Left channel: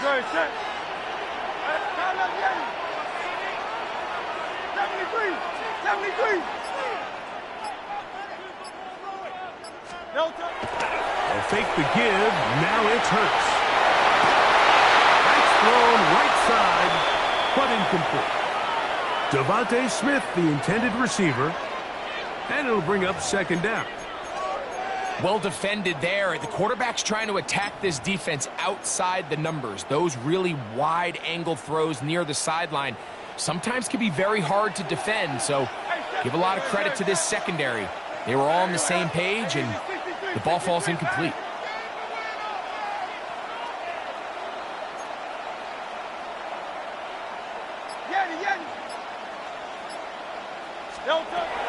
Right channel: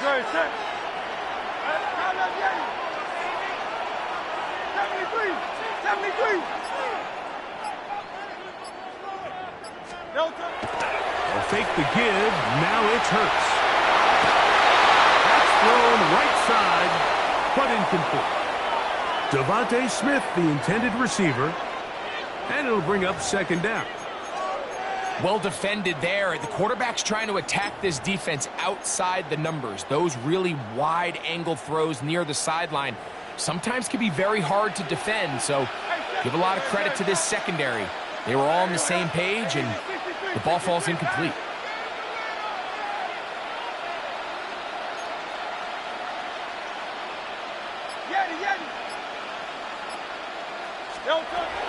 Good. Set. Count up, Yeti. 73. 73. Delta. They'll fake the give. Now it's Hurts. That's thrown right side, but incomplete. Devontae Smith, the intended receiver, and it'll bring up second down. Well defended there. The quarterback's trying to attack this defense outside the numbers. Those really wide angle throws near the sideline sometimes can be very hard to defend, so give a lot of credit to this secondary. They were all on the same page, and the ball falls incomplete.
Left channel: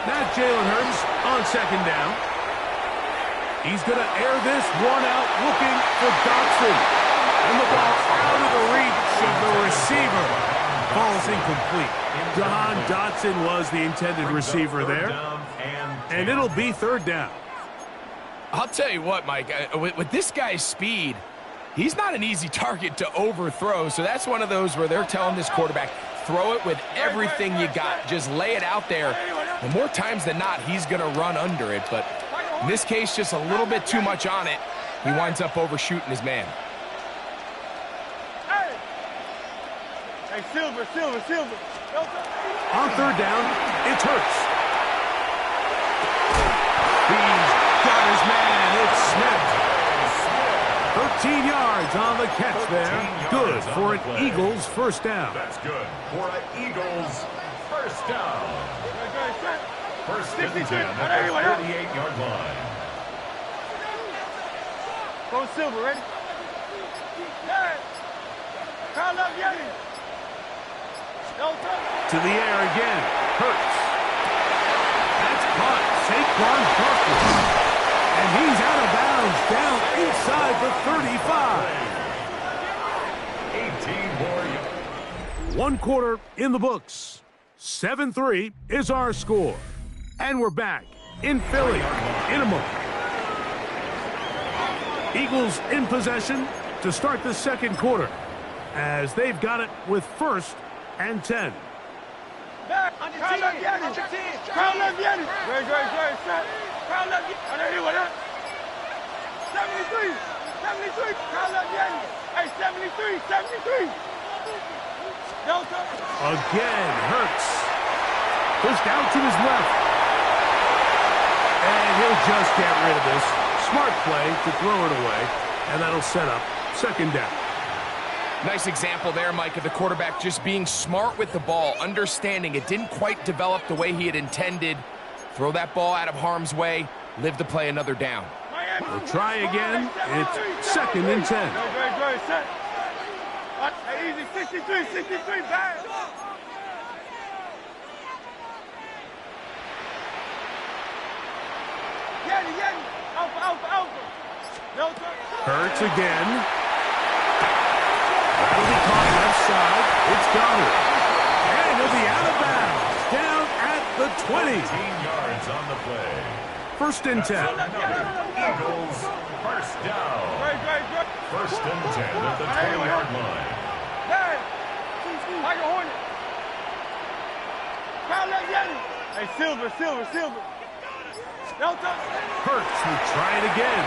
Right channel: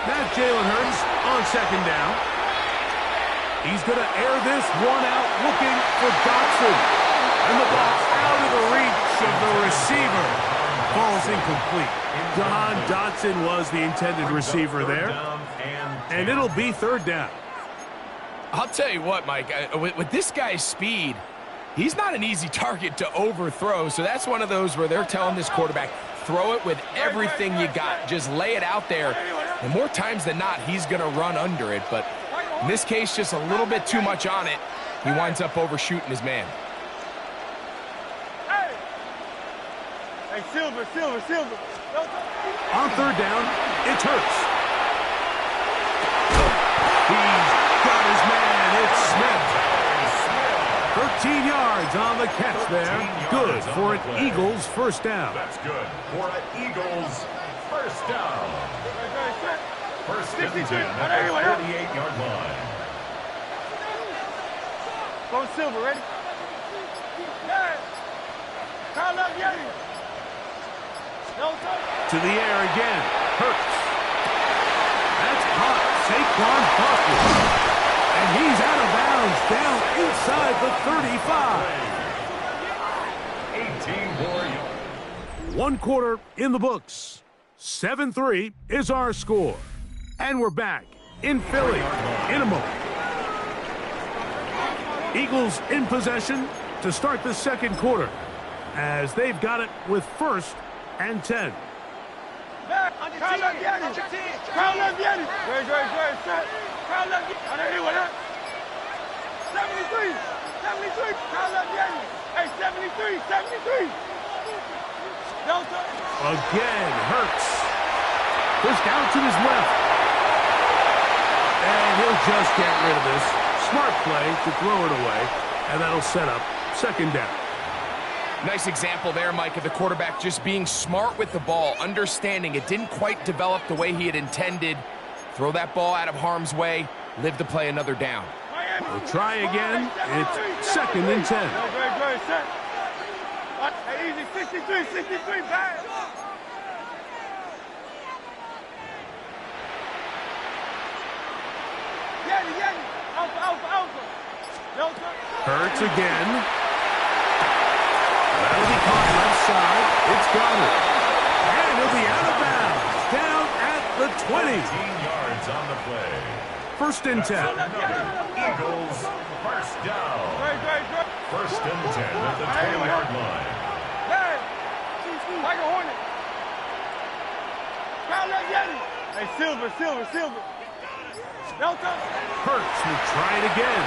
Now Jalen Hurts on second down. He's going to air this one out, looking for Dotson. And the ball out of the reach of the receiver. Ball's incomplete. Jahan Dotson was the intended receiver there. And it'll be third down. I'll tell you what, Mike, with this guy's speed, he's not an easy target to overthrow. So that's one of those where they're telling this quarterback, throw it with everything you got. Just lay it out there. And more times than not, he's going to run under it. But in this case, just a little bit too much on it. He winds up overshooting his man. Hey, Silver. On third down, it's Hurts. He's got his man. It's Smith. 13 yards on the catch there. Good for an Eagles first down. That's good for an Eagles first down. First and 10 at the 38-yard line. Go Silver, ready? Call up Yeti. To the air again. Hurts. That's caught. Saquon Barkley. And he's out of bounds down inside the 35. 18 more yards. 1 quarter in the books. 7-3 is our score. And we're back in Philly in a moment. Eagles in possession to start the second quarter as they've got it with 1st and 10. Call up Yeti. Good. Set. Call up Yeti. 73. Call up Yeti. Hey, 73. Delta. Again, Hurts. Pushed out to his left. And he'll just get rid of this. Smart play to throw it away. And that'll set up second down. Nice example there, Mike, of the quarterback just being smart with the ball, understanding it didn't quite develop the way he had intended. Throw that ball out of harm's way, live to play another down. We'll try again. It's 2nd and 10. Good. Set. Hey, easy. 63. Bad. Yeti. Alpha. Delta. Hurts again. That'll be caught left side. It's Goddard. And he'll be out of bounds. Down at the 20. 18 yards on the play. 1st and 10. Eagles first down. Great. 1st and 10 at the 20-yard line. Like a Hornet. Call up Yeti. Hey, Silver. Delta. Hurts will try it again.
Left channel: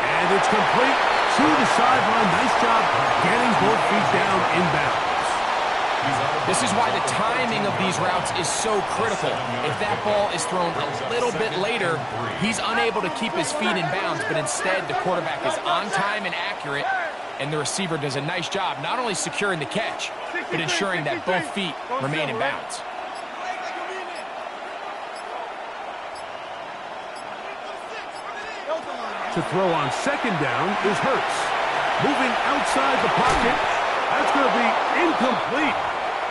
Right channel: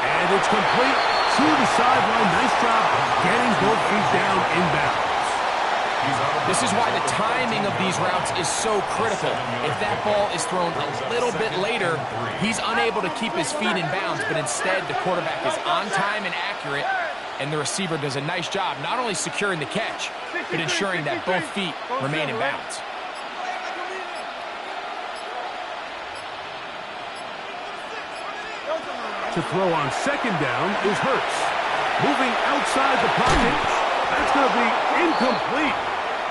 And it's complete to the sideline. Nice job getting both feet down inbounds. This is why the timing of these routes is so critical. If that ball is thrown a little bit later, he's unable to keep his feet in bounds, but instead the quarterback is on time and accurate, and the receiver does a nice job not only securing the catch, but ensuring that both feet remain in bounds. To throw on second down is Hurts. Moving outside the pocket. That's going to be incomplete.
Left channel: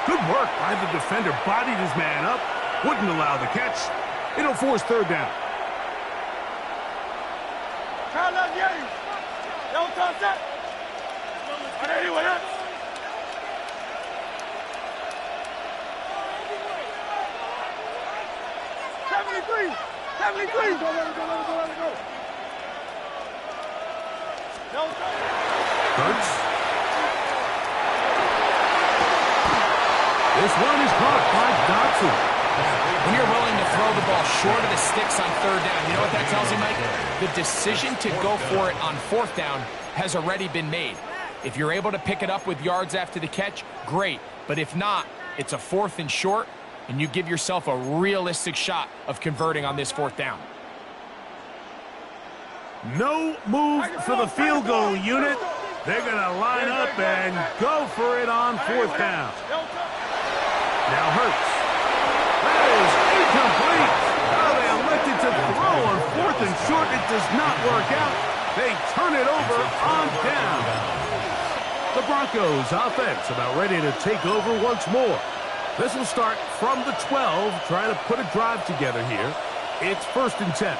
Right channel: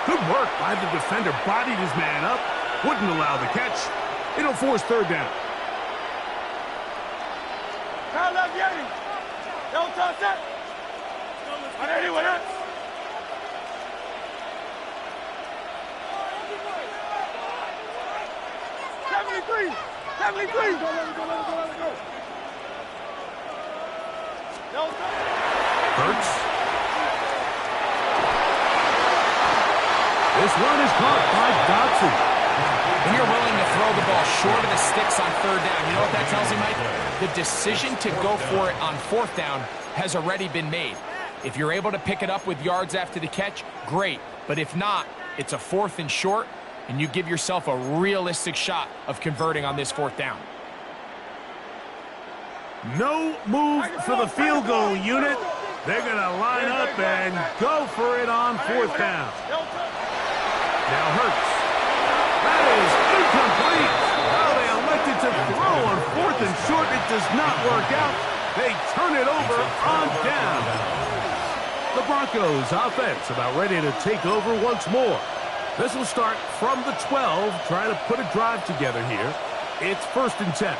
Good work by the defender. Bodied his man up. Wouldn't allow the catch. It'll force third down. Call up Yeti. Don't touch that. On anyone else. Let it go. Hurts. This one is caught by Dotson. When you're willing to throw the ball short of the sticks on third down, you know what that tells you, Mike? The decision to go for it on fourth down has already been made. If you're able to pick it up with yards after the catch, great. But if not, it's a 4th and short, and you give yourself a realistic shot of converting on this 4th down. No move for the field goal unit. They're going to line up and go for it on 4th down. Now Hurts. That is incomplete. Oh, they elected to throw on 4th and short. It does not work out. They turn it over on down. The Broncos offense about ready to take over once more. This will start from the 12, trying to put a drive together here. It's 1st and 10.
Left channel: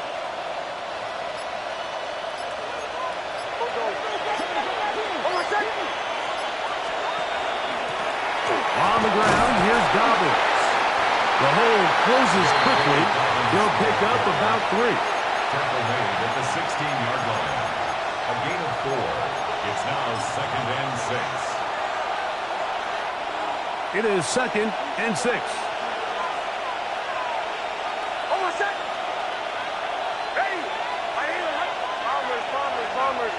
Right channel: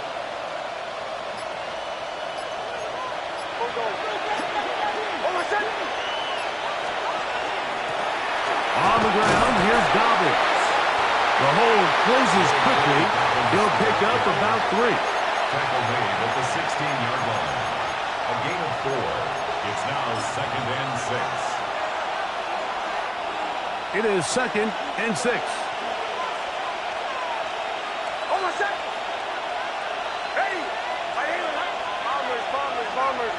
On the ground, here's Dobbins. The hole closes quickly. He'll pick up about 3. Tackle made at the 16-yard line. A gain of 4. It's now 2nd and 6. It is 2nd and 6. Ready. Bombers.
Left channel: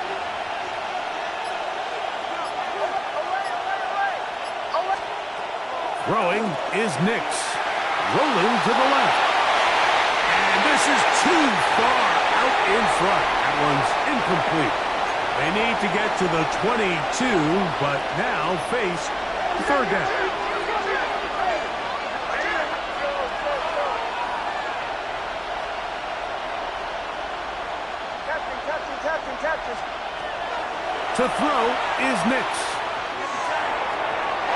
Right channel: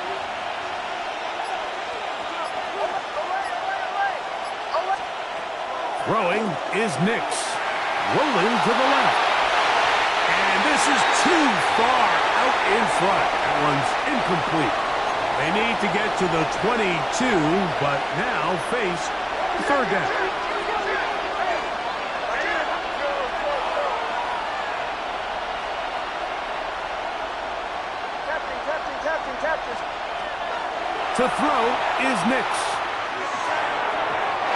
Throwing is Nix. Rolling to the left. And this is too far out in front. That one's incomplete. They need to get to the 22, but now face 3rd down. Captain. To throw is Nix.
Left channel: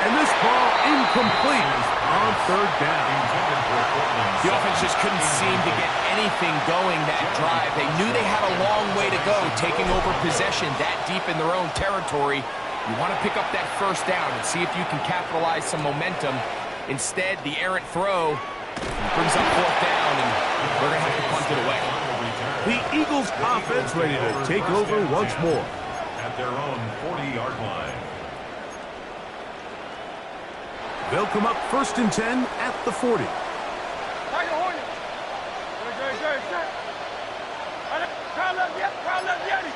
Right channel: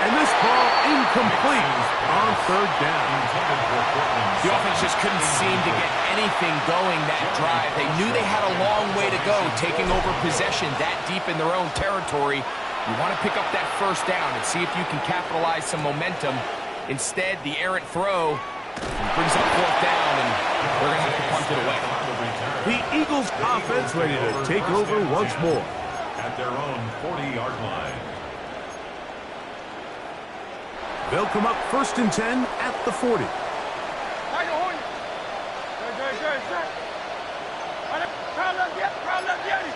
And this ball incomplete on 3rd down. The offense just couldn't seem to get anything going that drive. They knew they had a long way to go, taking over possession that deep in their own territory. You want to pick up that 1st down and see if you can capitalize some momentum. Instead, the errant throw brings up 4th down, and they're going to have to punt it away. The Eagles offense ready to take over once more. At their own 40-yard line. They'll come up 1st and 10 at the 40. Tiger Hornet. Good. Crowd left, Yeti.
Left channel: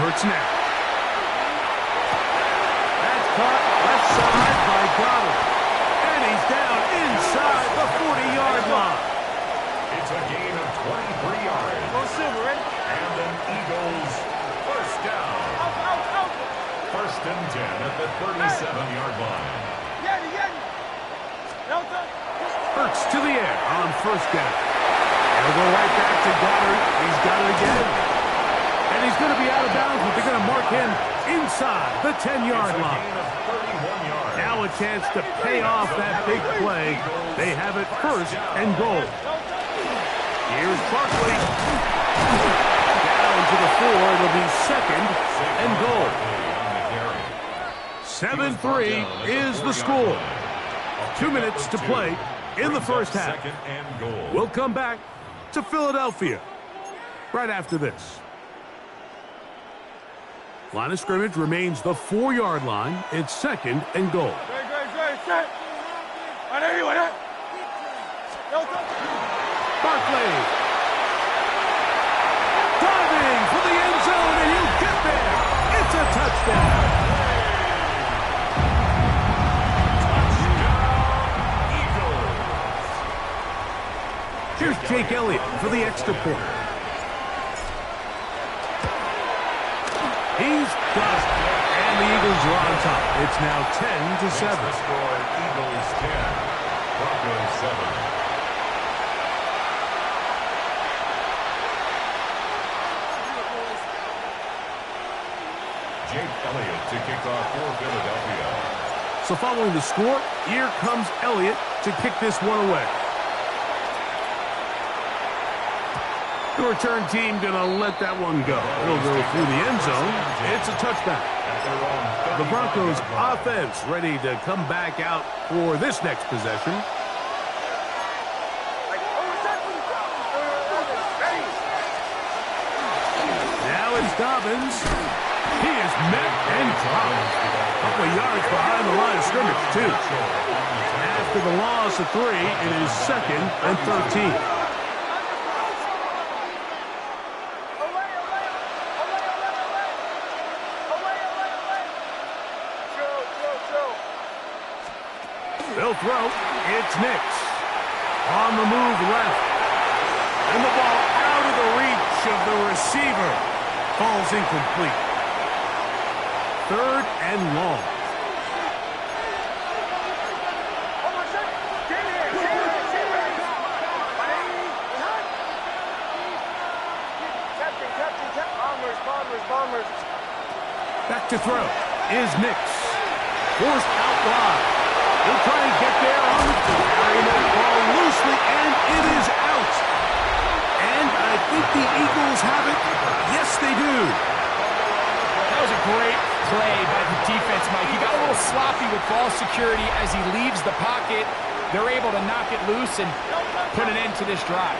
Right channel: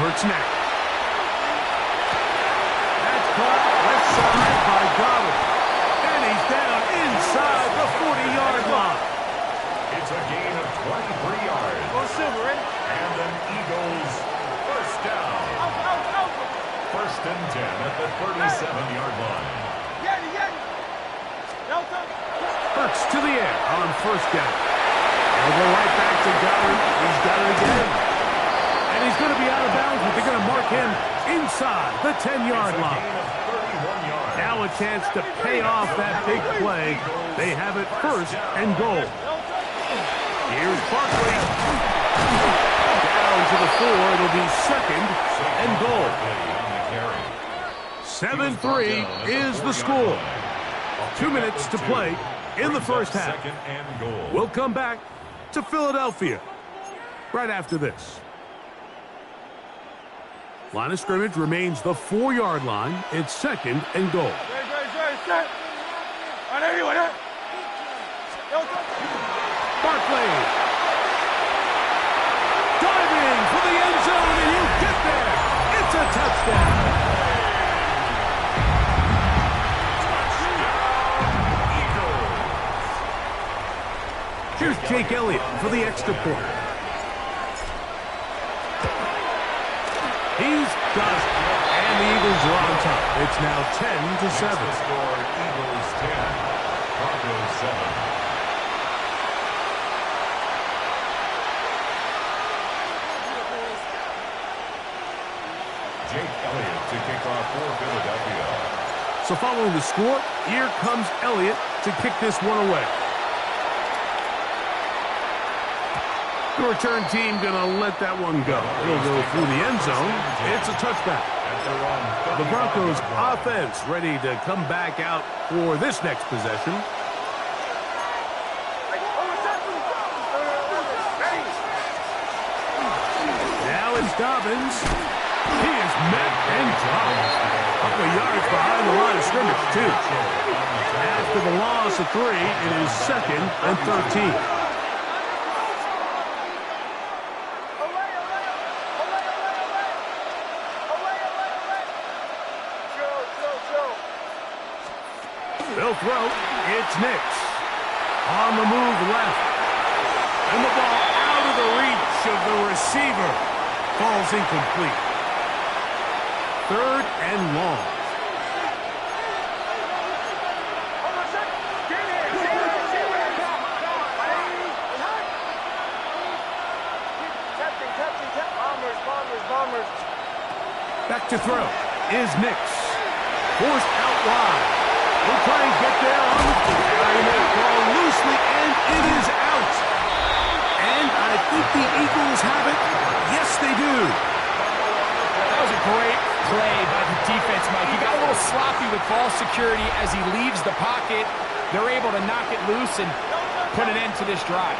Hurts now. That's caught left side by Goddard. And he's down inside the 40-yard line. It's a gain of 23 yards. Go Silver, ready? And an Eagles 1st down. Out. 1st and 10 at the 37-yard line. Yeti. Delta. Hurts to the air on 1st down. He'll go right back to Goddard. He's got it again. And he's going to be out of bounds, but they're going to mark him inside the 10-yard line. Gain of 31 yards. Now a chance to pay off that big play. They have it 1st and goal. Here's Barkley. Down to the 4. It'll be 2nd and goal. 7-3 is the score. 2 minutes to play in the 1st half. We'll come back to Philadelphia right after this. Line of scrimmage remains the 4-yard line. It's 2nd and goal. Set. Barkley. Diving for the end zone, and he'll get there. It's a touchdown. Here's Jake Elliott for the extra point. He's got it. And the Eagles are on top. It's now 10-7. The score, Eagles 10, Broncos 7. Jake Elliott to kick off for Philadelphia. So following the score, here comes Elliott to kick this one away. The return team going to let that one go. It'll go through the end zone. It's a touchback. The Broncos offense ready to come back out for this next possession. Now it's Here's Dobbins. He is met and dropped. A couple of yards behind the line of scrimmage, too. After the loss of 3, it is 2nd and 13. They'll throw. It's Nix. On the move left. And the ball out of the reach of the receiver. Falls incomplete. 3rd and long. Bombers. Back to throw is Nix. Forced out wide. He'll try and get there on the carrying that ball loosely, and it is out. And I think the Eagles have it. Yes, they do. That was a great play by the defense, Mike. He got a little sloppy with ball security as he leaves the pocket. They're able to knock it loose and put an end to this drive.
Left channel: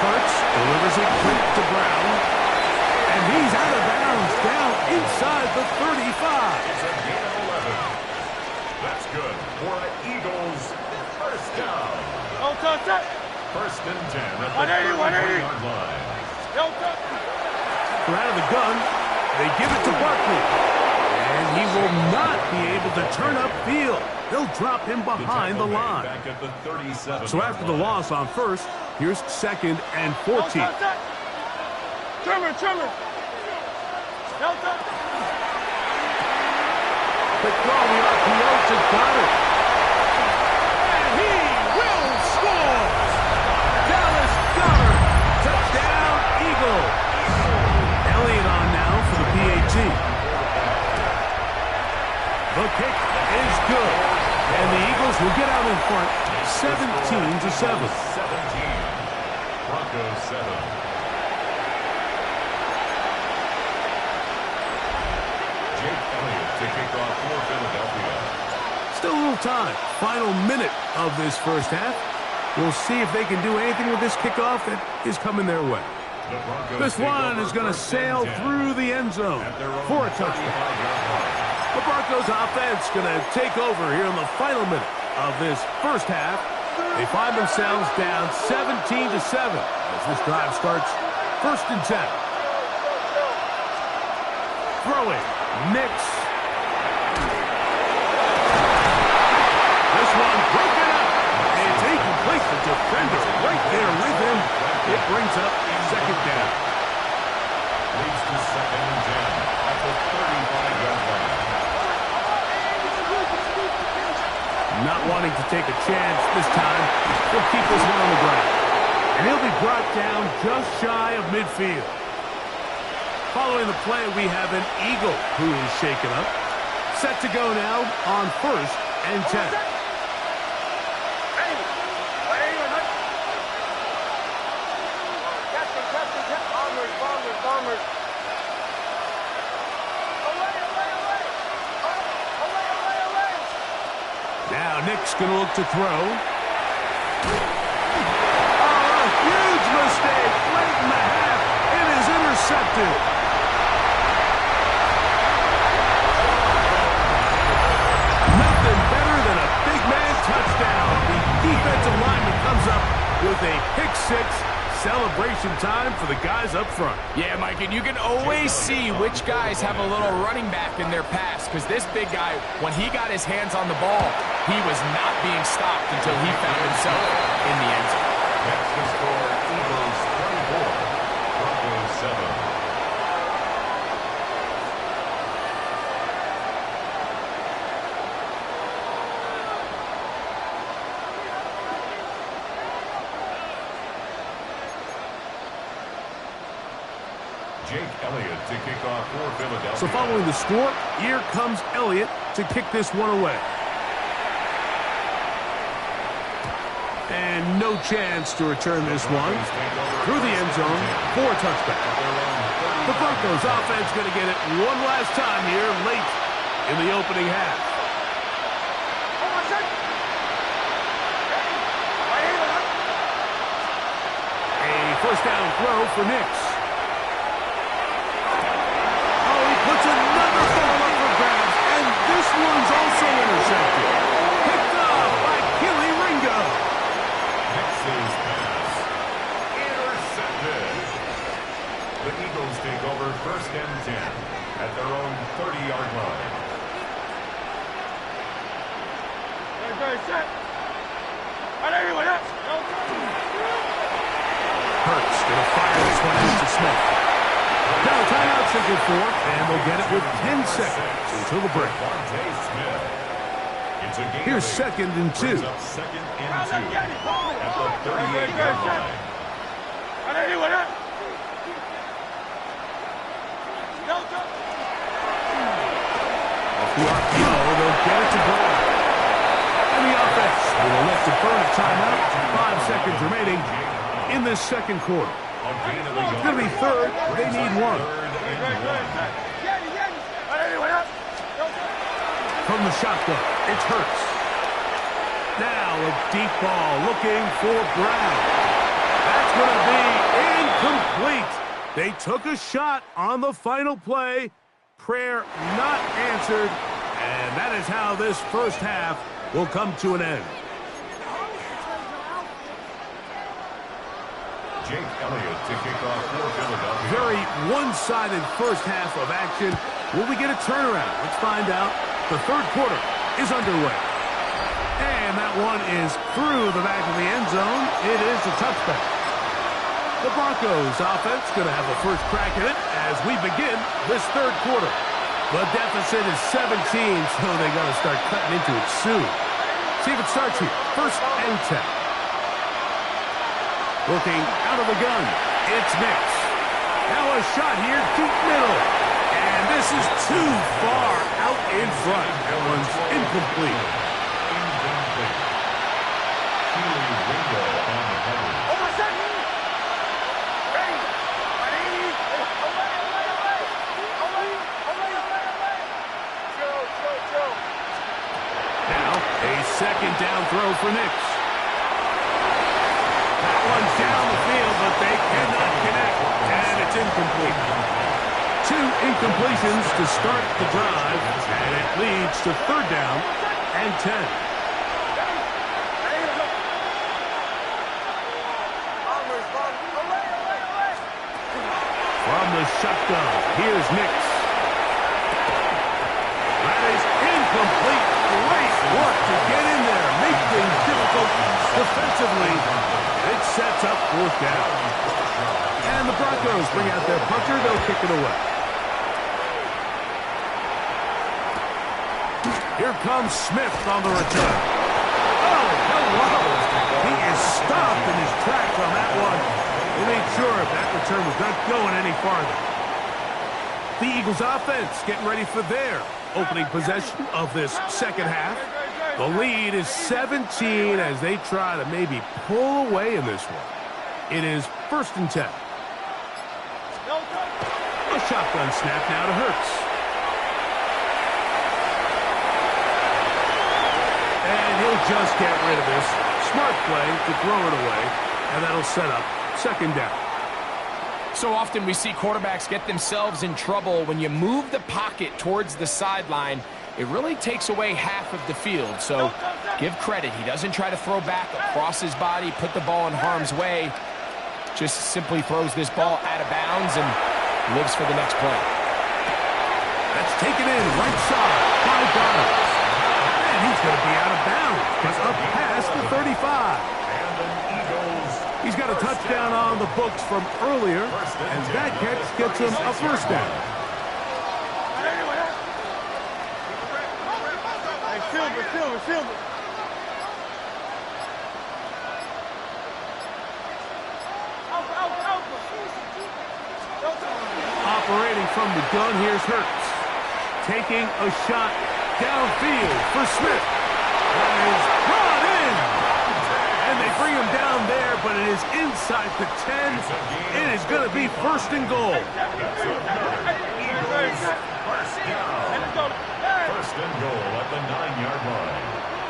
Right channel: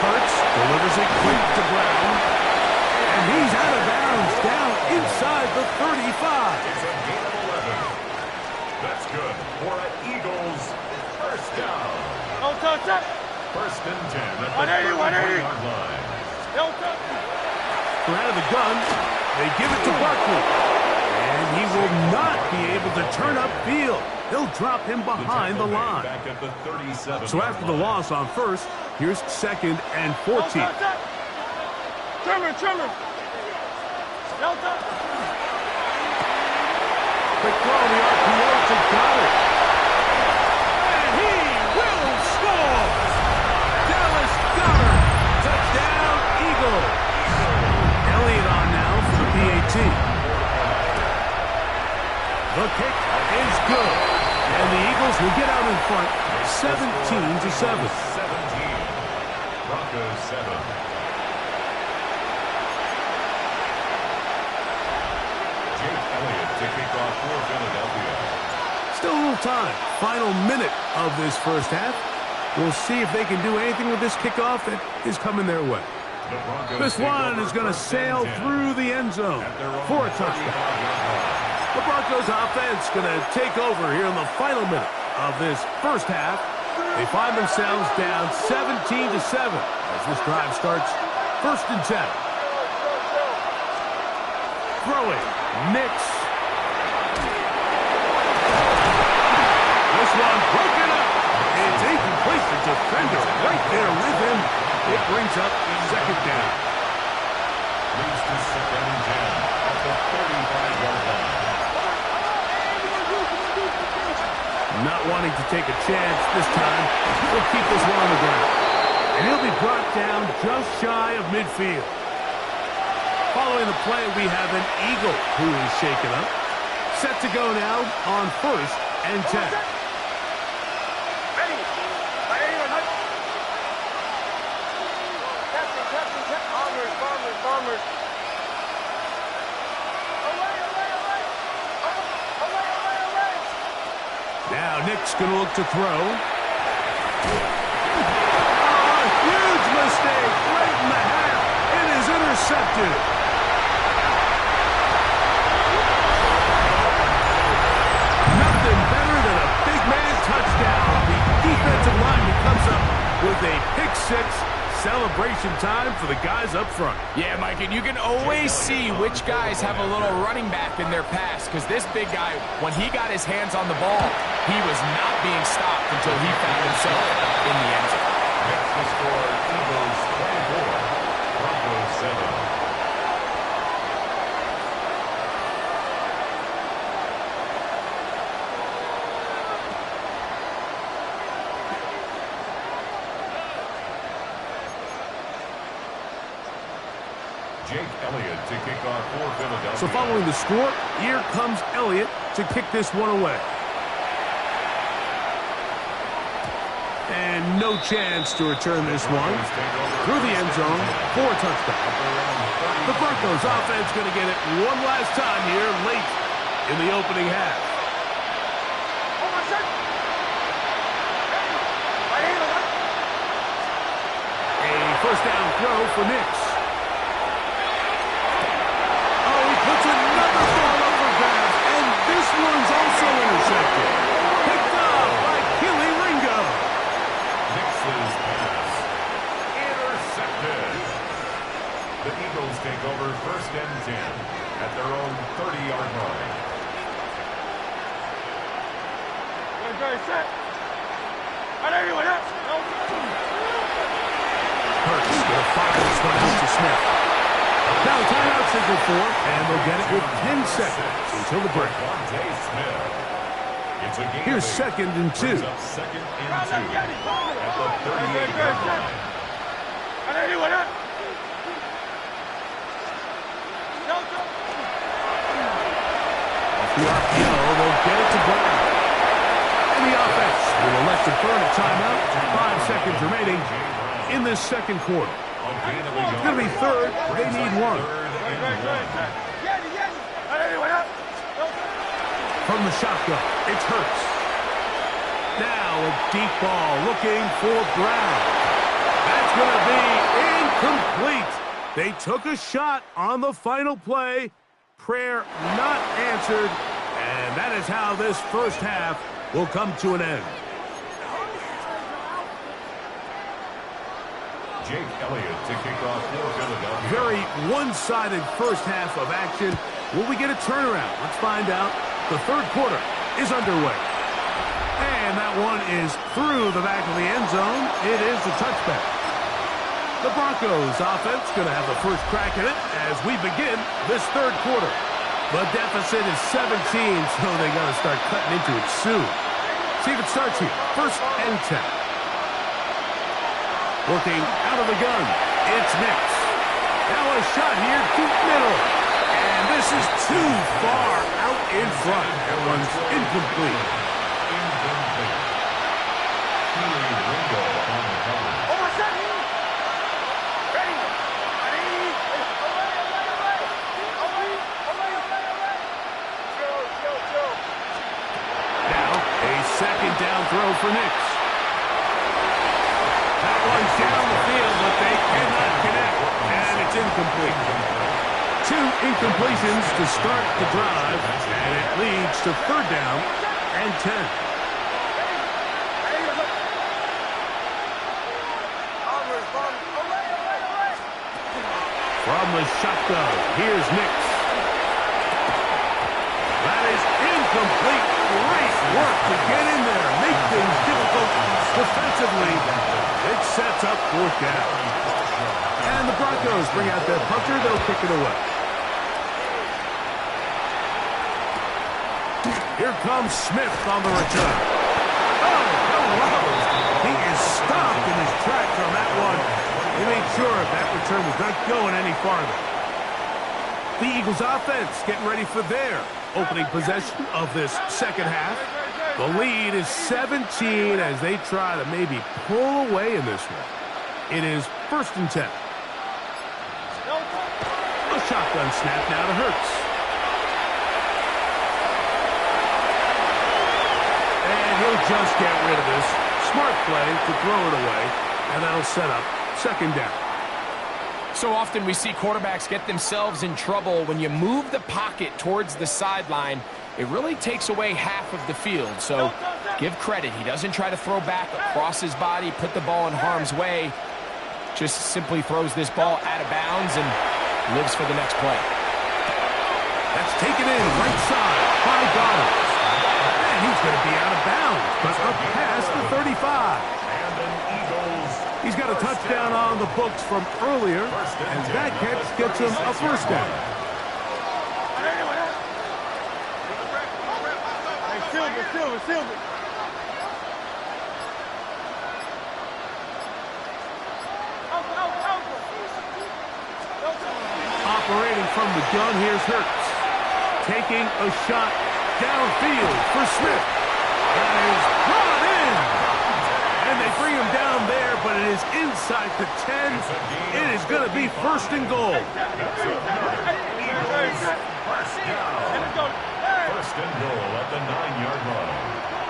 Hurts delivers it quick to Brown. And he's out of bounds, down inside the 35. It's a gain of 11. That's good for an Eagles first down. First and 10 at the 31-yard line. They're out of the gun. They give it to Barkley. And he will not be able to turn upfield. They'll drop him behind the line. Back at the 37. So after the loss on first, here's 2nd and 14. Trimmer. Quick throw on the RPO to Goddard. And he will score! Dallas Goddard, touchdown Eagles. Elliott on now for the PAT. The kick is good. And the Eagles will get out in front 17-7. 17. Broncos 7. Jake Elliott to kick off for Philadelphia. Still a little time. Final minute of this first half. We'll see if they can do anything with this kickoff that is coming their way. This one is going to sail through the end zone for a touchdown. The Broncos offense going to take over here in the final minute of this first half. They find themselves down 17-7 as this drive starts. 1st and 10. Throwing. Nix. This one broken up. It's incomplete. The defender right there with him. It brings up 2nd down. Leads to 2nd and 10 at the 35-yard line. Not wanting to take a chance this time. He'll keep this one on the ground. And he'll be brought down just shy of midfield. Following the play, we have an Eagle who is shaken up. Set to go now on 1st and 10. Bombers. Now Nick's going to look to throw. Oh, a huge mistake late in the half. It is intercepted. Nothing better than a big man touchdown. The defensive lineman comes up with a pick-6. Celebration time for the guys up front. Yeah, Mike, and you can always see which guys have a little running back in their pass, because this big guy, when he got his hands on the ball, he was not being stopped until he found himself in the end zone. Next to score, Eagles 24, Broncos 7. Jake Elliott to kick off for Philadelphia. So following the score, here comes Elliott to kick this one away. And no chance to return this one through the end zone for a touchdown. The Broncos offense going to get it one last time here late in the opening half. first down throw for Nix. Oh, he puts another ball up for grabs, and this one's also intercepted. Picked up by Keely Ringo. Nix's pass intercepted. The Eagles take over 1st and 10 at their own 30-yard line. Set. Hurts gonna fire this one out to Smith. Now the timeout signal for, and they'll get it with 10 seconds until the break. It's a game Here's 2nd and 2. Brings up 2nd and 2 at the 38-yard line. Off the RPO, they'll get it to Brown. And the offense will elect to burn a timeout. 5 seconds remaining in this second quarter. It's going to be third. They need one. From the shotgun, it's Hurts. Now a deep ball looking for Brown. That's going to be incomplete. They took a shot on the final play. Prayer not answered. And that is how this first half will come to an end. Jake Elliott to kick off for Philadelphia. Very one-sided first half of action. Will we get a turnaround? Let's find out. The third quarter is underway. And that one is through the back of the end zone. It is a touchback. The Broncos offense going to have the first crack at it as we begin this third quarter. The deficit is 17, so they got to start cutting into it soon. See if it starts here. 1st and 10. Working out of the gun. It's Nix. Now a shot here, deep middle. And this is too far out in front. That one's incomplete. Keely Ringo on the cover. Now a second down throw for Nix. That one's down the field, but they cannot connect, and it's incomplete. 2 incompletions to start the drive, and it leads to 3rd down and 10. From the shotgun, here's Nix. That is incomplete. Great work to get in there, make things difficult defensively. It sets up 4th down. And the Broncos bring out their punter. They'll kick it away. Here comes Smith on the return. Oh, hello. He is stopped in his tracks on that one. He made sure that return was not going any farther. The Eagles offense getting ready for their opening possession of this second half. The lead is 17 as they try to maybe pull away in this one. It is 1st and 10. A shotgun snap now to Hurts. And he'll just get rid of this. Smart play to throw it away, and that'll set up 2nd down. So often we see quarterbacks get themselves in trouble. When you move the pocket towards the sideline, it really takes away half of the field. So give credit. He doesn't try to throw back across his body, put the ball in harm's way. Just simply throws this ball out of bounds and lives for the next play. That's taken in right side by Goddard. And he's going to be out of bounds, but up past the 35. And an Eagles. He's got a touchdown on the books from earlier, and that catch gets him a 1st down. Silver. Operating from the gun, here's Hurts. Taking a shot downfield for Smith. That is brought in. And they bring him down there, but it is inside the 10. It is going to be 1st and goal. That's another Eagles first down. 1st and goal at the 9-yard line.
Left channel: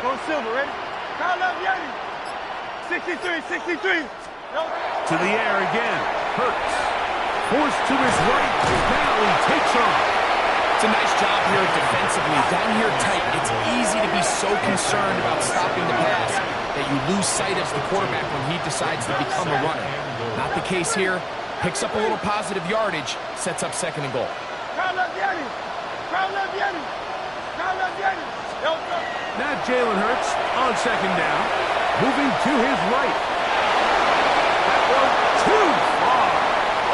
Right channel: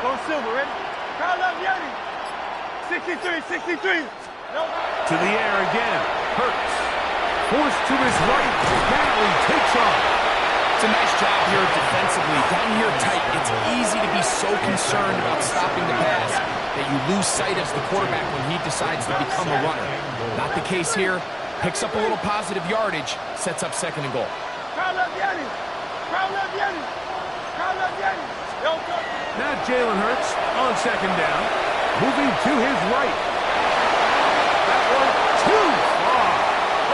Go Silver, ready? Kyle up, Yeti. 63. To the air again. Hurts. Forced to his right. Now he takes off. It's a nice job here defensively. Down here tight, it's easy to be so concerned about stopping the pass that you lose sight of the quarterback when he decides to become a runner. Not the case here. Picks up a little positive yardage, sets up 2nd and goal. Now Jalen Hurts on 2nd down. Moving to his right. That one too far.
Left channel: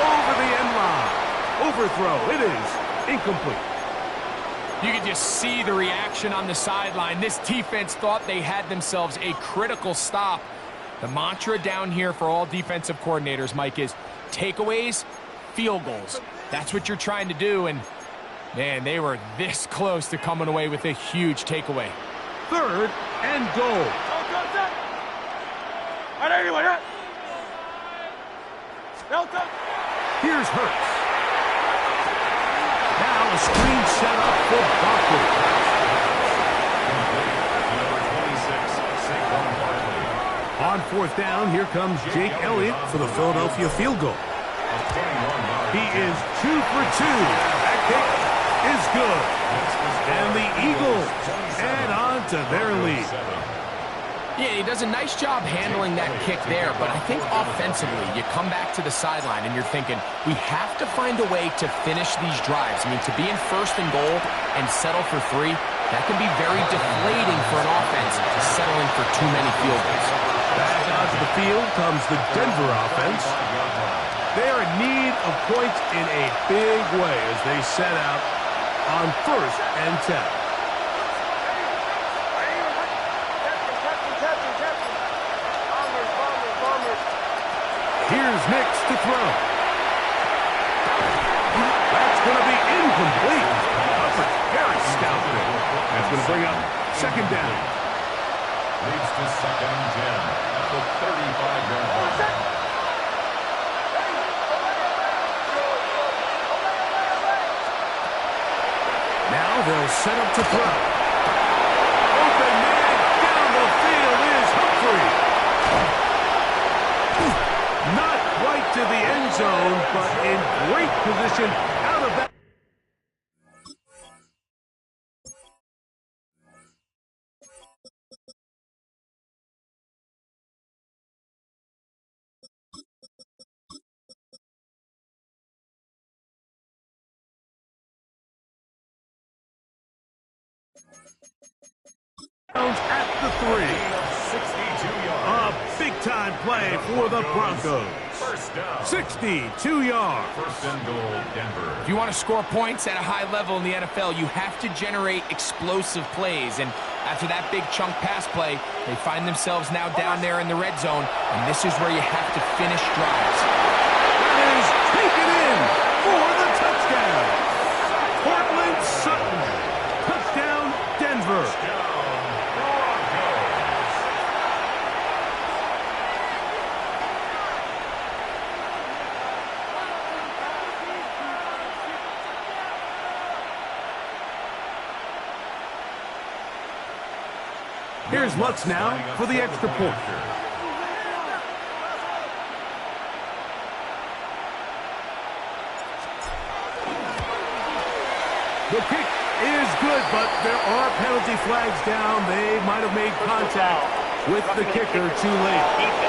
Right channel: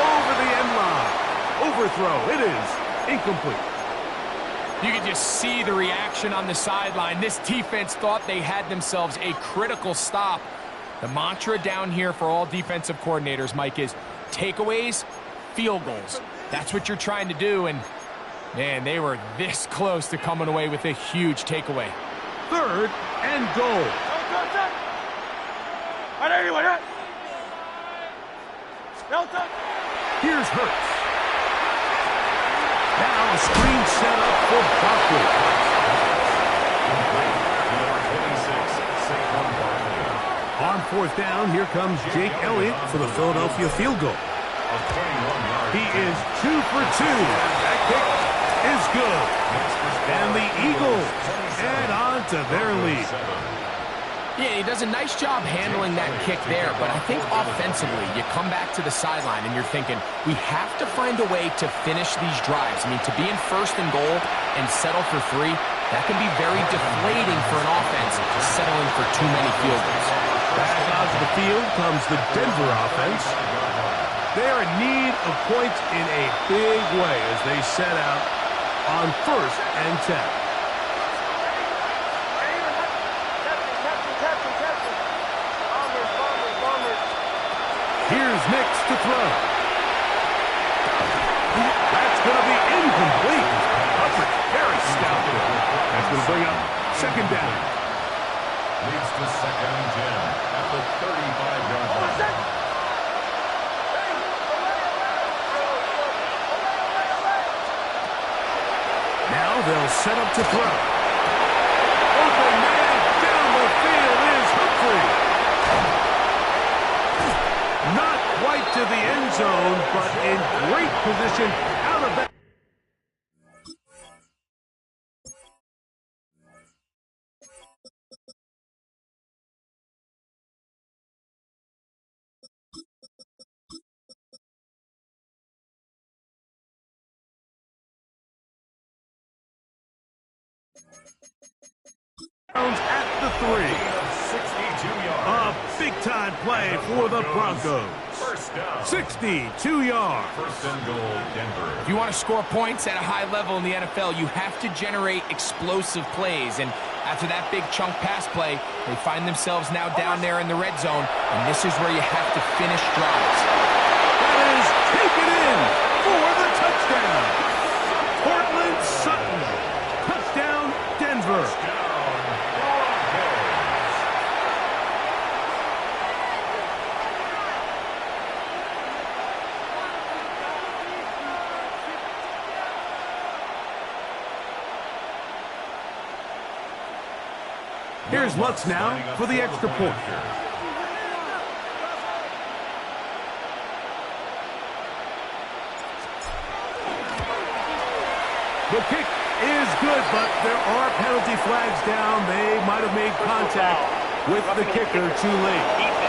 Over the end line. Overthrow. It is incomplete. You can just see the reaction on the sideline. This defense thought they had themselves a critical stop. The mantra down here for all defensive coordinators, Mike, is takeaways, field goals. That's what you're trying to do, and, man, they were this close to coming away with a huge takeaway. 3rd and goal. Here's Hurts. Now a screen set up for Barkley. Number 26, Saquon Barkley. On 4th down, here comes Jake Elliott for the Philadelphia field goal. He is 2 for 2. That kick is good. And the Eagles add on to their lead. Yeah, he does a nice job handling that kick there, but I think offensively, you come back to the sideline and you're thinking, we have to find a way to finish these drives. I mean, to be in 1st and goal and settle for 3, that can be very deflating for an offense, settling for too many field goals. Back onto the field comes the Denver offense. They are in need of points in a big way as they set out on 1st and 10. Here's Nix to throw. That's going to be incomplete. Hubbard, very stout there. That's going to bring up 2nd down. Leads to 2nd and 10 at the 35-yard line. Now they'll set up to throw. Open man down the field is Humphrey. Not quite to the end zone, but in great position out of that. At the 3. 62 yards. A big-time play for the Broncos. 1st down. 62 yards. 1st and goal, Denver. If you want to score points at a high level in the NFL, you have to generate explosive plays. And after that big chunk pass play, they find themselves now down there in the red zone, and this is where you have to finish drives. That is taken in for the touchdown. Portland Sutton. Touchdown, Denver. Touchdown, Broncos. Here's Lutz now for the extra point. The kick is good, but there are penalty flags down. They might have made contact with the kicker too late.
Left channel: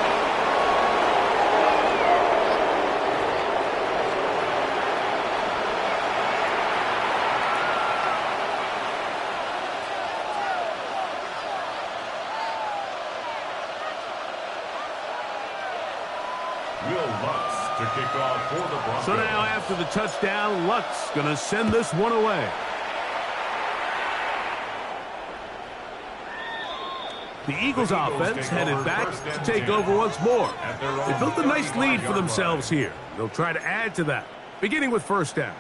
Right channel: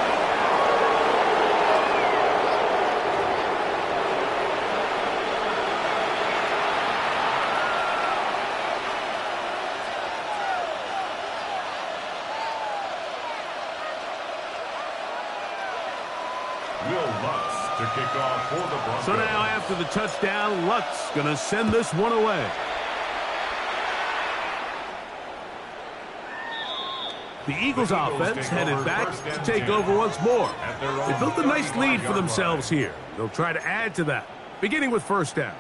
To kick off for the Broncos. So now after the touchdown, Lutz going to send this one away. The Eagles offense headed back to take over once more. They built a nice lead for themselves here. They'll try to add to that, beginning with 1st down.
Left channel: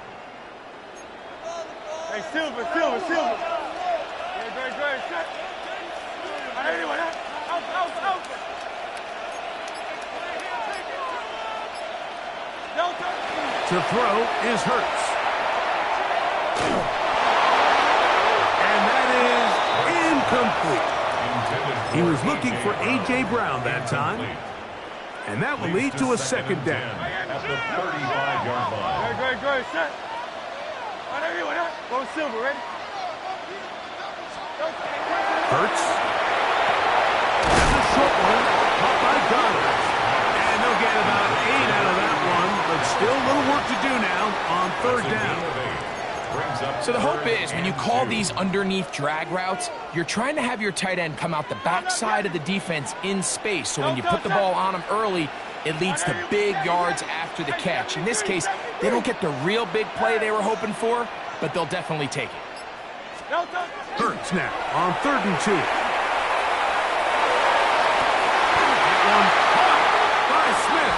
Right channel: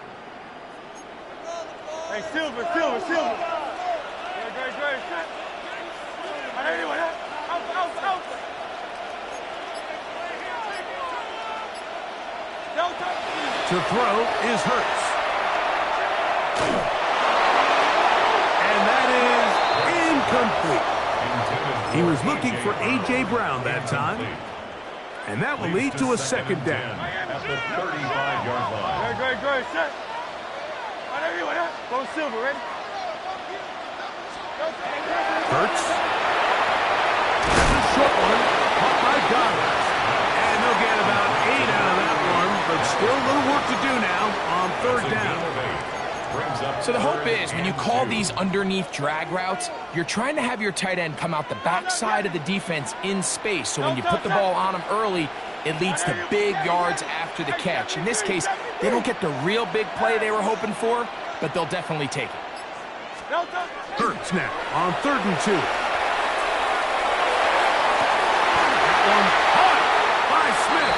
Hey, Silver. Great. Out. To throw is Hurts. And that is incomplete. He was looking for A.J. Brown that time. And that will lead to a second down. At the 35-yard line. Great, set. Go silver, ready? Hurts. That's a short one. Caught by Goddard. And they'll get about 8 out of that one, but still a little work to do now on third down. So the hope is when you call these underneath drag routes, you're trying to have your tight end come out the backside of the defense in space. So when you put the ball on them early, it leads to big yards after the catch. In this case, they don't get the real big play they were hoping for, but they'll definitely take it. Hurts now on 3rd and 2. That one caught by Smith.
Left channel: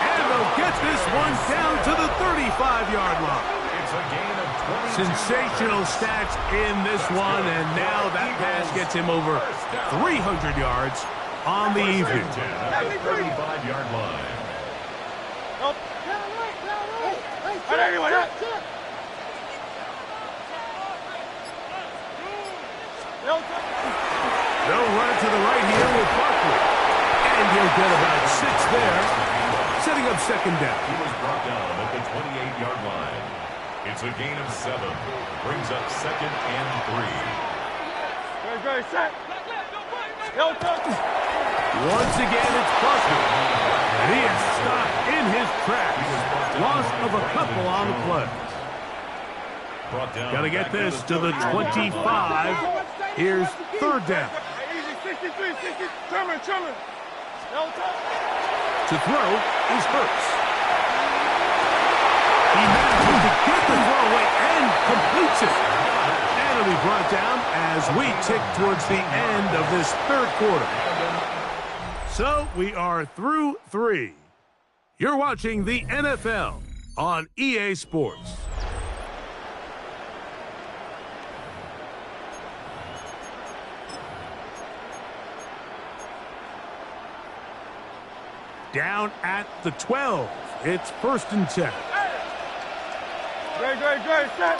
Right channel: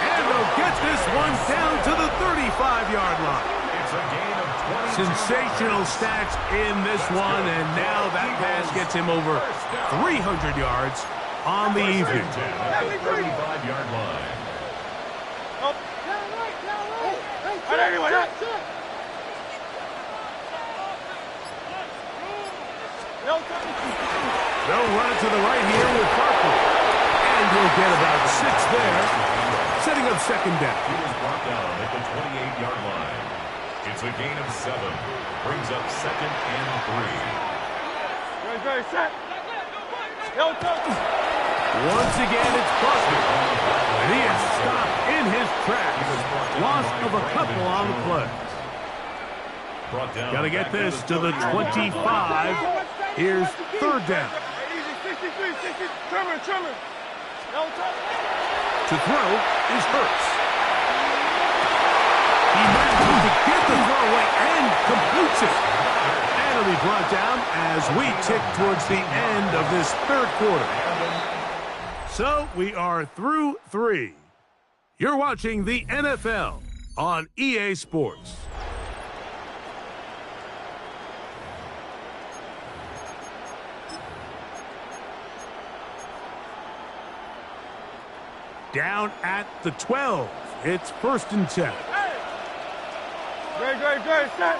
And they'll get this one down to the 35-yard line. It's a gain of 22. Sensational stats in this one, and now that pass gets him over 300 yards on the evening. At the 35-yard line. They'll run it to the right here with Barkley. And he'll get about 6 there, setting up second down. He was brought down at the 28-yard line. It's a gain of 7. Brings up 2nd and 3. Great, set. Once again, it's busted. And he is stopped in his tracks. Loss of a couple on the play. Got to get this to the 25. Here's third down. Easy, 63, 60. Trimmer. To throw is Hurts. He manages to get the throw away and completes it. And it'll be brought down as we tick towards the end of this third quarter. So we are through 3. You're watching the NFL on EA Sports. Down at the 12. It's 1st and 10. Great, set.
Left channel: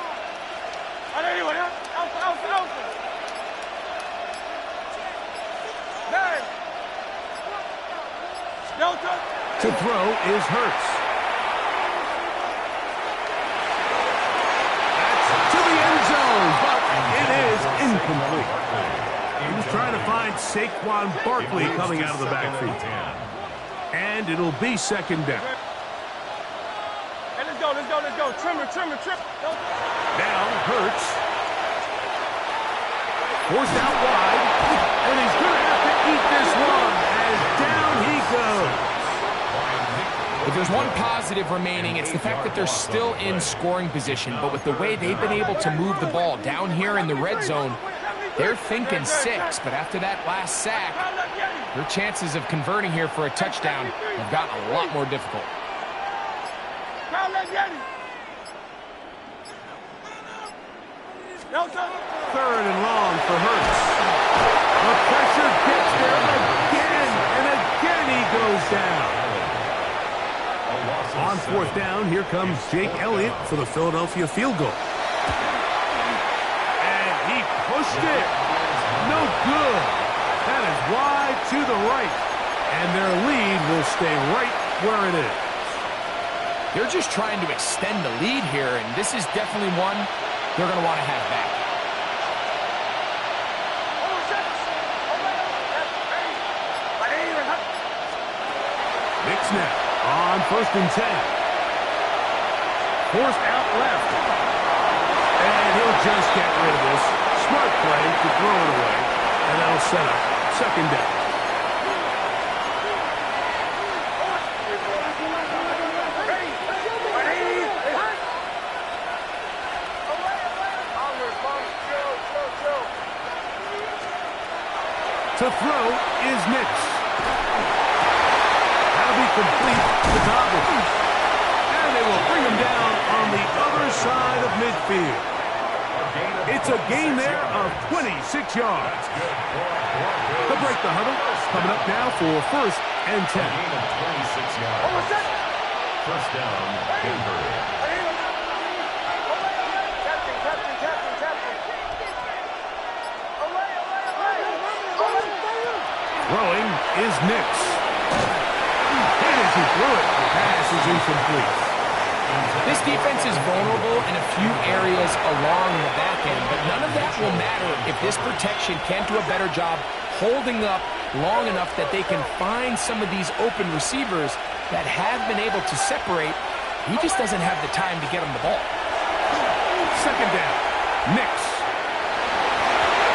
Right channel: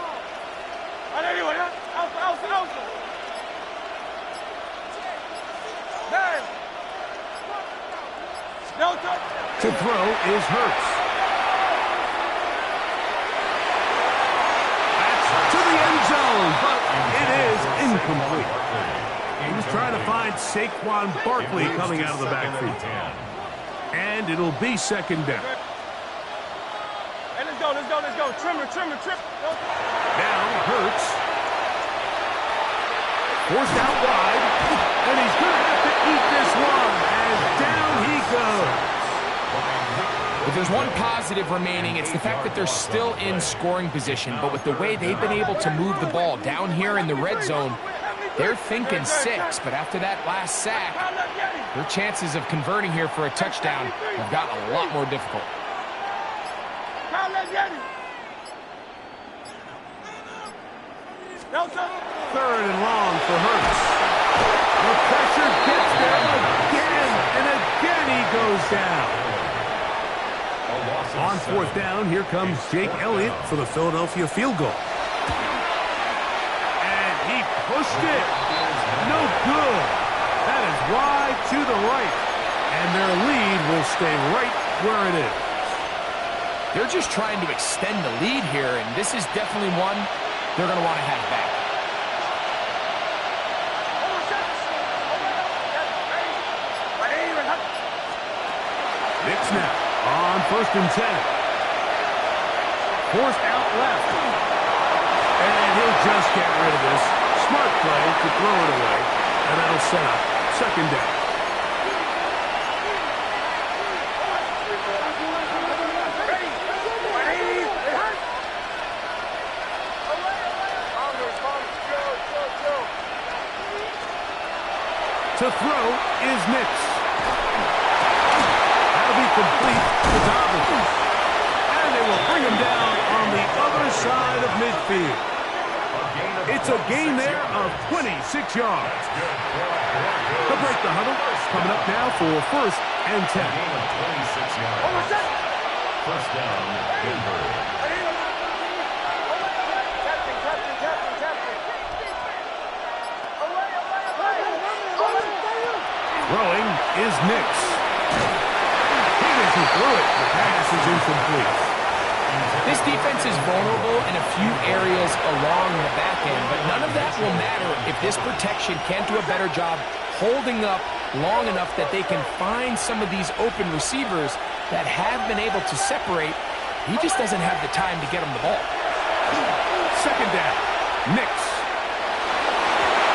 Alpha. Nine. Delta. To throw is Hurts. That's to the end zone, but it is incomplete. He was trying to find Saquon Barkley coming out of the backfield. And it'll be second down. Hey, let's go. Trimmer. Now Hurts. Forced out wide. And he's going to have to eat this one as down he goes. If there's one positive remaining, it's the fact that they're still in scoring position. But with the way they've been able to move the ball down here in the red zone, they're thinking 6. But after that last sack, their chances of converting here for a touchdown have gotten a lot more difficult. Third and long for Hurts. The pressure gets there again, and again he goes down. On 4th down, here comes Jake Elliott for the Philadelphia field goal. And he pushed it. No good. That is wide to the right. And their lead will stay right where it is. They're just trying to extend the lead here, and this is definitely one they're going to want to have back. Knicks now on 1st and 10. Forced out left. And he'll just get rid of this. Smart play to throw it away. And that'll set up second down. To throw is Knicks. That'll be complete to Dobbins. And they will bring him down on the other side of midfield. It's a gain there of 26 yards. They'll break the huddle. Coming up now for 1st and 10. Gain of 26 yards. First down, Denver. Throwing is Knicks. Hit as he threw it. The pass is incomplete. This defense is vulnerable in a few areas along the back end, but none of that will matter if this protection can't do a better job holding up long enough that they can find some of these open receivers that have been able to separate. He just doesn't have the time to get them the ball. Second down. Nix.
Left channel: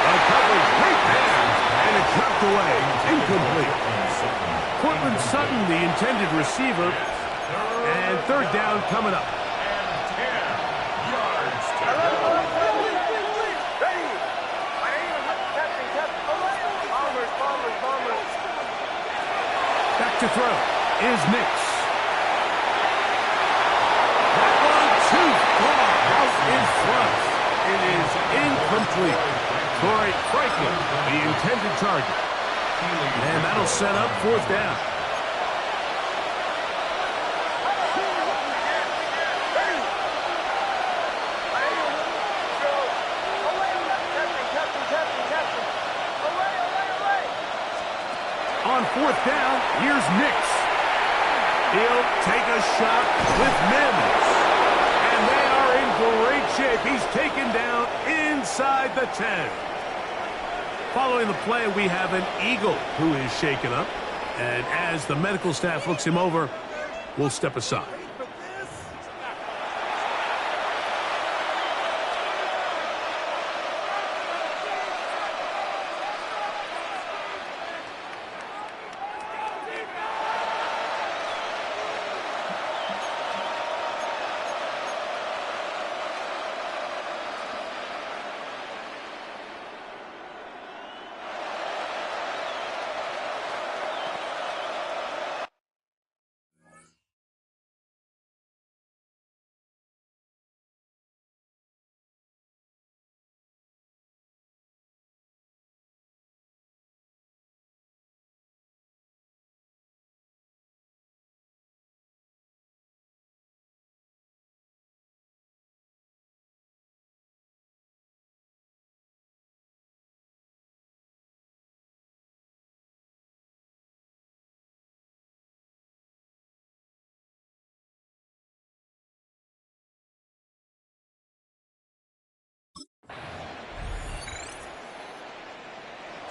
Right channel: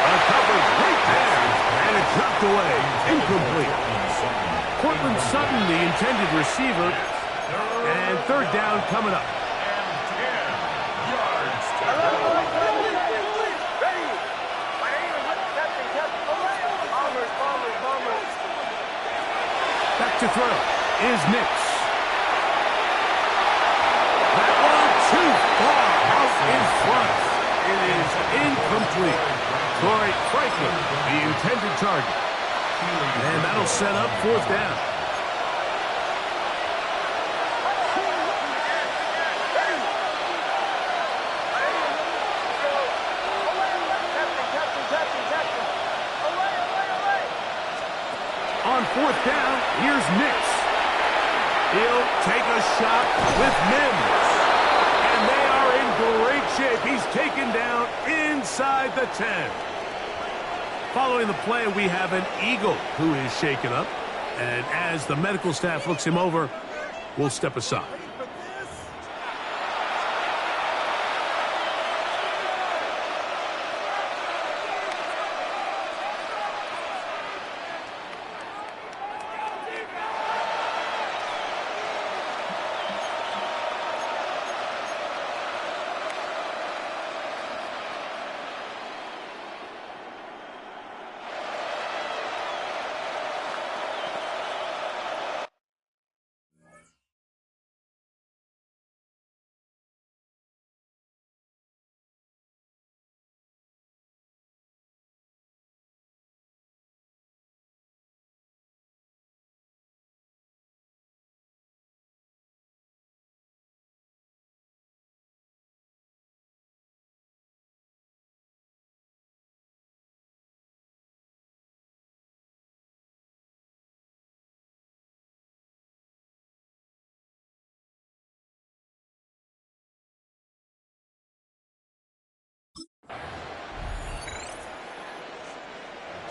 A coverage right there, and it dropped away. Incomplete. Cortland Sutton, the intended receiver, and third down coming up. And 10 yards to go. Back to throw is Nix. That one too far out in front. It is incomplete. Troy Franklin, the intended target. And that'll set up fourth down. On fourth down, here's Nix. He'll take a shot with Mims. And they are in great shape. He's taken down inside the 10. Following the play, we have an Eagle who is shaken up. And as the medical staff looks him over, we'll step aside.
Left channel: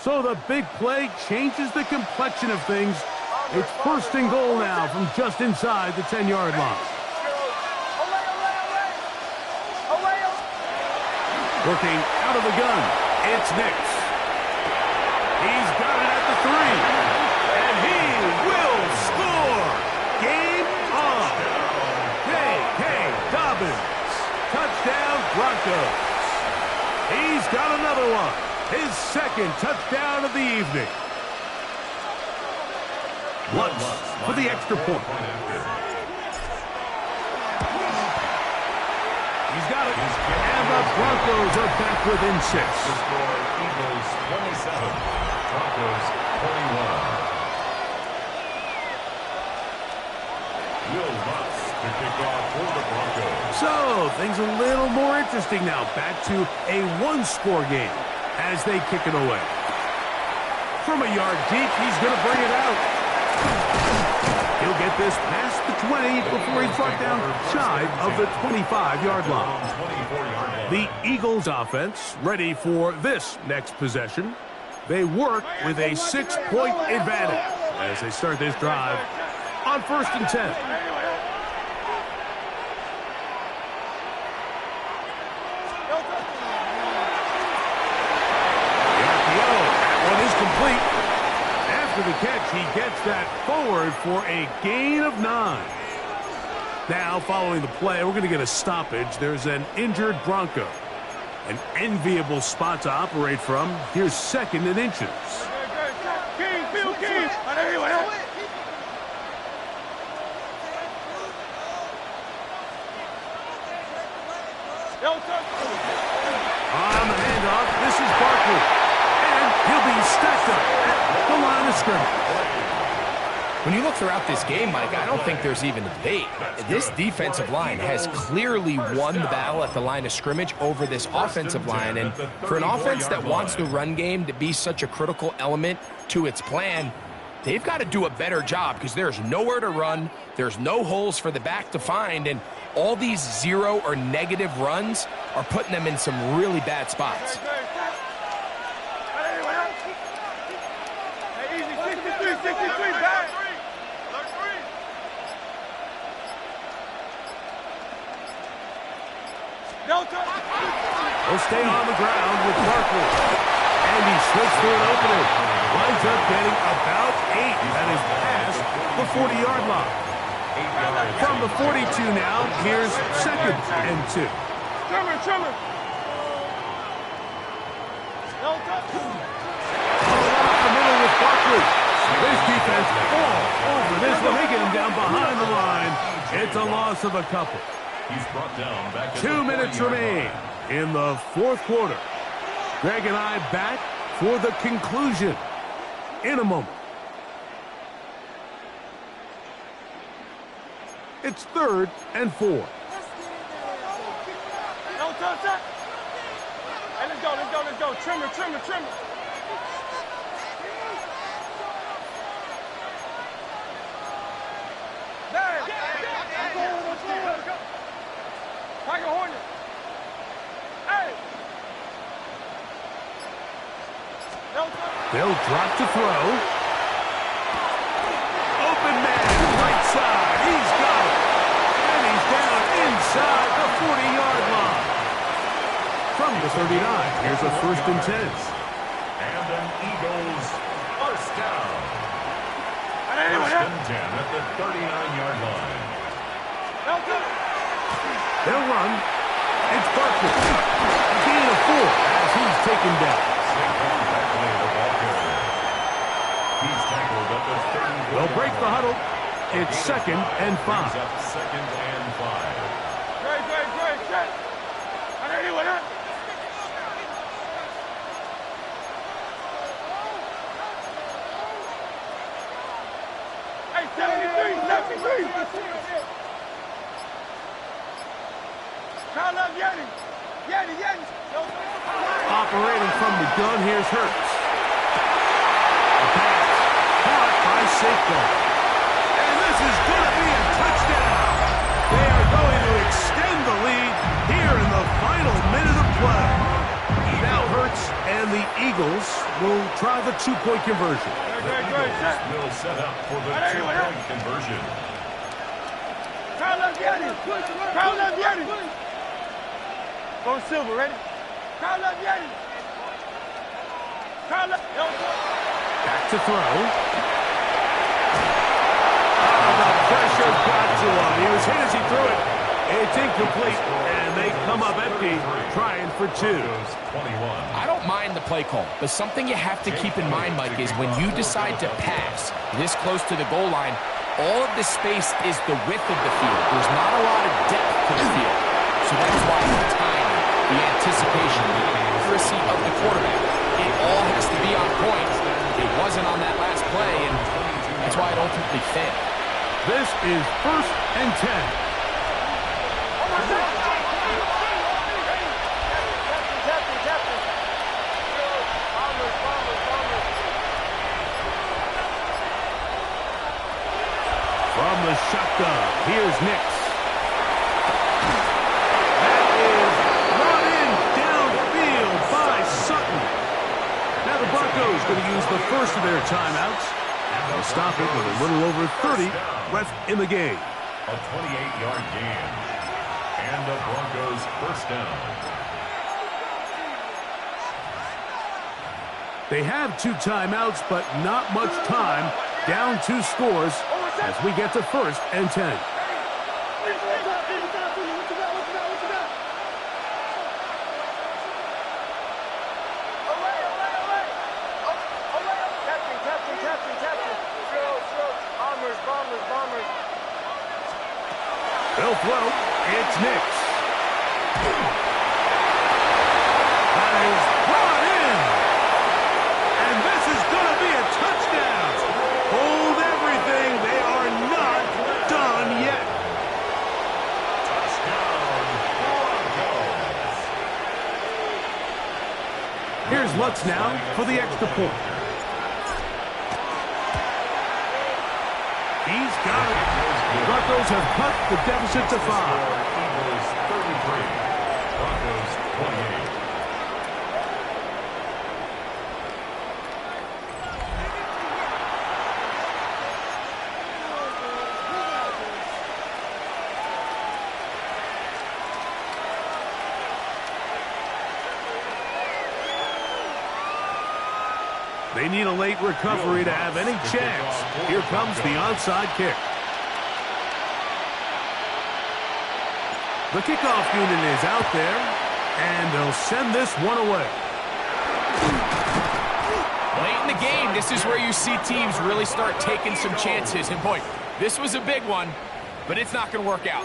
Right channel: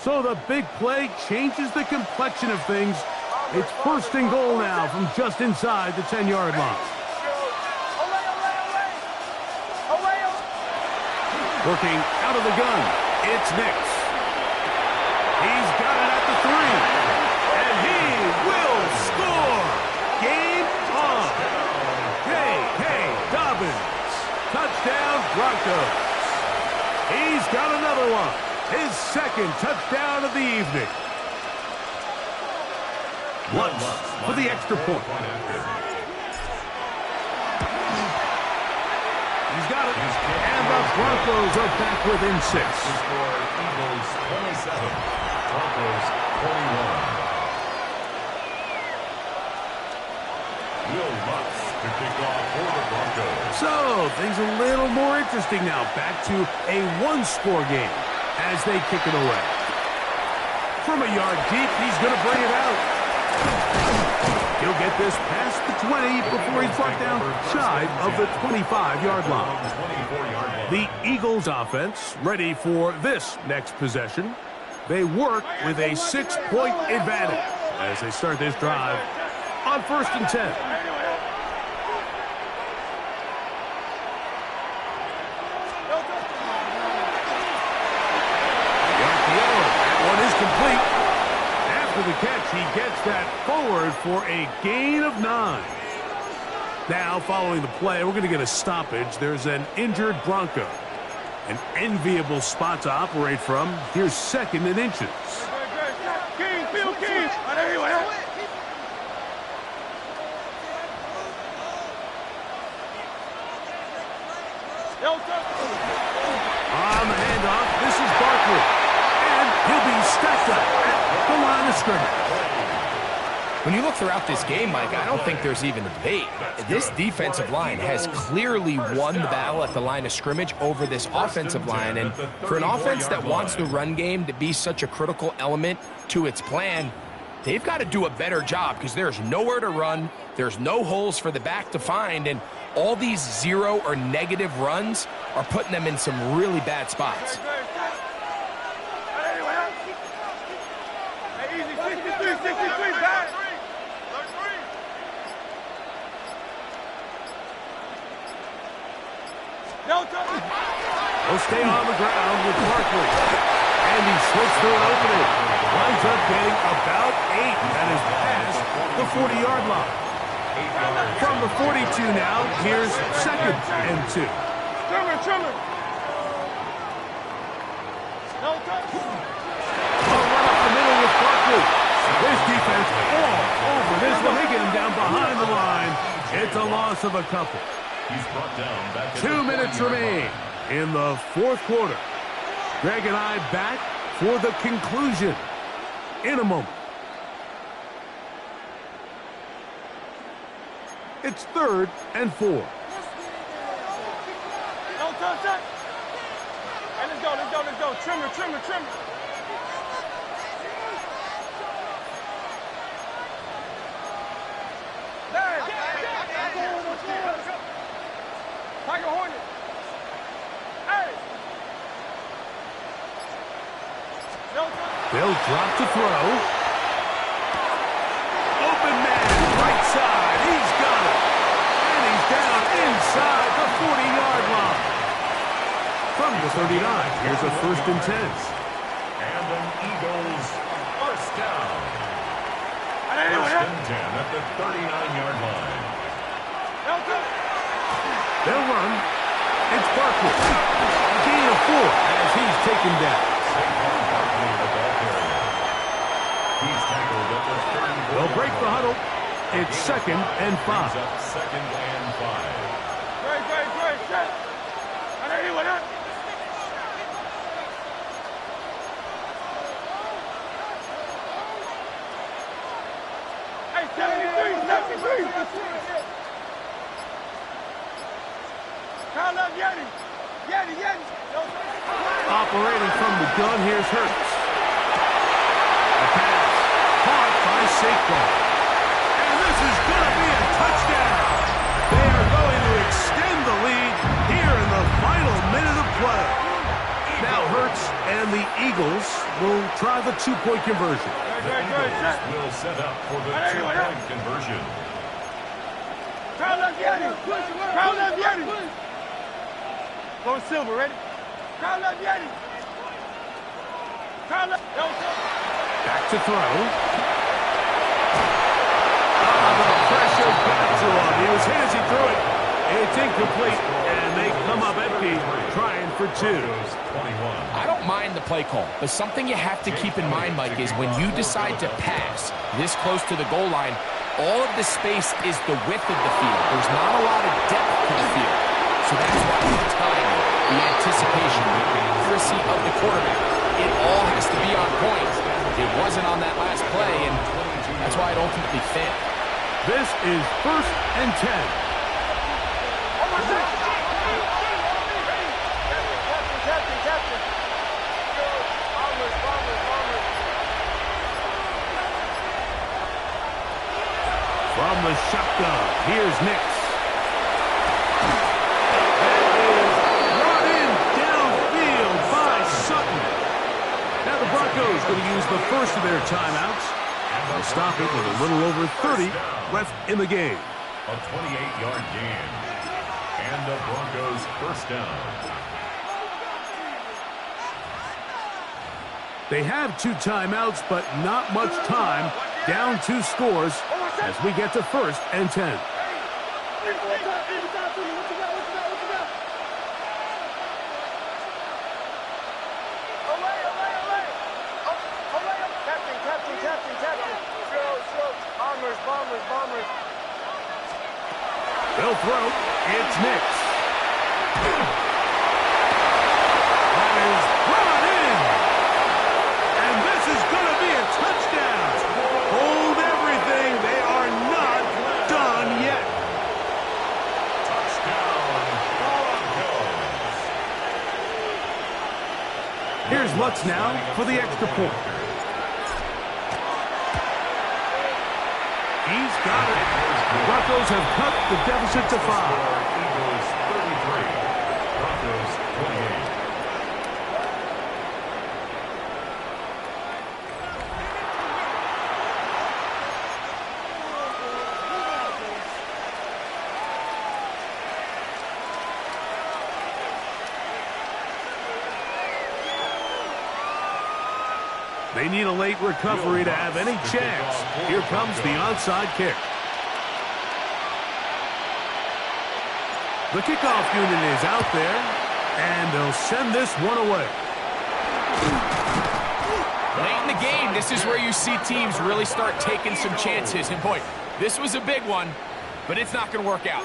So the big play changes the complexion of things. It's first and goal now from just inside the 10-yard line. Working out of the gun, it's Nix. He's got it at the 3, and he will score. Game on. J.K. Dobbins. Touchdown Broncos. He's got another one. His second touchdown of the evening. Lutz for the extra point. He's got it. And the Broncos are back within 6. The score, Eagles 27, Broncos 21. Will Lutz to kick off for the Broncos. So, things a little more interesting now. Back to a one-score game as they kick it away. From a yard deep, he's going to bring it out. He'll get this past the 20 before he's brought down shy of the 25-yard line. The Eagles offense ready for this next possession. They work with a 6-point advantage as they start this drive on 1st and 10. That one is complete. After the catch, he gets that forward for a gain of 9. Now, following the play, we're going to get a stoppage. There's an injured Bronco. An enviable spot to operate from. Here's 2nd and inches. King, Bill King. On the handoff, this is Barkley. And he'll be stacked up at the line of scrimmage. When you look throughout this game, Mike, I don't think there's even a debate. This defensive line has clearly won the battle at the line of scrimmage over this offensive line. And for an offense that wants the run game to be such a critical element to its plan, they've got to do a better job because there's nowhere to run, there's no holes for the back to find, and all these 0 or negative runs are putting them in some really bad spots. Hey, easy, 63, back. He'll stay on the ground with Barkley. And he slips through an opening. Winds up getting about 8. That is past the 40-yard line. From the 42 now, here's 2nd and 2. Trimmer. No touch. Run up the middle with Barkley. This defense all over this one. They get him down behind the line. It's a loss of a couple. He's brought down back at 2 minutes remain in the 4th quarter. Greg and I back for the conclusion in a moment. It's 3rd and 4. No touch. Hey, let's go. Trimmer. Tiger Hornet. Hey. They'll drop to throw. Open man, right side. He's got it. And he's down inside the 40-yard line. From the 39, here's a 1st and 10. And an Eagles first down. 1st and 10 at the 39-yard line. They'll run. It's Barkley. A gain of 4 as he's taken down. Saquon Barkley, the ball carrier. He's tackled at the 34. They'll break the huddle. It's 2nd and 5. Brings up 2nd and 5. Great. Set. I know you with that. Hey, 73. Call up Yeti. Operating from the gun, here's Hurts. A pass caught by Saquon. And this is going to be a touchdown. They are going to extend the lead here in the final minute of play. Now Hurts and the Eagles will try the 2-point conversion. The Eagles will set up for the 2-point conversion. Call up Yeti. Go Silver, ready? Call up Yeti. Back to throw. The pressure got to him. He was hit as he threw it. It's incomplete, and they come up empty, trying for 2. I don't mind the play call, but something you have to keep in mind, Mike, is when you decide to pass this close to the goal line, all of the space is the width of the field. There's not a lot of depth to the field. So that's why the timing, the anticipation, the accuracy of the quarterback, it all has to be on point. It wasn't on that last play, and that's why it ultimately failed. This is 1st and 10. Captain. Bombers. From the shotgun, here's Nix. That is brought in downfield by Sutton. Now the Broncos going to use the first of their timeouts. They'll stop it with a little over 30 left in the game. A 28-yard gain. And the Broncos first down. They have 2 timeouts, but not much time. Down 2 scores as we get to 1st and 10. Captain. Bombers. They'll throw. It's Nix. That is brought in. And this is going to be a touchdown. Hold everything. They are not done yet. Touchdown, Broncos. Here's Lutz now for the extra point. He's got it. Broncos have cut the deficit to 5. Eagles 33, Broncos 28. They need a late recovery to have any chance. Here comes the onside kick. The kickoff unit is out there, and they'll send this one away. Late in the game, this is where you see teams really start taking some chances. And boy, this was a big one, but it's not going to work out.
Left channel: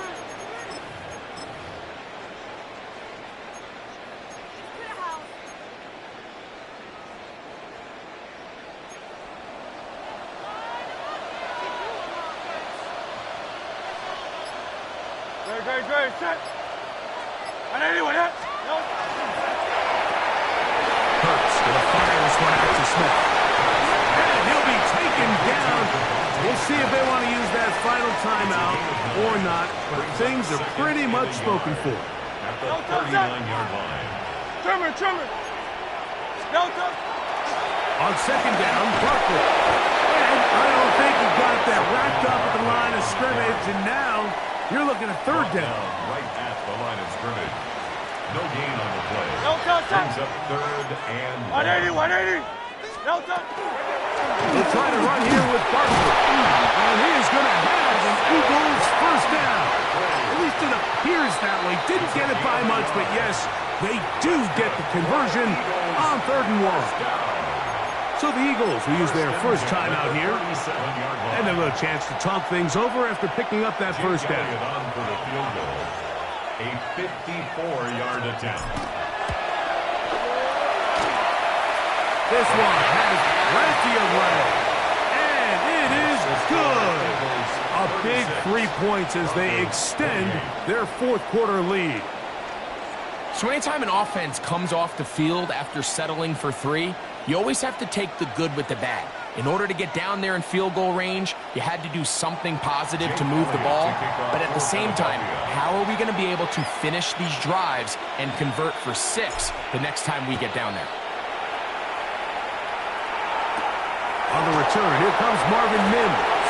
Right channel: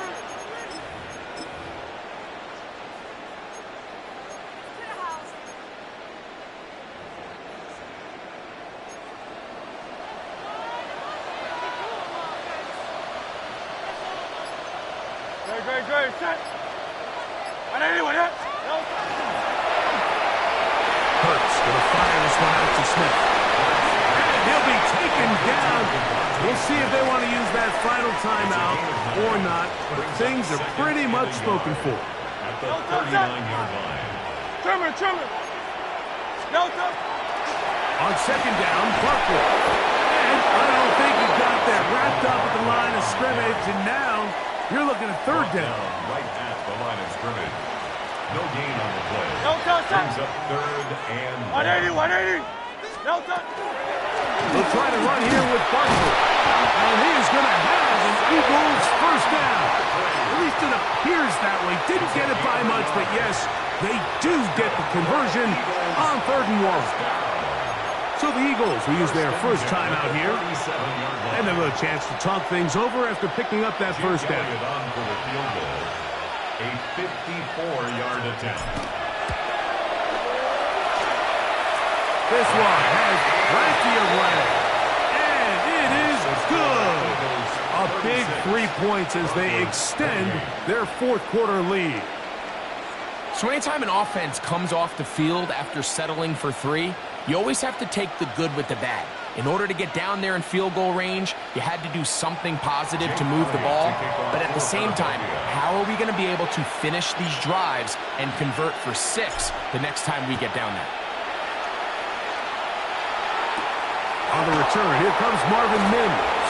Great, set. 180, 180. Hurts gonna fire this one out to Smith. And he'll be taken down. We'll see if they want to use that final timeout or not, but things are pretty much spoken for. At the 39-yard line. Trimmer. No touch. On second down, Barkley. And I don't think he got that wrapped up at the line of scrimmage, and now you're looking at third down. Right at the line of scrimmage. No gain on the play. No touch. Brings up third and 180. No touch. They'll try to run here with Barkley. And he is going to have an Eagles first down. At least it appears that way. Didn't get it by much, but yes, they do get the conversion on 3rd and 1. So the Eagles will use their first timeout here. And a little chance to talk things over after picking up that first down. On for the field goal. A 54-yard attempt. This one has plenty of leg. And it is good. A big 3 points as they extend their fourth quarter lead. So anytime an offense comes off the field after settling for 3, you always have to take the good with the bad. In order to get down there in field goal range, you had to do something positive to move the ball. But at the same time, how are we going to be able to finish these drives and convert for 6 the next time we get down there? On the return, here comes Marvin Mims.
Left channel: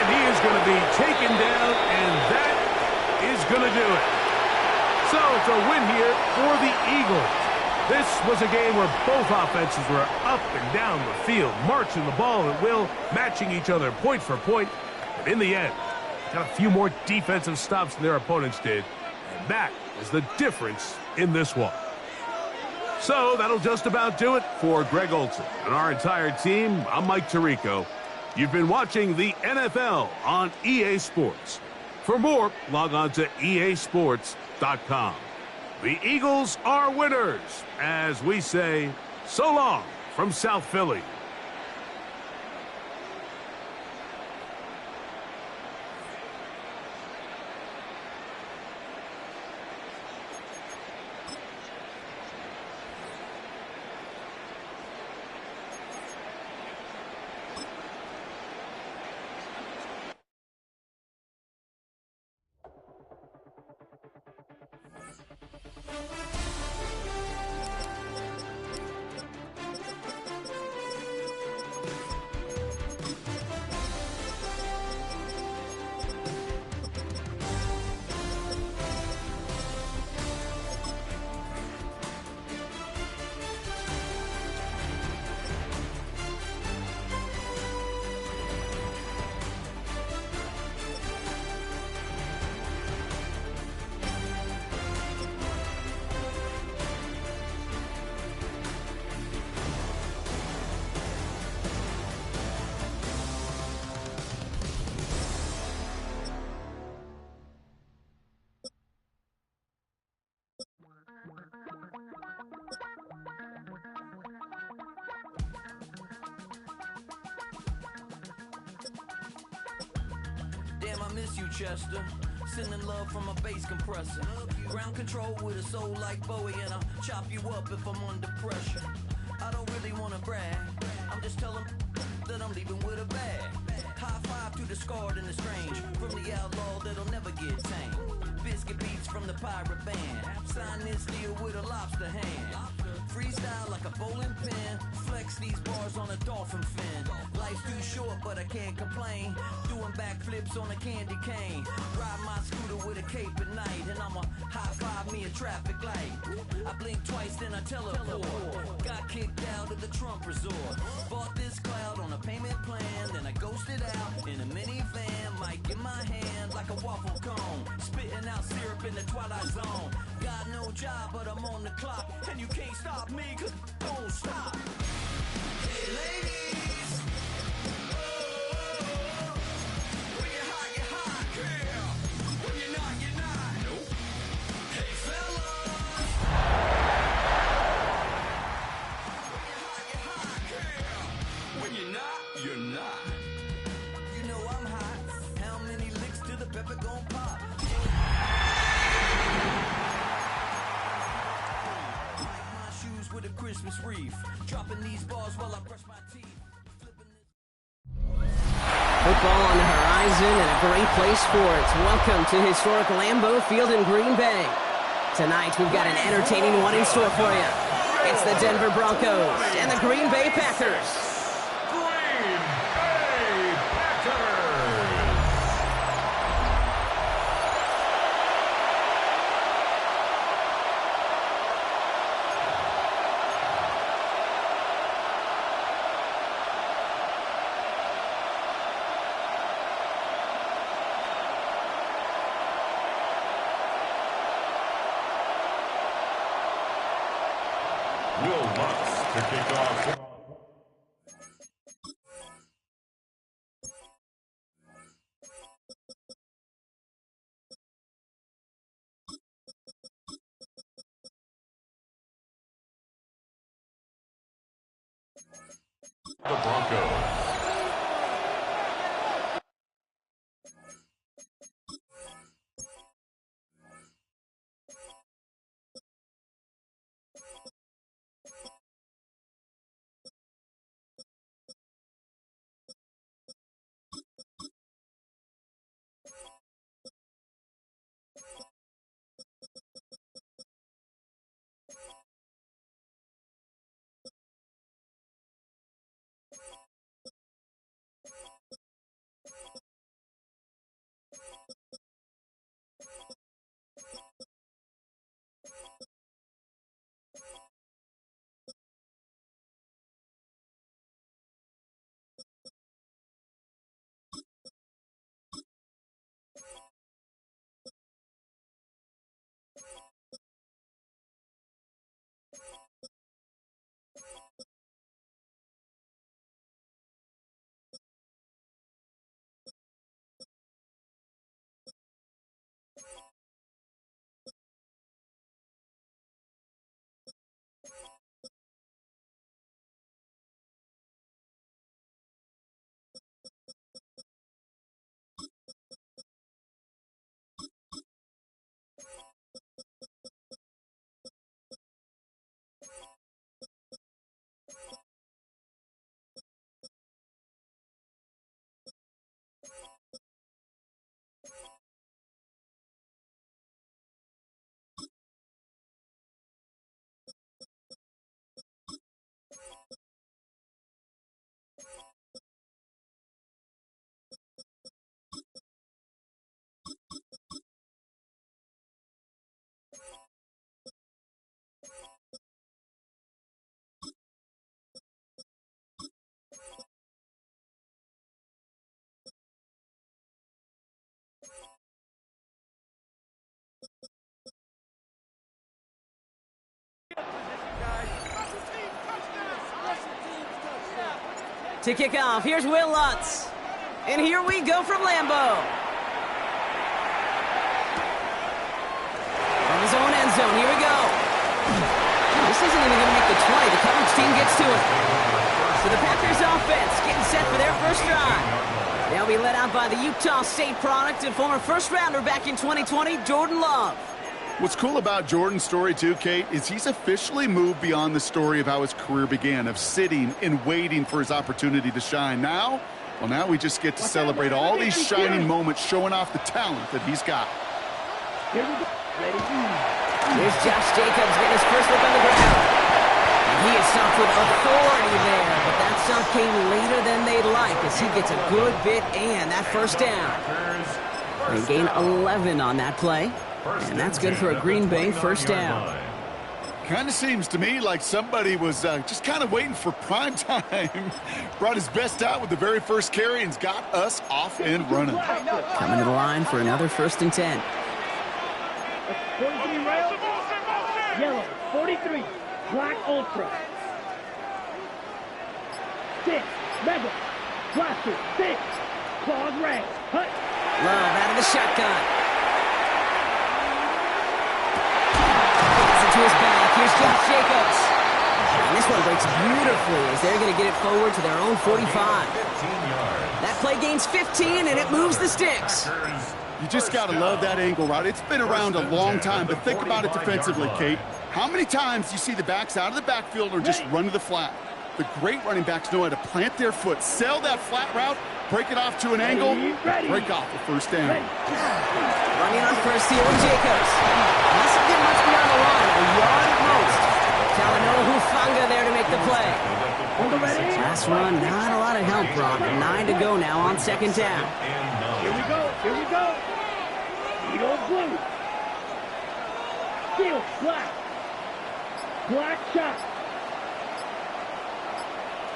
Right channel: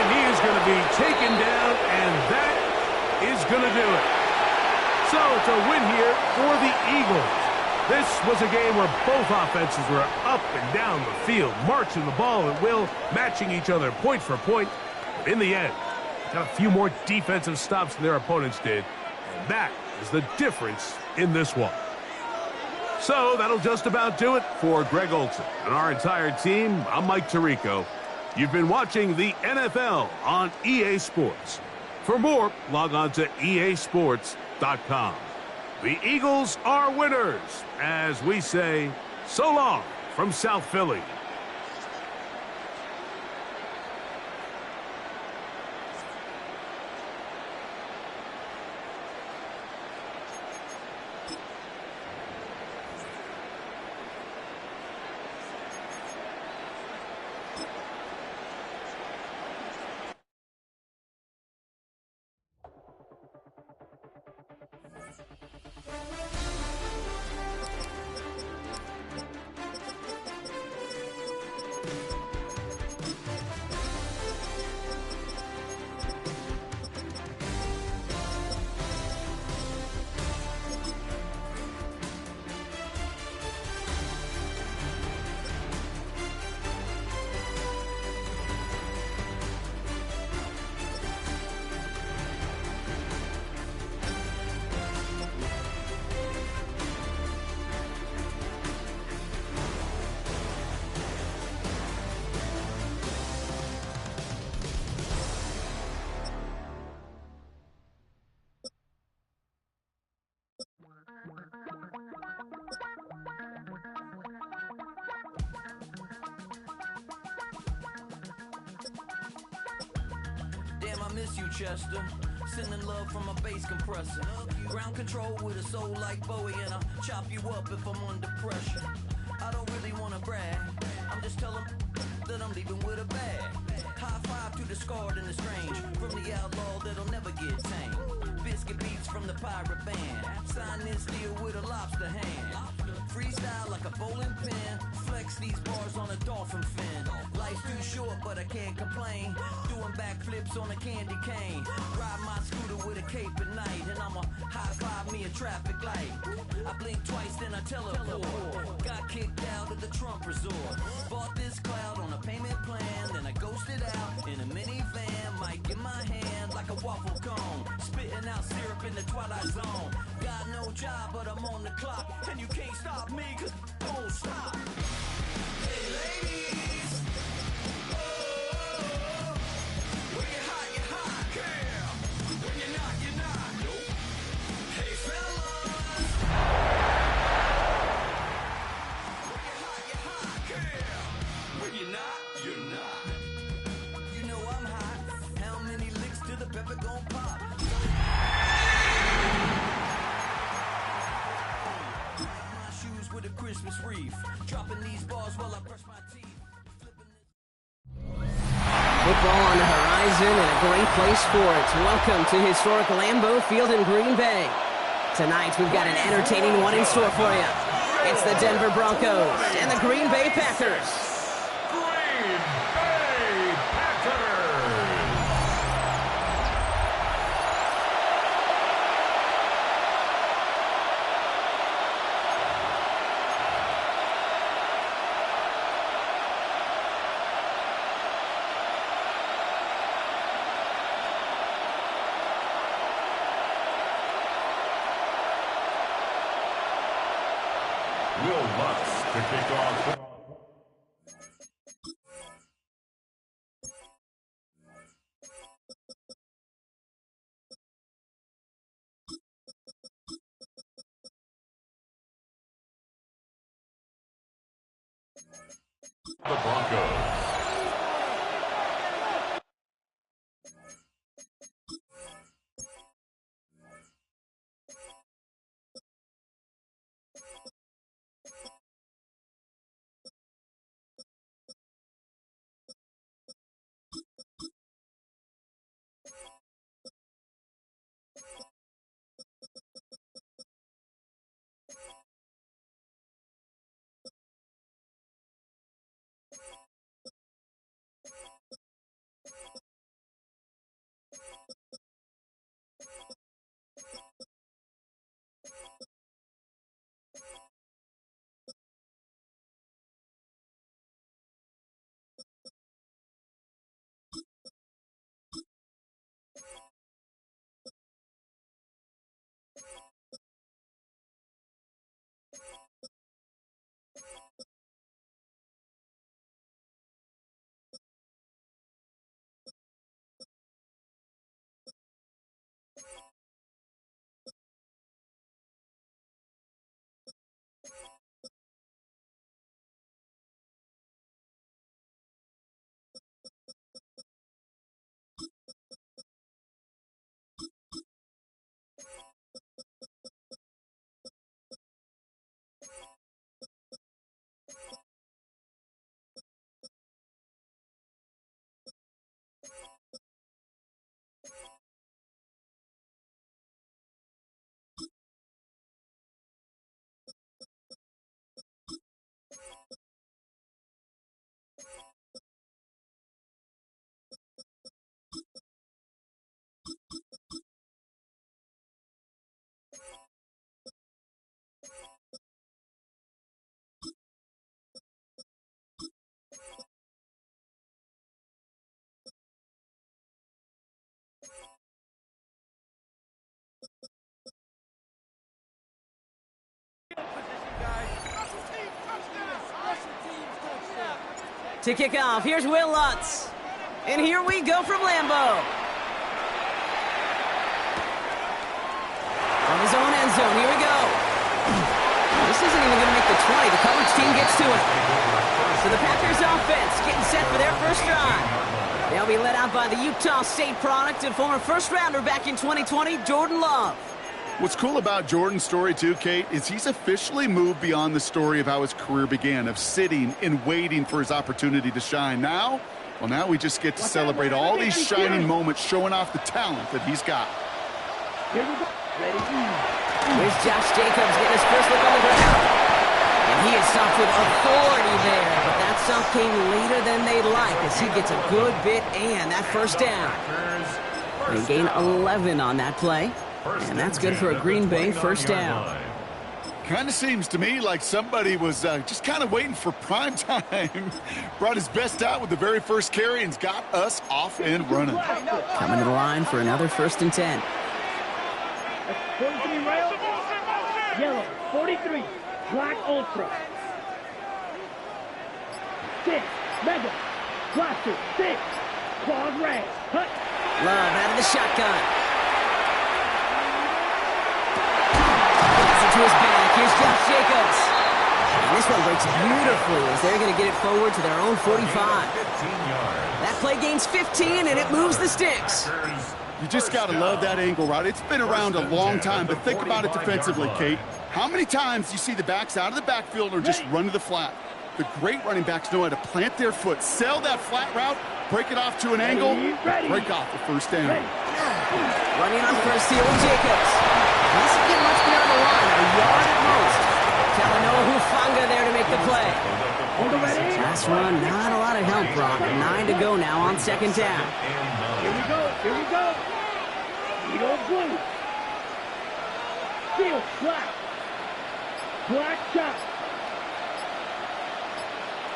And he is going to be taken down, and that is going to do it. So it's a win here for the Eagles. This was a game where both offenses were up and down the field, marching the ball at will, matching each other point for point. But in the end, got a few more defensive stops than their opponents did, and that is the difference in this one. So that'll just about do it for Greg Olsen and our entire team. I'm Mike Tirico. You've been watching the NFL on EA Sports. For more, log on to easports.com. The Eagles are winners, as we say, so long from South Philly. Damn, I miss you, Chester. Sending love from a bass compressor. Ground control with a soul like Bowie, and I'll chop you up if I'm under pressure. I don't really want to brag. I'm just telling that I'm leaving with a bag. scarred and estranged from the outlaw that'll never get tamed. Biscuit beats from the pirate band. Sign this deal with a lobster hand. Freestyle like a bowling pin. Flex these bars on a dolphin fin. Life's too short, but I can't complain. Doing backflips on a candy cane. Ride my scooter with a cape at night. And I'ma high five me a traffic light. I blink twice, then I teleport. Got kicked out of the Trump resort. Bought this cloud on a payment plan. Then I ghosted out in a minivan. Mic in my hand like a waffle cone. Spitting out syrup in the twilight zone. Got no job, but I'm on the clock. And you can't stop me, cause I won't stop. Hey ladies, oh, when you're hot, girl. When you're not, nope. Hey fellas, when you're hot, girl. When you're not, you're not. You know I'm hot. How many licks till the pepper gon' pop? With a Christmas wreath, dropping these bars while I brush my teeth. Football on the horizon and a great place for it. Welcome to historic Lambeau Field in Green Bay. Tonight we've got an entertaining one in store for you. It's the Denver Broncos and the Green Bay Packers. Green Bay Packers. Will Lutz to kick off. The Broncos. To kick off, here's Will Lutz. And here we go from Lambeau. From his own end zone, here we go. This isn't even going to make the 20. The coverage team gets to it. So the Packers offense getting set for their first drive. They'll be led out by the Utah State product and former first-rounder back in 2020, Jordan Love. What's cool about Jordan's story, too, Kate, is he's officially moved beyond the story of how his career began, of sitting and waiting for his opportunity to shine. Now, Well, now we just get to celebrate all these shining moments, showing off the talent that he's got. Here we go. Ready? Here's Josh Jacobs getting his first look on the ground. And he is stopped with authority there, but that stop came later than they'd like as he gets a good bit and that first down. They gain 11 on that play, and that's good for a Green Bay first down. Kind of seems to me like somebody was just kind of waiting for prime time. Brought his best out with the very first carry and's got us off and running. Coming to the line for another 1st and 10. 43 rail, yellow, 43, black ultra. 6, mega, blaster, 6, claws red, hut. Love out of the shotgun. To his back. Here's Josh Jacobs. And this one breaks beautifully as they're going to get it forward to their own 45. That play gains 15, and it moves the sticks. You just got to love that angle route. It's been around a long time, but think about it defensively, Kate. How many times you see the backs out of the backfield or just run to the flat? The great running backs know how to plant their foot, sell that flat route, break it off to an angle, break off the first down. Running on first here with Jacobs. Doesn't get much beyond the line, a yard at most. Talanoa Hufanga there to make the play. Last run, not a lot of help, Brock. 9 to go now on 2nd down. Here we go, here we go. Eagle blue. Steel black. Black shot.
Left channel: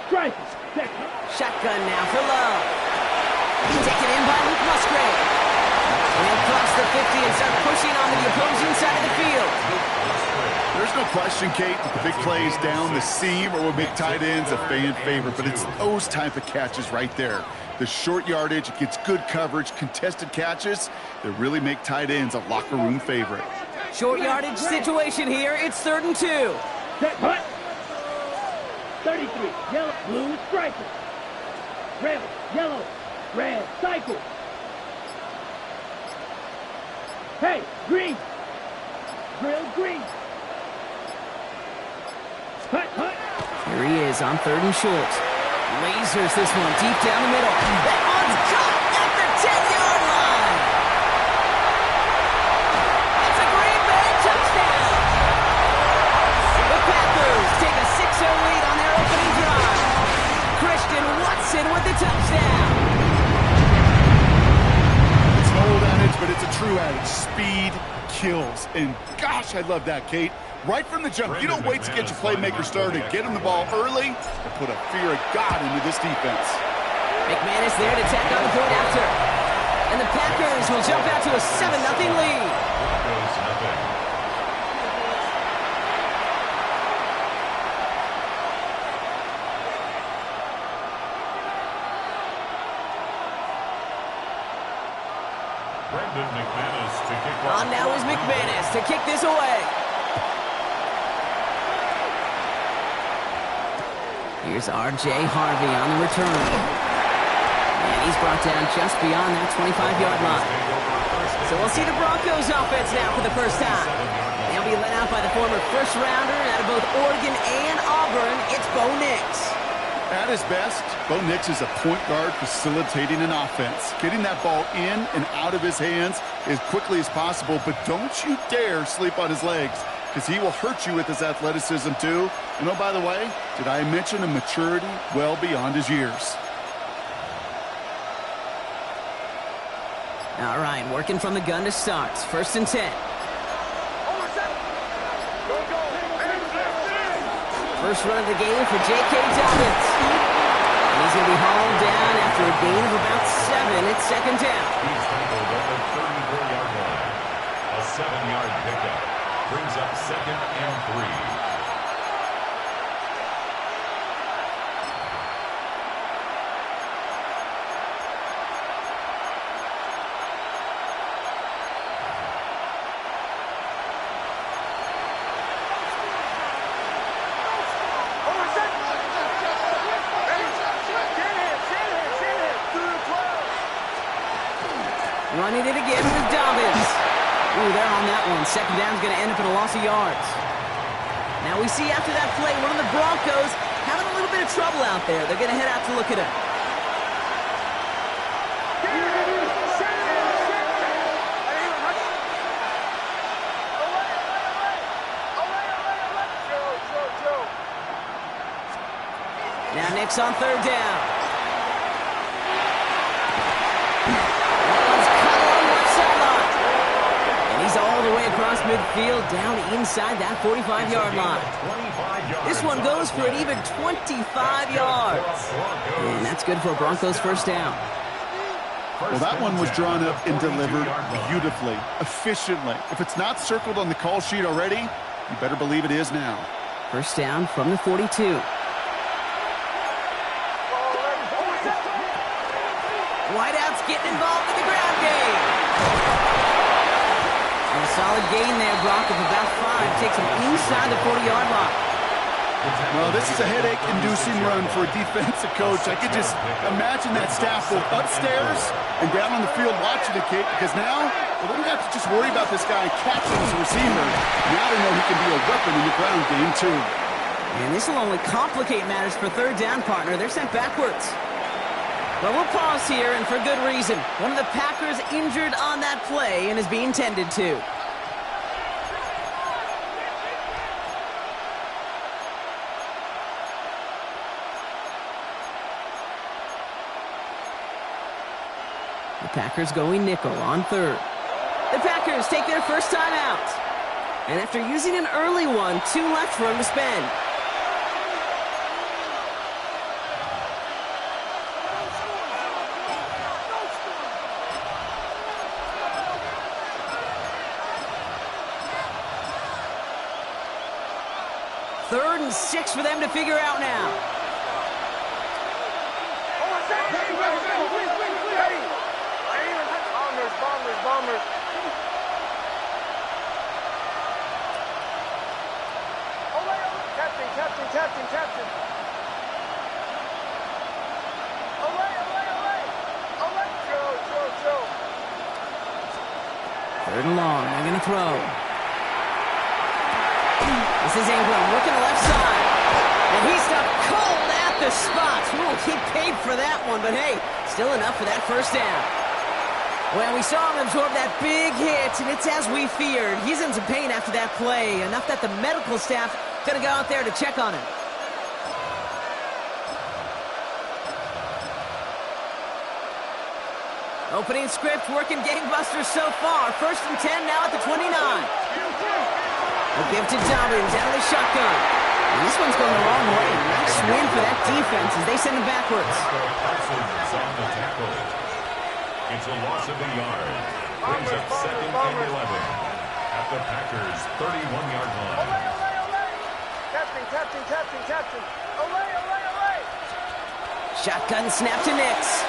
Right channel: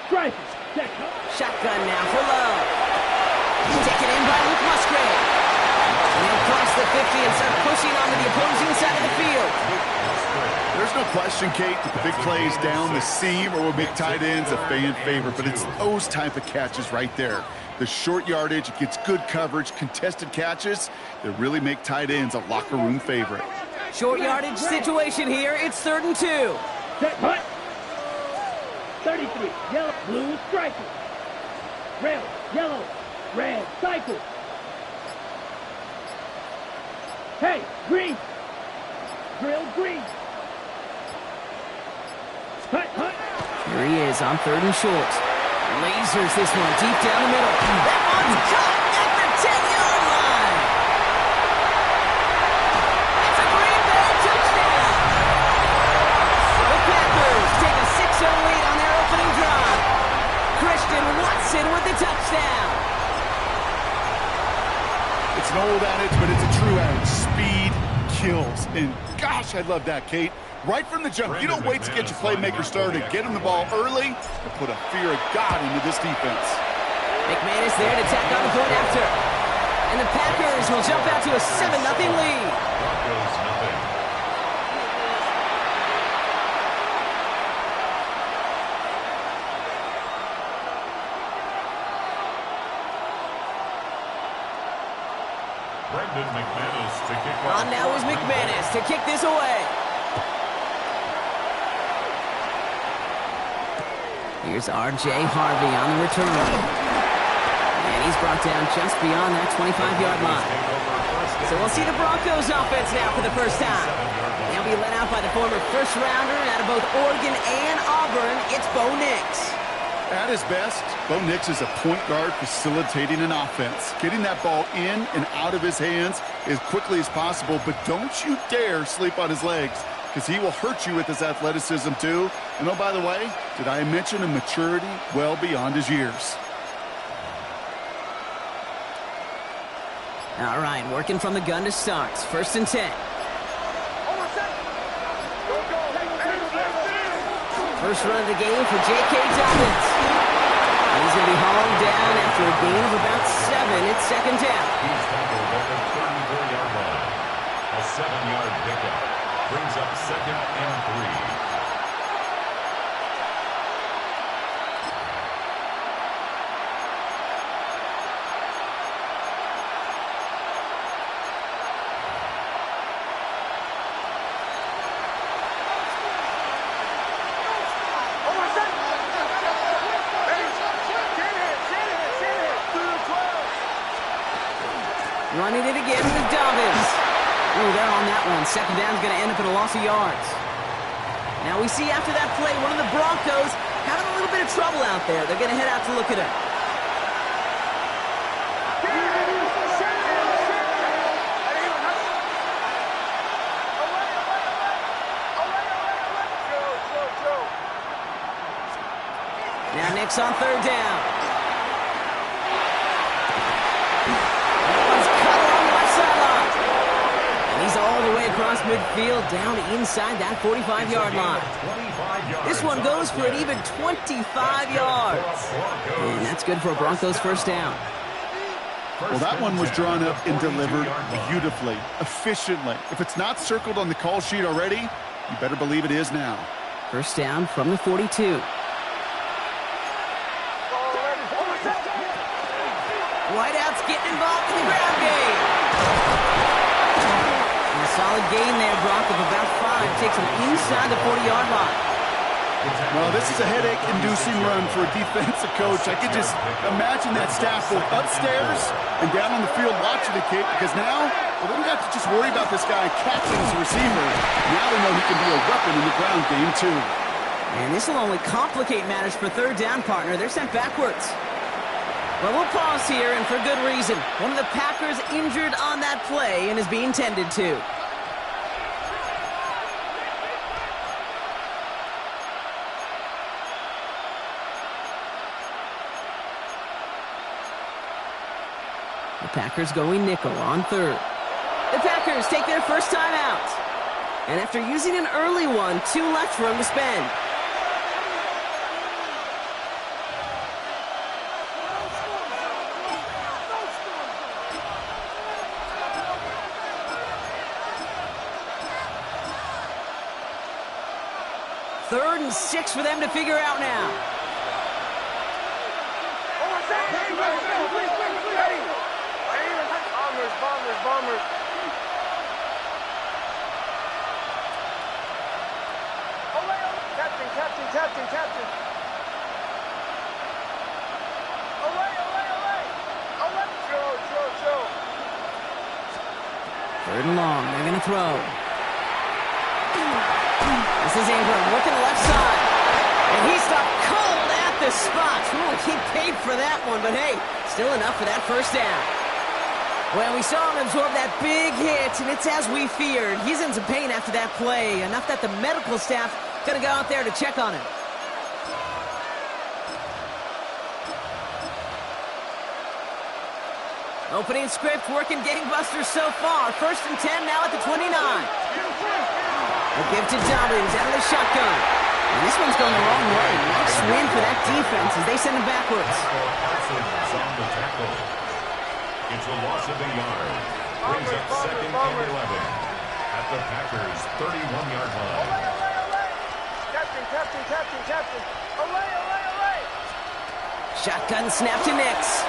Striker, second. Shotgun now for Love. Taken in by Luke Musgrave. And he'll cross the 50 and start pushing onto the opposing side of the field. There's no question, Kate, that the big plays down the seam or will make tight ends a fan favorite, but it's those type of catches right there. The short yardage, it gets good coverage, contested catches that really make tight ends a locker room favorite. Short yardage situation here. It's 3rd and 2. Set, hut. 33, yellow, blue striker. Red, yellow, red, cycle. Hey, green. Grill green. Hut, hut. Here he is on 3rd and short. Lasers this one deep down the middle. That one's caught at the 10-yard line. It's a Green Bay touchdown. The Packers take a 6-0 lead on their opening drive. Christian Watson with the touchdown. It's an old adage, but it's a true adage. Speed kills. And gosh, I love that, Kate. Right from the jump, you don't wait to get your playmaker started. Get him the ball early and put a fear of God into this defense. McManus there to tack on the point after. And the Packers will jump out to a 7-0 lead. Broncos nothing. Brendan McManus to kick off. On now is McManus to kick this away. Here's R.J. Harvey on the return. And he's brought down just beyond that 25-yard line. So we'll see the Broncos offense now for the first time. They'll be led out by the former first-rounder out of both Oregon and Auburn. It's Bo Nix. At his best, Bo Nix is a point guard facilitating an offense, getting that ball in and out of his hands as quickly as possible, but don't you dare sleep on his legs, because he will hurt you with his athleticism too. And oh, by the way, did I mention a maturity well beyond his years? All right, working from the gun to start. 1st and 10. First run of the game for J.K. Dobbins. And he's going to be hauled down after a gain of about 7. It's 2nd down. He's tackled at the 34-yard line. A 7-yard pickup brings up 2nd and 3. Running it again with Dobbins. Ooh, they're on that one. 2nd down's going to end up in a loss of yards. Now we see after that play, one of the Broncos having a little bit of trouble out there. They're going to head out to look at him. Now Nix on third down. That one's cut along the left sideline. And he's all the way across midfield, down inside that 45-yard line. This one goes for an even 25 yards. And that's good for a Broncos first down. Well, that one was drawn up and delivered beautifully, efficiently. If it's not circled on the call sheet already, you better believe it is now. First down from the 42. Whiteout's getting involved in the ground game. And a solid gain there, Brock, of about 5. Takes him inside the 40-yard line. Well, this is a headache-inducing run for a defensive coach. I could just imagine that staff both upstairs and down on the field watching the kick, because now, well, they don't have to just worry about this guy catching as a receiver. Now they know he can be a weapon in the ground game, too. And this will only complicate matters for third down, partner. They're sent backwards. Well, we'll pause here, and for good reason. One of the Packers injured on that play and is being tended to. The Packers going nickel on third. The Packers take their first time out. And after using an early one, 2 left for him to spend. Third and 6 for them to figure out now. Bombers. Captain. Chill. Third and long, they're going to throw. This is Ingram looking left side. And he stopped cold at the spot. Ooh, he paid for that one, but hey, still enough for that first down. Well, we saw him absorb that big hit, and it's as we feared. He's in some pain after that play, enough that the medical staff going to go out there to check on him. Opening script working gangbusters so far. First and 10 now at the 29. A give to Dobbins out of the shotgun. And this one's going the wrong way. Nice win for that defense as they send him backwards. It's a loss of a yard. Brings up second and 11 at the Packers' 31-yard line. Captain. Olay. Shotgun snap to Nix.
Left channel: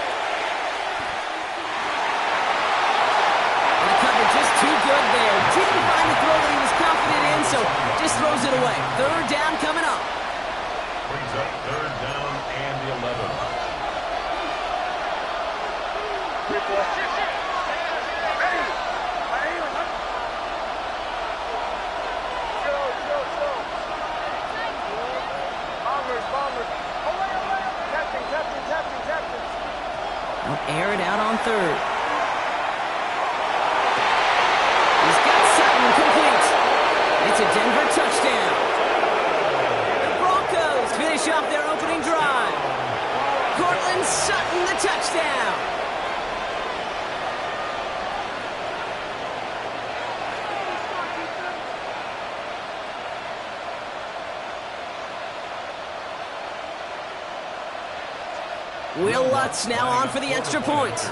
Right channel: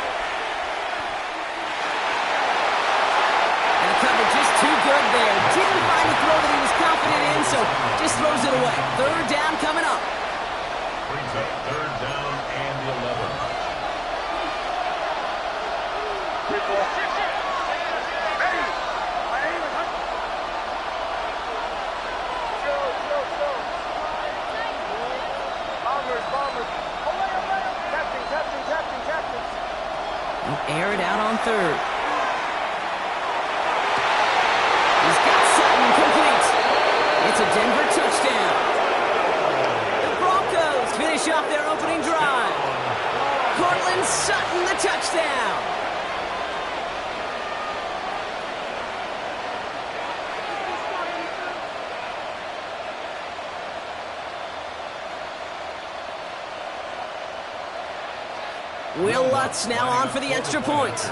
And the cover just too good there. Didn't find the throw that he was confident in, so just throws it away. Third down coming up. Brings up third down and 11. Bombers. Captain. Now air it out on third. He's got Sutton complete. It's a Denver touchdown. The Broncos finish off their opening drive. Cortland Sutton, the touchdown. Will Lutz now on for the extra point.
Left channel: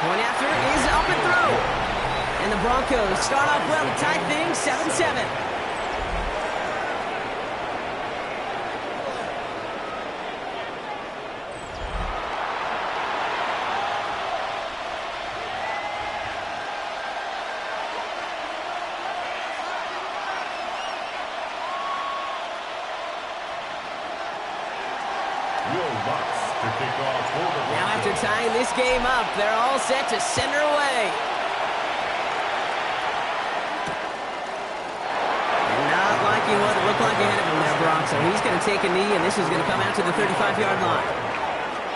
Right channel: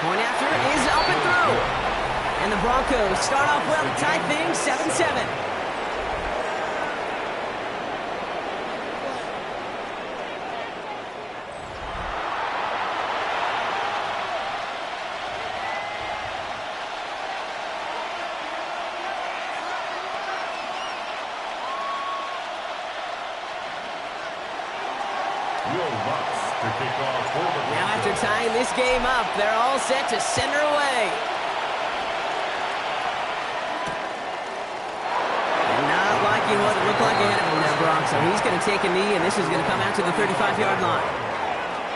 Point after is up and through. And the Broncos start off well to tie things 7-7. Now after tying this game up, they're all set to send her away. And not liking what it looked like ahead of him there, Brock. So he's going to take a knee, and this is going to come out to the 35-yard line.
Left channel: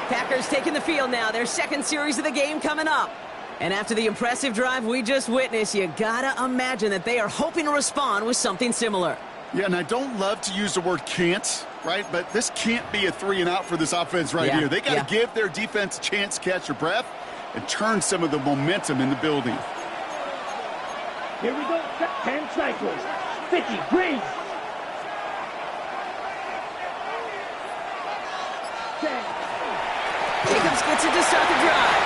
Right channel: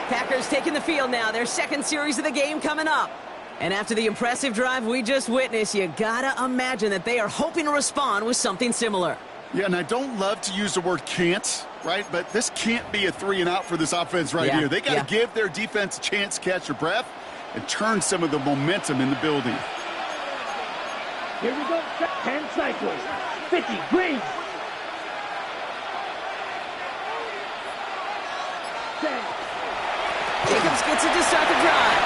Packers taking the field now. Their second series of the game coming up. And after the impressive drive we just witnessed, you gotta imagine that they are hoping to respond with something similar. Yeah, and I don't love to use the word can't, right? But this can't be a 3-and-out for this offense right here. They got to give their defense a chance to catch their breath and turn some of the momentum in the building. Here we go. 10 cycles. 50 green. 10. Jacobs gets it to start the drive.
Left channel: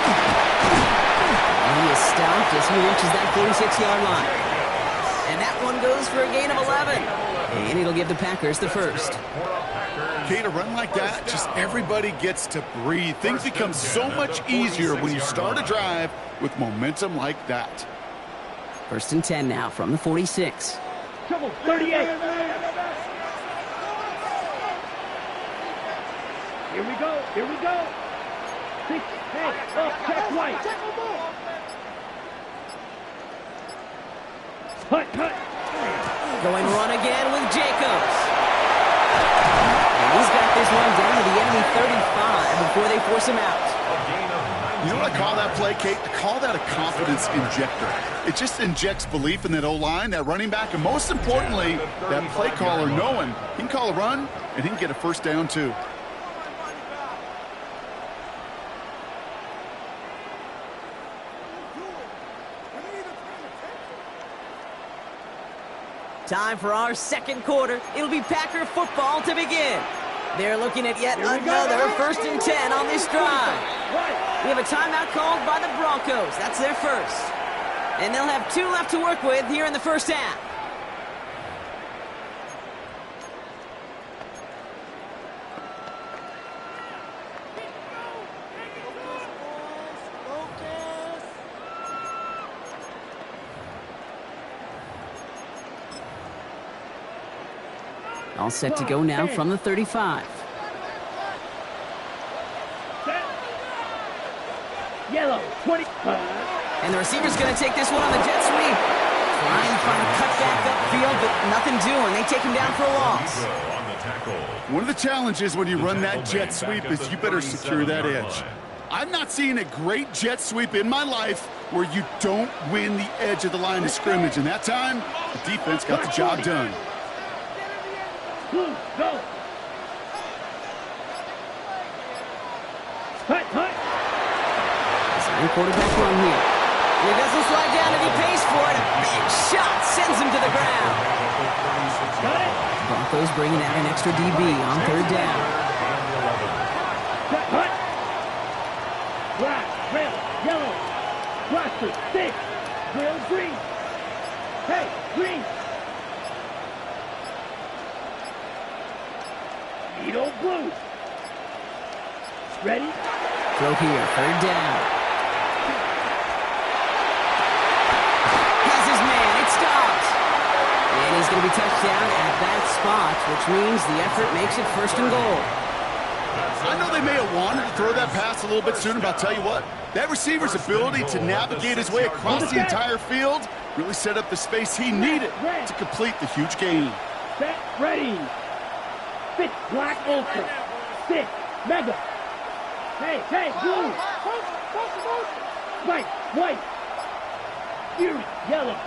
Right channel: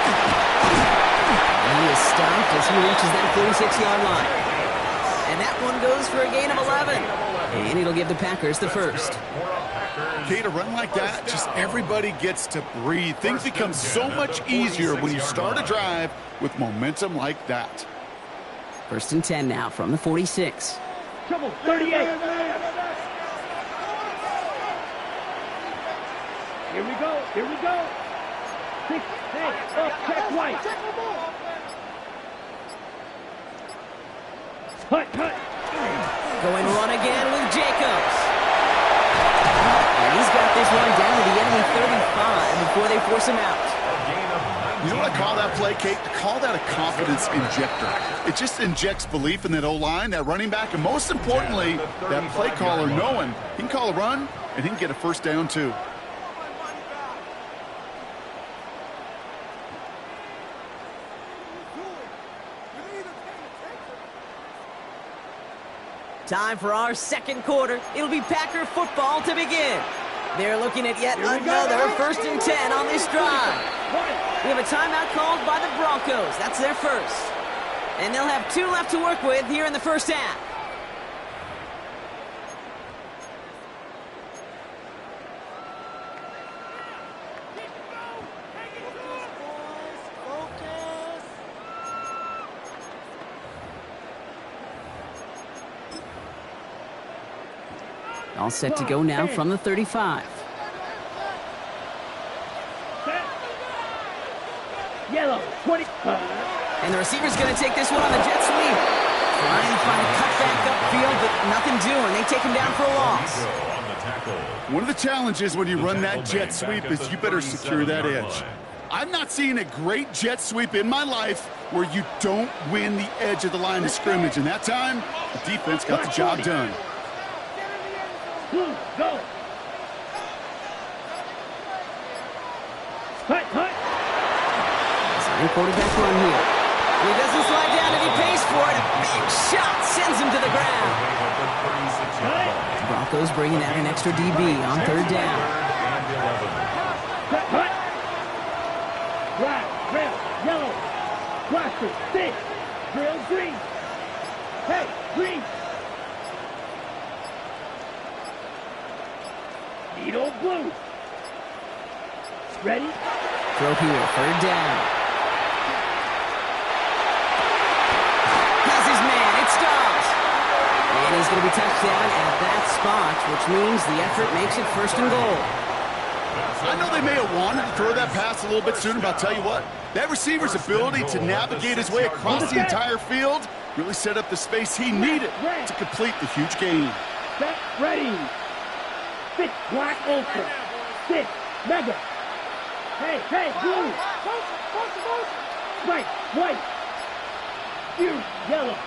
And he is stopped as he reaches that 46-yard line. And that one goes for a gain of 11. And it'll give the Packers the first. Okay, to run like that, just everybody gets to breathe. Things become so much easier when you start a drive with momentum like that. 1st and 10 now from the 46. Trouble, 38. Here we go. Here we go. 6. Hey, up, check White. Hut. Going run again with Jacobs. And he's got this one down to the enemy 35 before they force him out. You know what I call that play, Kate? I call that a confidence injector. It just injects belief in that O-line, that running back, and most importantly, that play caller knowing he can call a run and he can get a first down too. Time for our second quarter. It'll be Packer football to begin. They're looking at yet another 1st and 10 on this drive. We have a timeout called by the Broncos. That's their first. And they'll have 2 left to work with here in the first half. All set to go now from the 35. Set. Yellow, 20. And the receiver's going to take this one on the jet sweep. Trying to find a cutback upfield, but nothing doing. They take him down for a loss. One of the challenges when you run that jet sweep is you better secure that edge. I've not seen a great jet sweep in my life where you don't win the edge of the line of scrimmage. And that time, the defense got the job done. Blue, go. Hut. Design quarterback run here. He doesn't slide down and he pays for it. A big shot sends him to the ground. The Broncos bringing out an extra DB on 3rd down. Hut. Black, red, yellow. Blaster, 6. Drill, green. Hey, green. Needle, blue. Ready? Throw here, 3rd down. Has his man, it's Dobbs. And he's going to be touched down at that spot, which means the effort makes it 1st and goal. I know they may have wanted to throw that pass a little bit sooner, but I'll tell you what, that receiver's ability to navigate his way across the entire field really set up the space he needed to complete the huge gain. Set, ready. 6, black ultra. 6, mega. Hey, blue. White. Fury, yellow.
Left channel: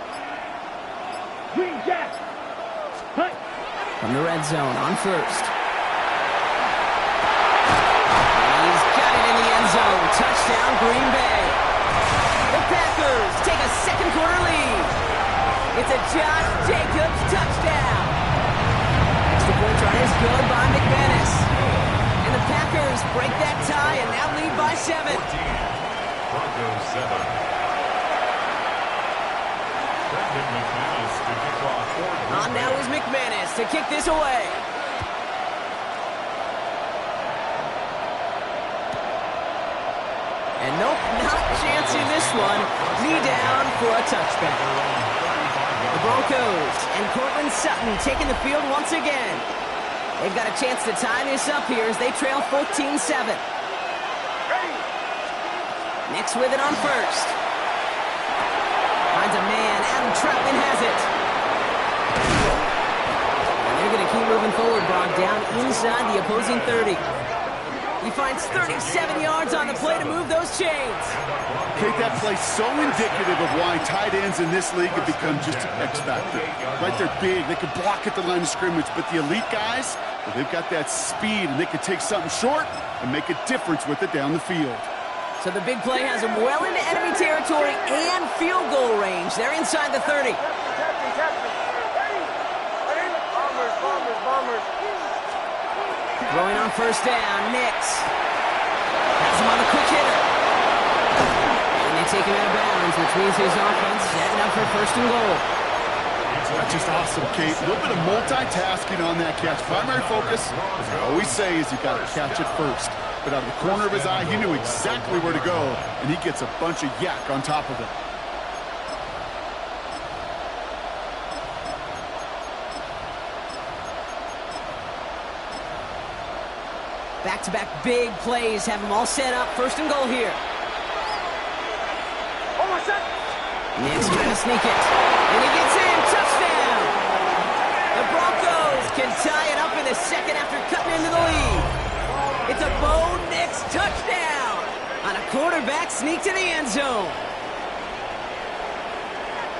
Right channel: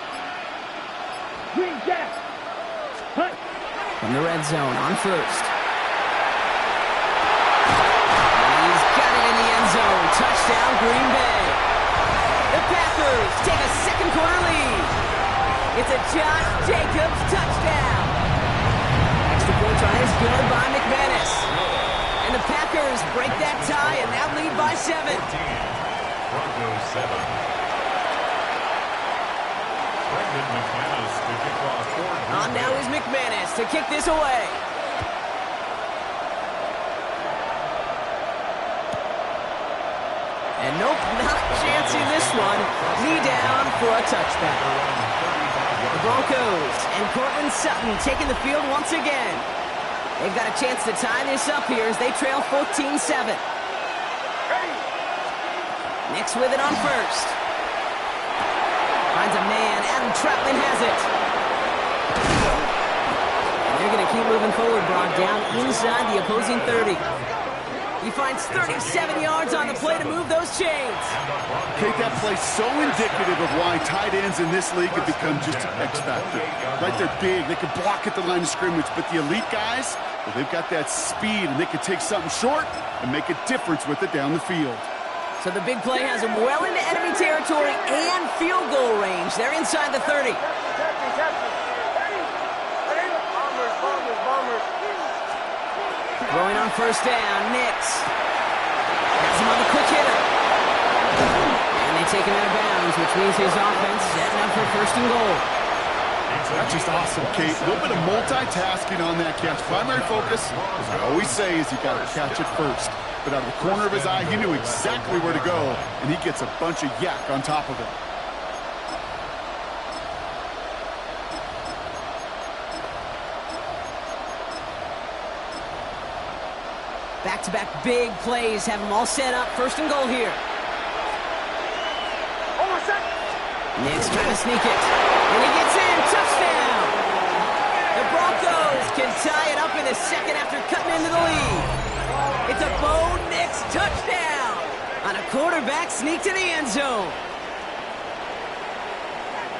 Green jack. Hut. From the red zone on 1st. And he's got it in the end zone. Touchdown, Green Bay. The Packers take a second quarter lead. It's a Josh Jacobs touchdown. Extra point try is good by McManus. And the Packers break that tie and now lead by 7. Broncos 7. McManus to kick off. On now is McManus to kick this away. And nope, not chancing this one. Knee down for a touchback. The Broncos and Cortland Sutton taking the field once again. They've got a chance to tie this up here as they trail 14-7. Nix with it on 1st. Finds a man. Adam Troutman has it. And they're going to keep moving forward, Brock, down inside the opposing 30. He finds 37 yards on the play to move those chains. Kate, that play's so indicative of why tight ends in this league have become just an X factor. Right, they're big, they can block at the line of scrimmage, but the elite guys, well, they've got that speed, and they can take something short and make a difference with it down the field. So the big play has him well into enemy territory and field goal range. They're inside the 30. Throwing on first down, Nix. Has him on the quick hitter. And they take him out of bounds, which means his offense setting up for first and goal. That's just awesome, Kate. A little bit of multitasking on that catch. Primary focus, as I always say, is you got to catch it first. But out of the corner of his eye, he knew exactly where to go, and he gets a bunch of yak on top of it. Back-to-back big plays have them all set up. First and goal here. Nix trying to sneak it. And he gets in. Touchdown! The Broncos can tie it up in the second after cutting into the lead. It's a Bo Nix touchdown on a quarterback sneak to the end zone.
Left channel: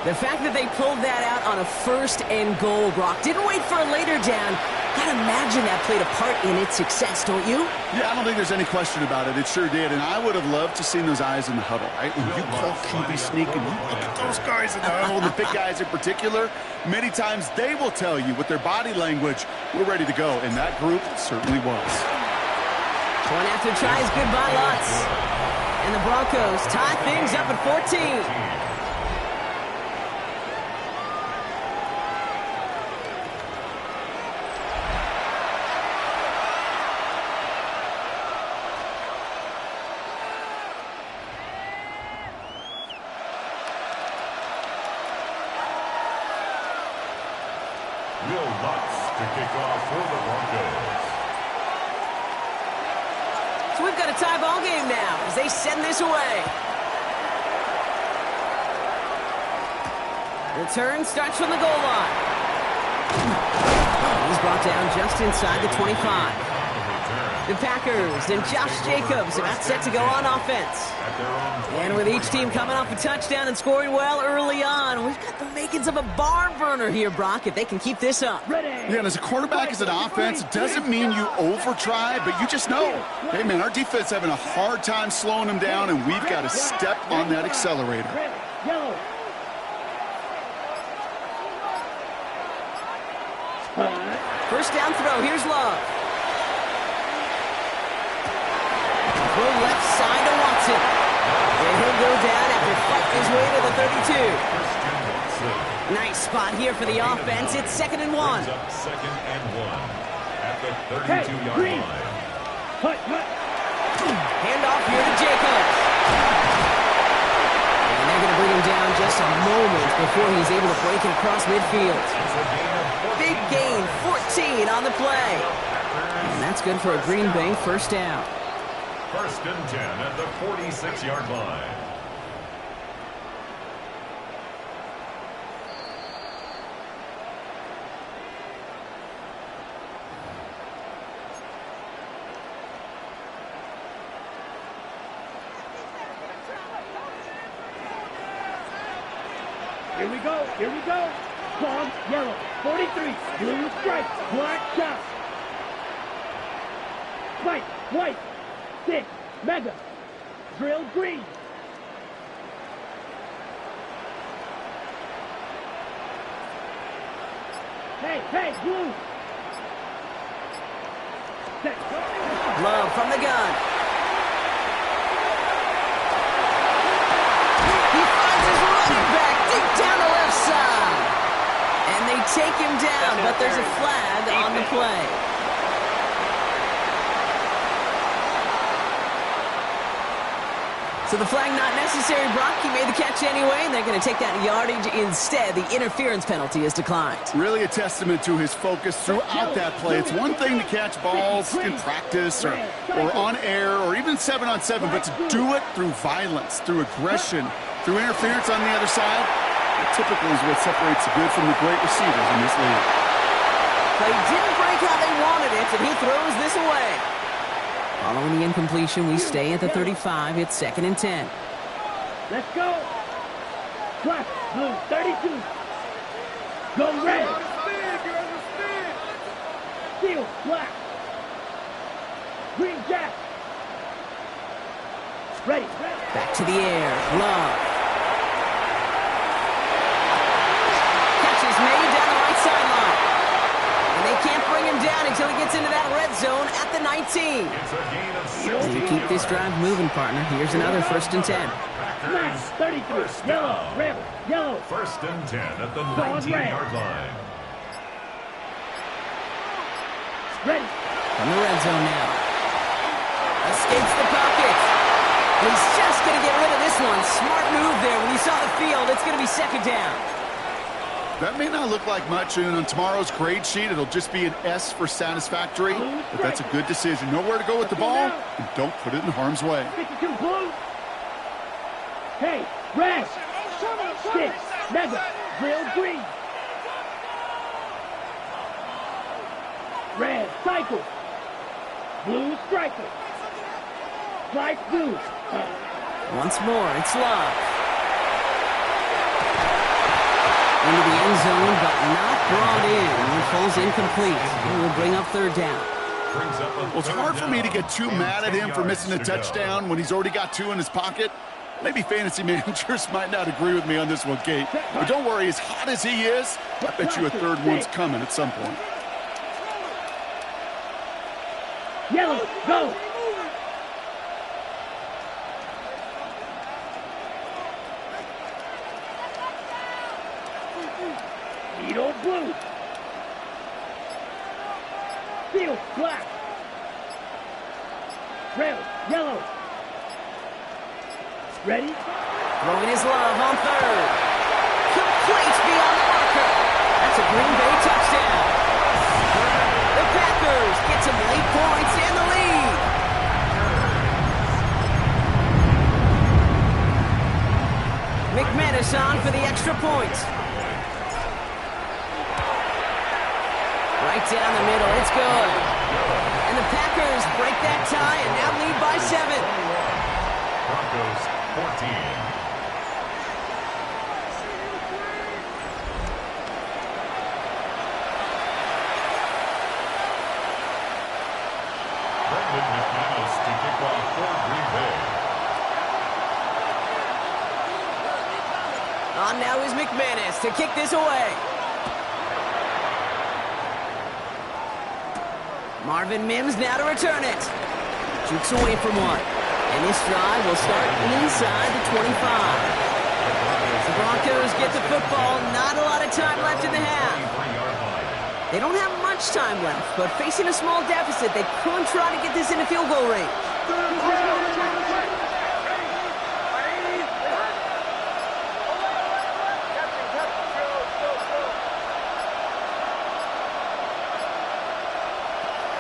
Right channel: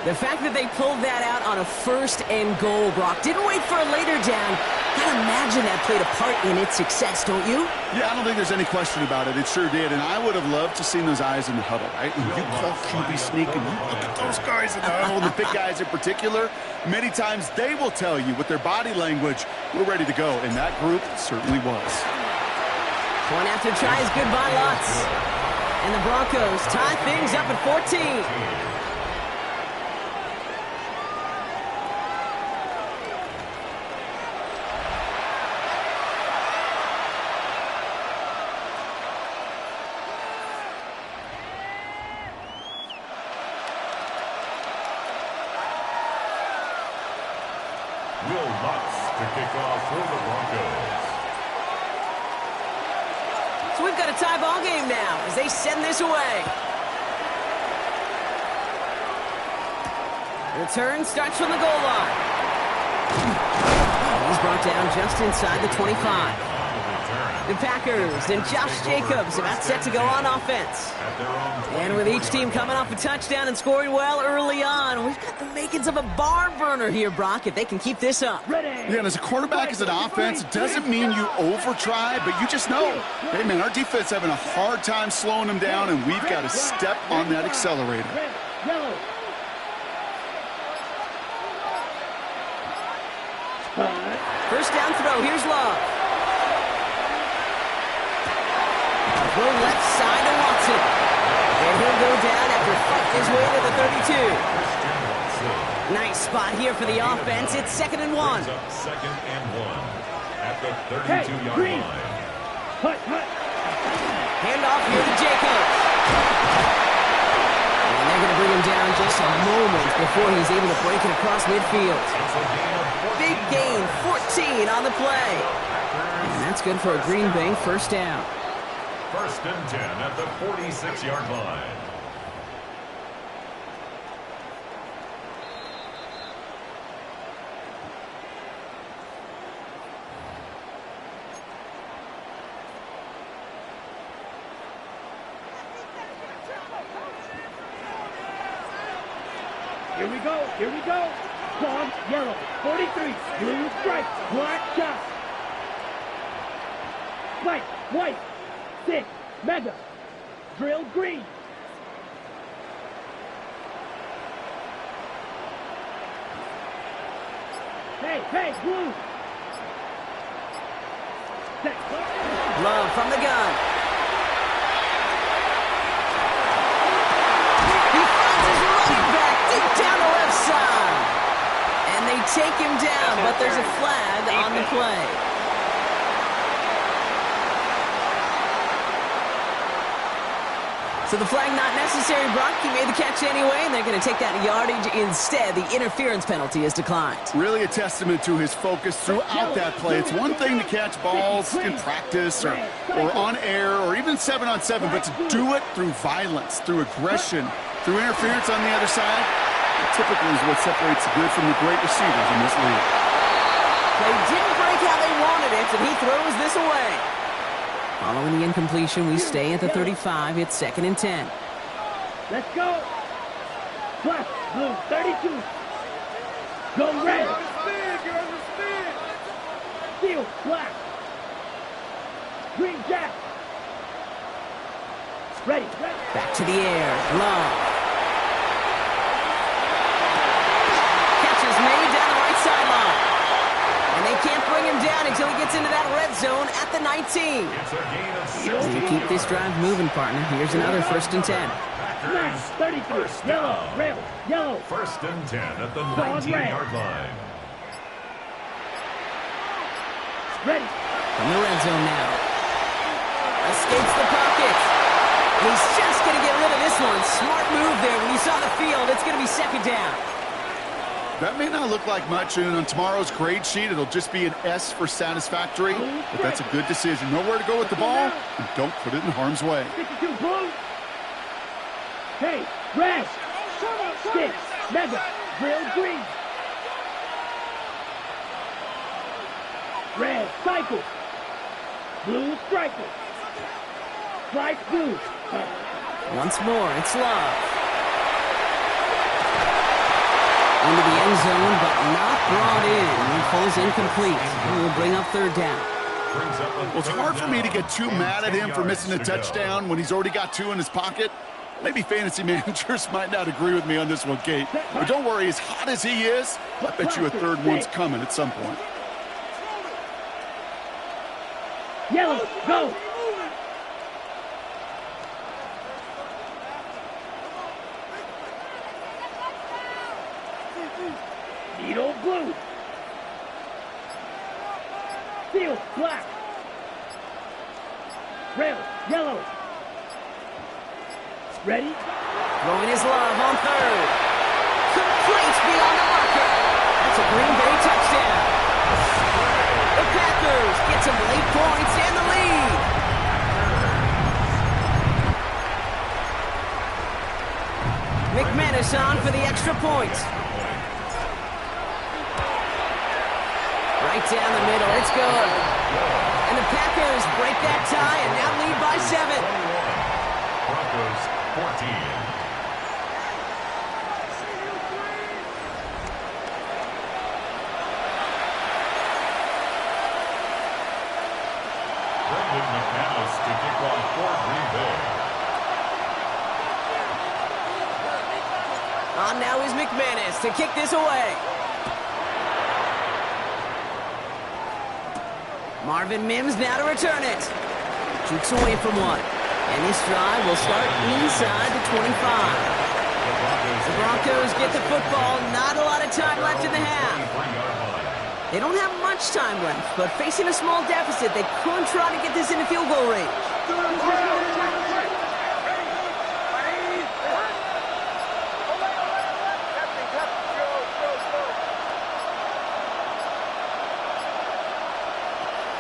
The fact that they pulled that out on a first and goal, Brock, didn't wait for a later down. Gotta imagine that played a part in its success, don't you? Yeah, I don't think there's any question about it. It sure did, and I would have loved to seen those eyes in the huddle, right? When you call QB sneak and you look at those guys in the huddle, the big guys in particular, many times they will tell you with their body language, we're ready to go, and that group certainly was. Point after tries, goodbye lots. And the Broncos tie things up at 14. To kick off for the Broncos. So we've got a tie ball game now as they send this away. Return starts from the goal line. He's brought down just inside the 25. The Packers and Josh Jacobs about set to go on offense. And with each team coming off a touchdown and scoring well early on, we've got the makings of a barn burner here, Brock, if they can keep this up. Yeah, and as a quarterback, as an offense, it doesn't mean you over-try, but you just know, hey, man, our defense having a hard time slowing them down, and we've got to step on that accelerator. Yellow. First down throw. Here's Love. Throw left side to Watson. And he'll go down after fighting his way to the 32. Nice spot here for the offense. It's 2nd and 1. Second and 1 at the 32-yard line. Handoff here to Jacobs. And they're going to bring him down just a moment before he's able to break it across midfield. Big gain, 14 on the play. And that's good for a Green Bay first down. First and 10 at the 46-yard line. Here we go. Here we go. Dog, yellow, 43, blue stripes, black shot. Spike, white, 6, mega, drill green. Hey, blue. Love from the gun. He finds his running back deep down the left side. And they take him down, but there's a flag on the play. So the flag not necessary, Brock. He made the catch anyway, and they're going to take that yardage instead. The interference penalty is declined. Really a testament to his focus throughout that play. It's one thing to catch balls in practice or on air or even 7-on-7, but to do it through violence, through aggression, through interference on the other side, that typically is what separates the good from the great receivers in this league. Play didn't break how they wanted it, and he throws this away. Following the incompletion, we stay at the 35. It's 2nd and 10. Let's go. Black, blue, 32. Go red. Steel, black. Green, jack. Ready. Back to the air. Love. Catch is made down the right sideline. And they can't bring him down until he gets into that red zone at the 19. It's a gain of 16 You keep this drive moving, partner. Here's another 1st and 10. Smash, 33. Yellow, red, yellow. 1st and 10 at the 19-yard line. Ready. From the red zone now. Escapes the pocket. And he's just going to get rid of this one. Smart move there. When you saw the field, it's going to be 2nd down. That may not look like much, and on tomorrow's grade sheet, it'll just be an S for satisfactory, but that's a good decision. Know where to go with the ball, and don't put it in harm's way. 52 blue. Hey, red. Stick, mega, grill green. Red, cycle. Blue, striker. Stripe, blue. Once more, it's Love. Into the end zone, but not brought in. It falls incomplete. It will bring up 3rd down. Well, it's hard for me to get too mad at him for missing a touchdown when he's already got 2 in his pocket. Maybe fantasy managers might not agree with me on this one, Kate. But don't worry, as hot as he is, I bet you a 3rd one's coming at some point. Yellow, go. Needle, blue. Steel, black. Rail, yellow. Ready? Throwing his Love on 3rd. Complete beyond the marker. That's a Green Bay touchdown. The Packers get some late points and the lead. McManus on for the extra point. Right down the middle, it's good. And the Packers break that tie and now lead by 7. Broncos 14. Brendan McManus to kick off for Green Bay. On now is McManus to kick this away. Marvin Mims now to return it. Jukes away from one. And this drive will start inside the 25. The Broncos get the football. Not a lot of time left in the half. They don't have much time left, but facing a small deficit, they could try to get this into field goal range.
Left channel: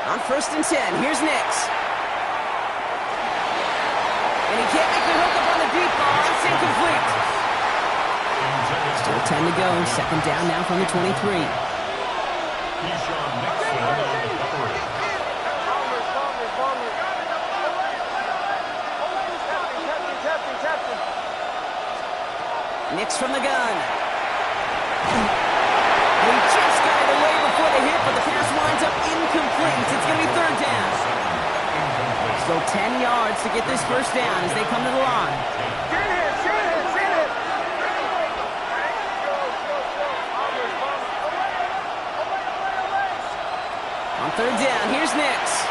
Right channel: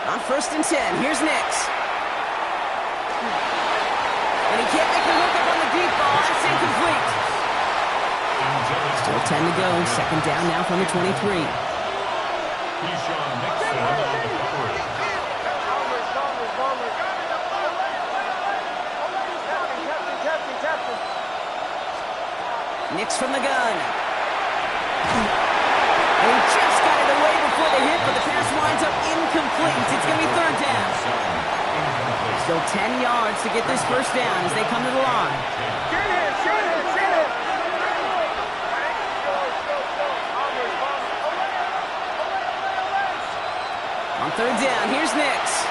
On 1st and 10, here's Nix. And he can't make the hook up on the deep ball. That's incomplete. Still 10 to go. 2nd down now from the 23. Keyshawn Nixon on the coverage. Nix from the gun. And he just got it away before the hit, but the pass winds up incomplete. It's going to be 3rd down. Still 10 yards to get this 1st down as they come to the line. On 3rd down, here's Nix.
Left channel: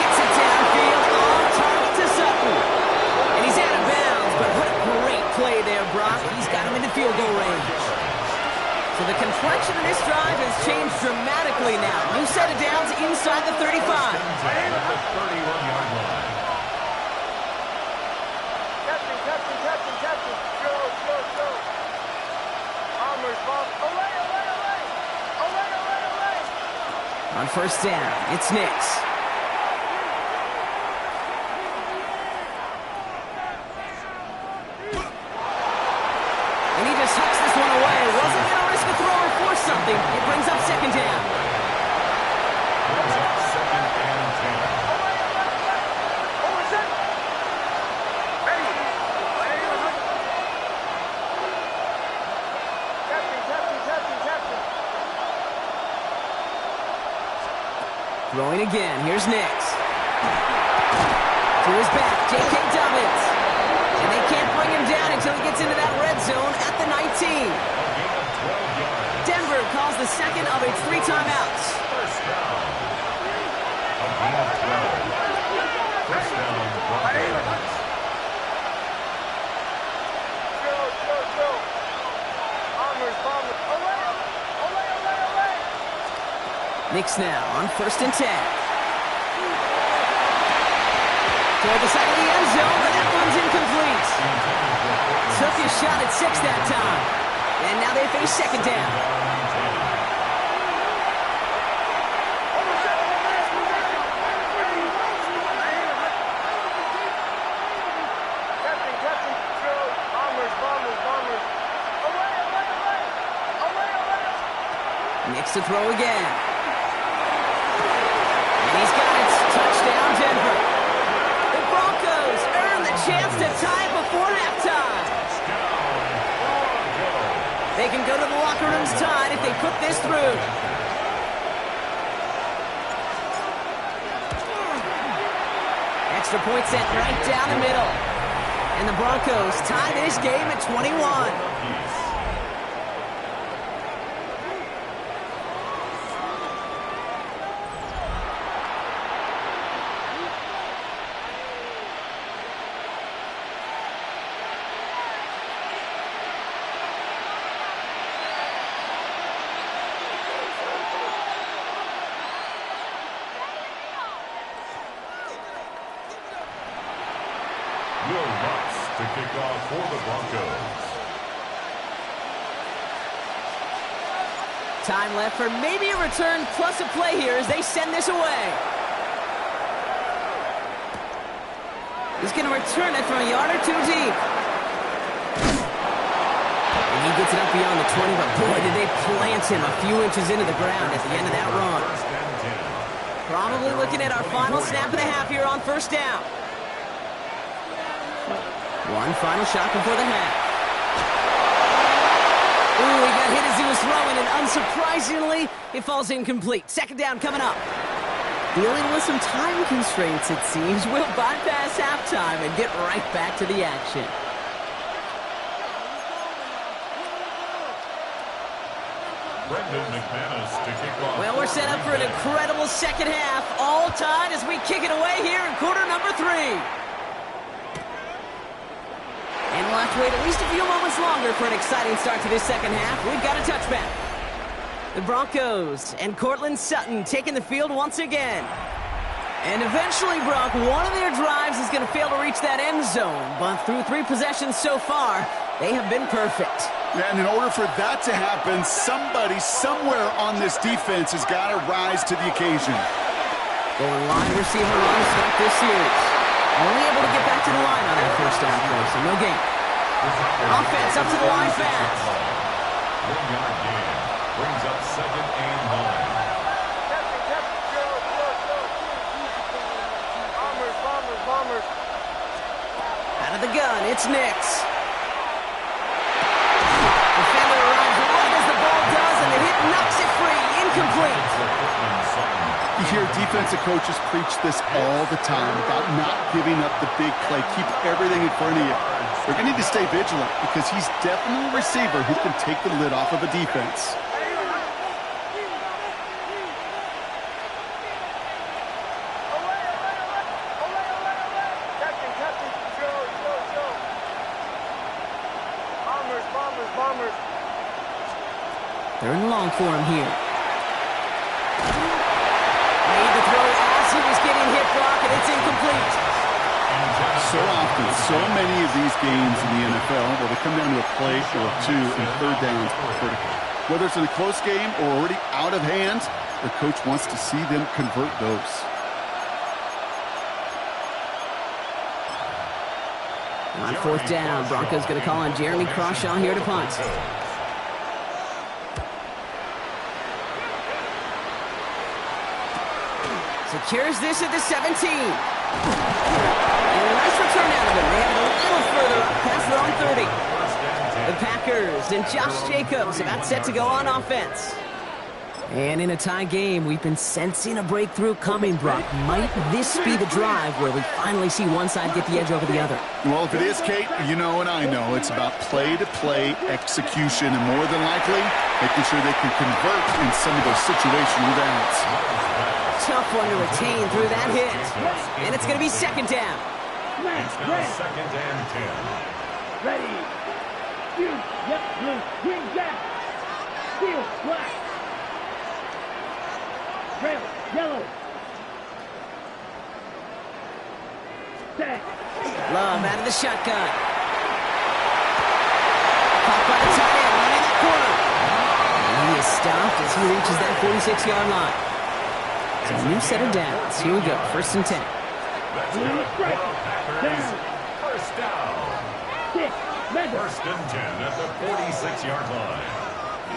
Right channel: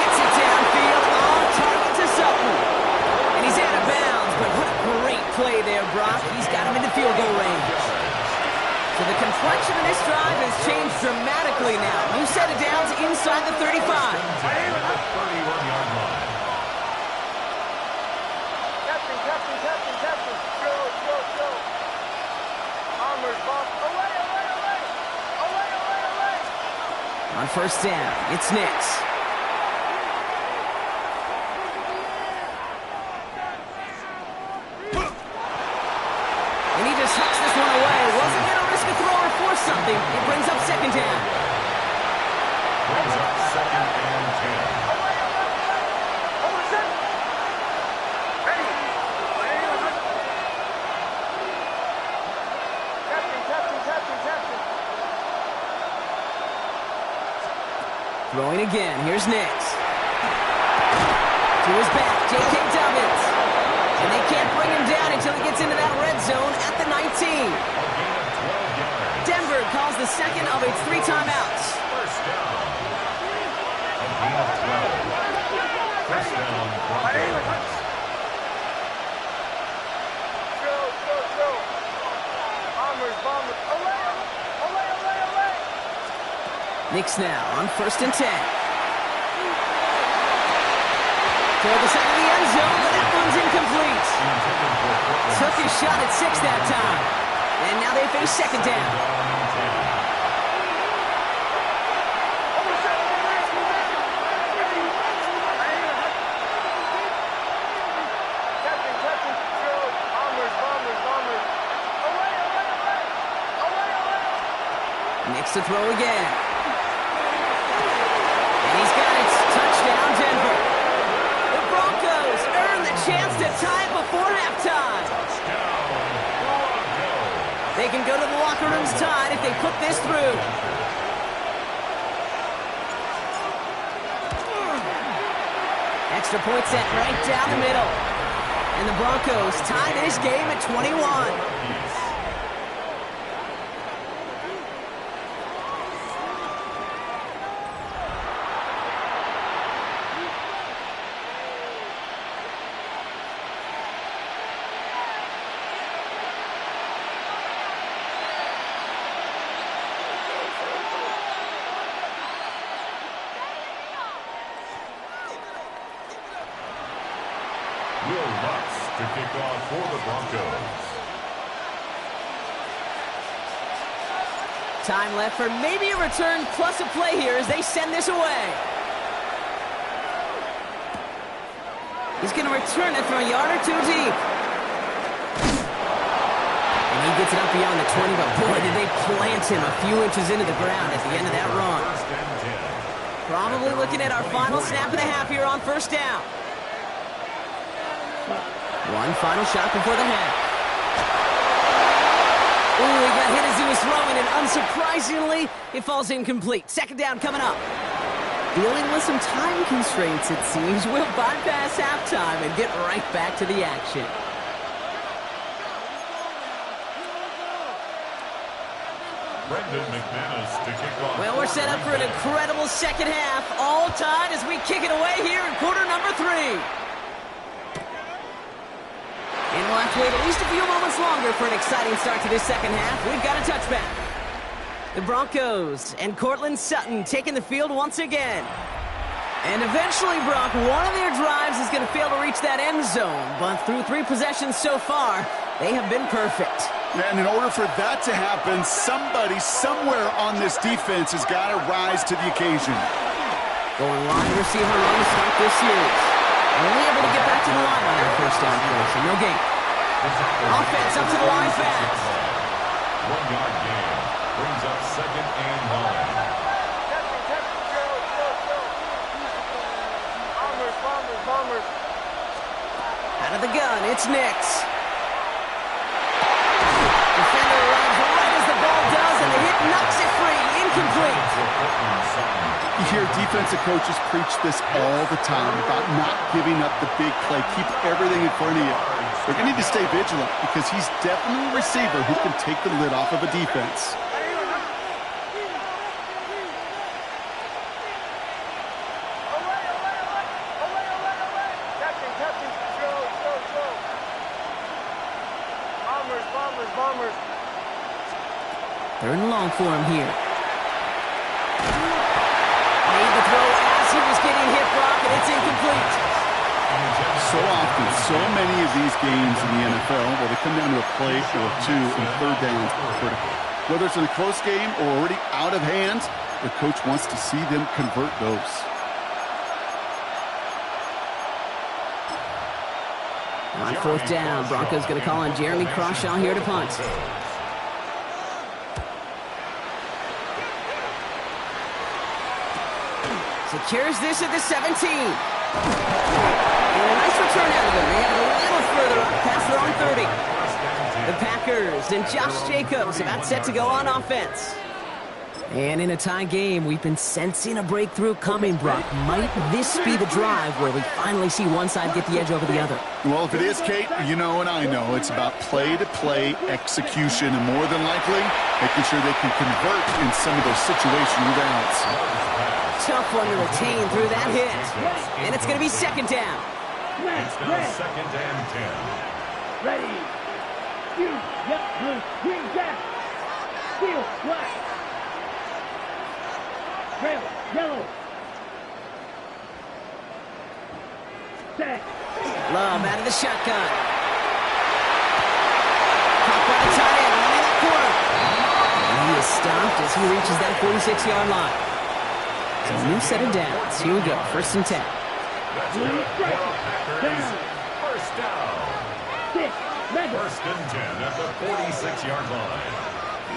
Gets it downfield, on target to Sutton. And he's out of bounds, but what a great play there, Brock. He's got him into field goal range. So the complexion of this drive has changed dramatically now. New set of downs inside the 35. 31-yard line. Captain. Go. Armors, boss. Away. On 1st down, it's Nix. And he just hucks this one away. Wasn't going to risk a throw or force something. It brings up 2nd down. Brings up 2nd and 10. Throwing again. Here's Nix. To his back, J.K. Dobbins. And they can't bring him down until he gets into that red zone at the 19. A gain of 12 yards. Denver calls the second of its 3 timeouts. First down. A gain of 12. First down, Broncos. Drill. Bombers. Away. Nix now on 1st and 10. Toward the side of the end zone, but that one's incomplete. Took his shot at 6 that time. And now they face 2nd down. Captain, drill. Bombers. Away. Nix to throw again. And he's got it. Touchdown, Denver. The Broncos earn the chance to tie it before halftime. They can go to the locker rooms tied if they put this through. Extra point sent right down the middle. And the Broncos tie this game at 21. Will Lutz to kick off for the Broncos. Time left for maybe a return plus a play here as they send this away. He's going to return it from a yard or 2 deep. And he gets it up beyond the 20, but boy, did they plant him a few inches into the ground at the end of that run. Probably looking at our final snap of the half here on 1st down. One final shot before the half. Ooh, he got hit as he was throwing, and unsurprisingly, it falls incomplete. 2nd down coming up. Dealing with some time constraints, it seems. We'll bypass halftime and get right back to the action. Brendan McManus to kick off. Well, we're set up for an incredible second half. All tied as we kick it away here in quarter number 3. And we'll have to wait at least a few moments longer for an exciting start to this second half. We've got a touchback. The Broncos and Cortland Sutton taking the field once again. And eventually, Brock, one of their drives is going to fail to reach that end zone. But through 3 possessions so far, they have been perfect. Yeah, and in order for that to happen, somebody somewhere on this defense has got to rise to the occasion. Going wide receiver run to start this series. Only able to get back to the line on that 1st down play, so no gain. Offense up to the line fast. 1-yard gain. Brings up 2nd and 9. Bombers. Out of the gun, it's Nix. Defender arrives right as the ball does, and the hit knocks it free. Incomplete. You hear defensive coaches preach this all the time about not giving up the big play. Keep everything in front of you. They're going to need to stay vigilant because he's definitely a receiver who can take the lid off of a defense. Captain, Joe. Bombers. They're in long for him here. Made the throw as he was getting hit, Brock, and it's incomplete. So often, so many of these games in the NFL, well, they come down to a play or 2, and 3rd downs are critical. Whether it's in a close game or already out of hand, their coach wants to see them convert those. On 4th down, Broncos going to call on Jeremy Crawshaw here to punt. Secures this at the 17. And a nice return out of him. They have it a little further up past their own 30. The Packers and Josh Jacobs about set to go on offense. And in a tie game, we've been sensing a breakthrough coming, Brock. Might this be the drive where we finally see one side get the edge over the other? Well, if it is, Kate, you know and I know it's about play-to-play execution, and more than likely, making sure they can convert in some of those situational downs. Tough one to retain through that hit. And it's going to be second down. It's now second and 10. Ready. You. Yep. Blue. Green. Jack. Steel. Black. Trail. Yellow. Set. Love out of the shotgun. Caught by the tight end, running that corner. And he is stopped as he reaches that 46-yard line. So a new set of downs. Here we go, first and 10. That's good for Packers. First down. First and 10 at the 46-yard line.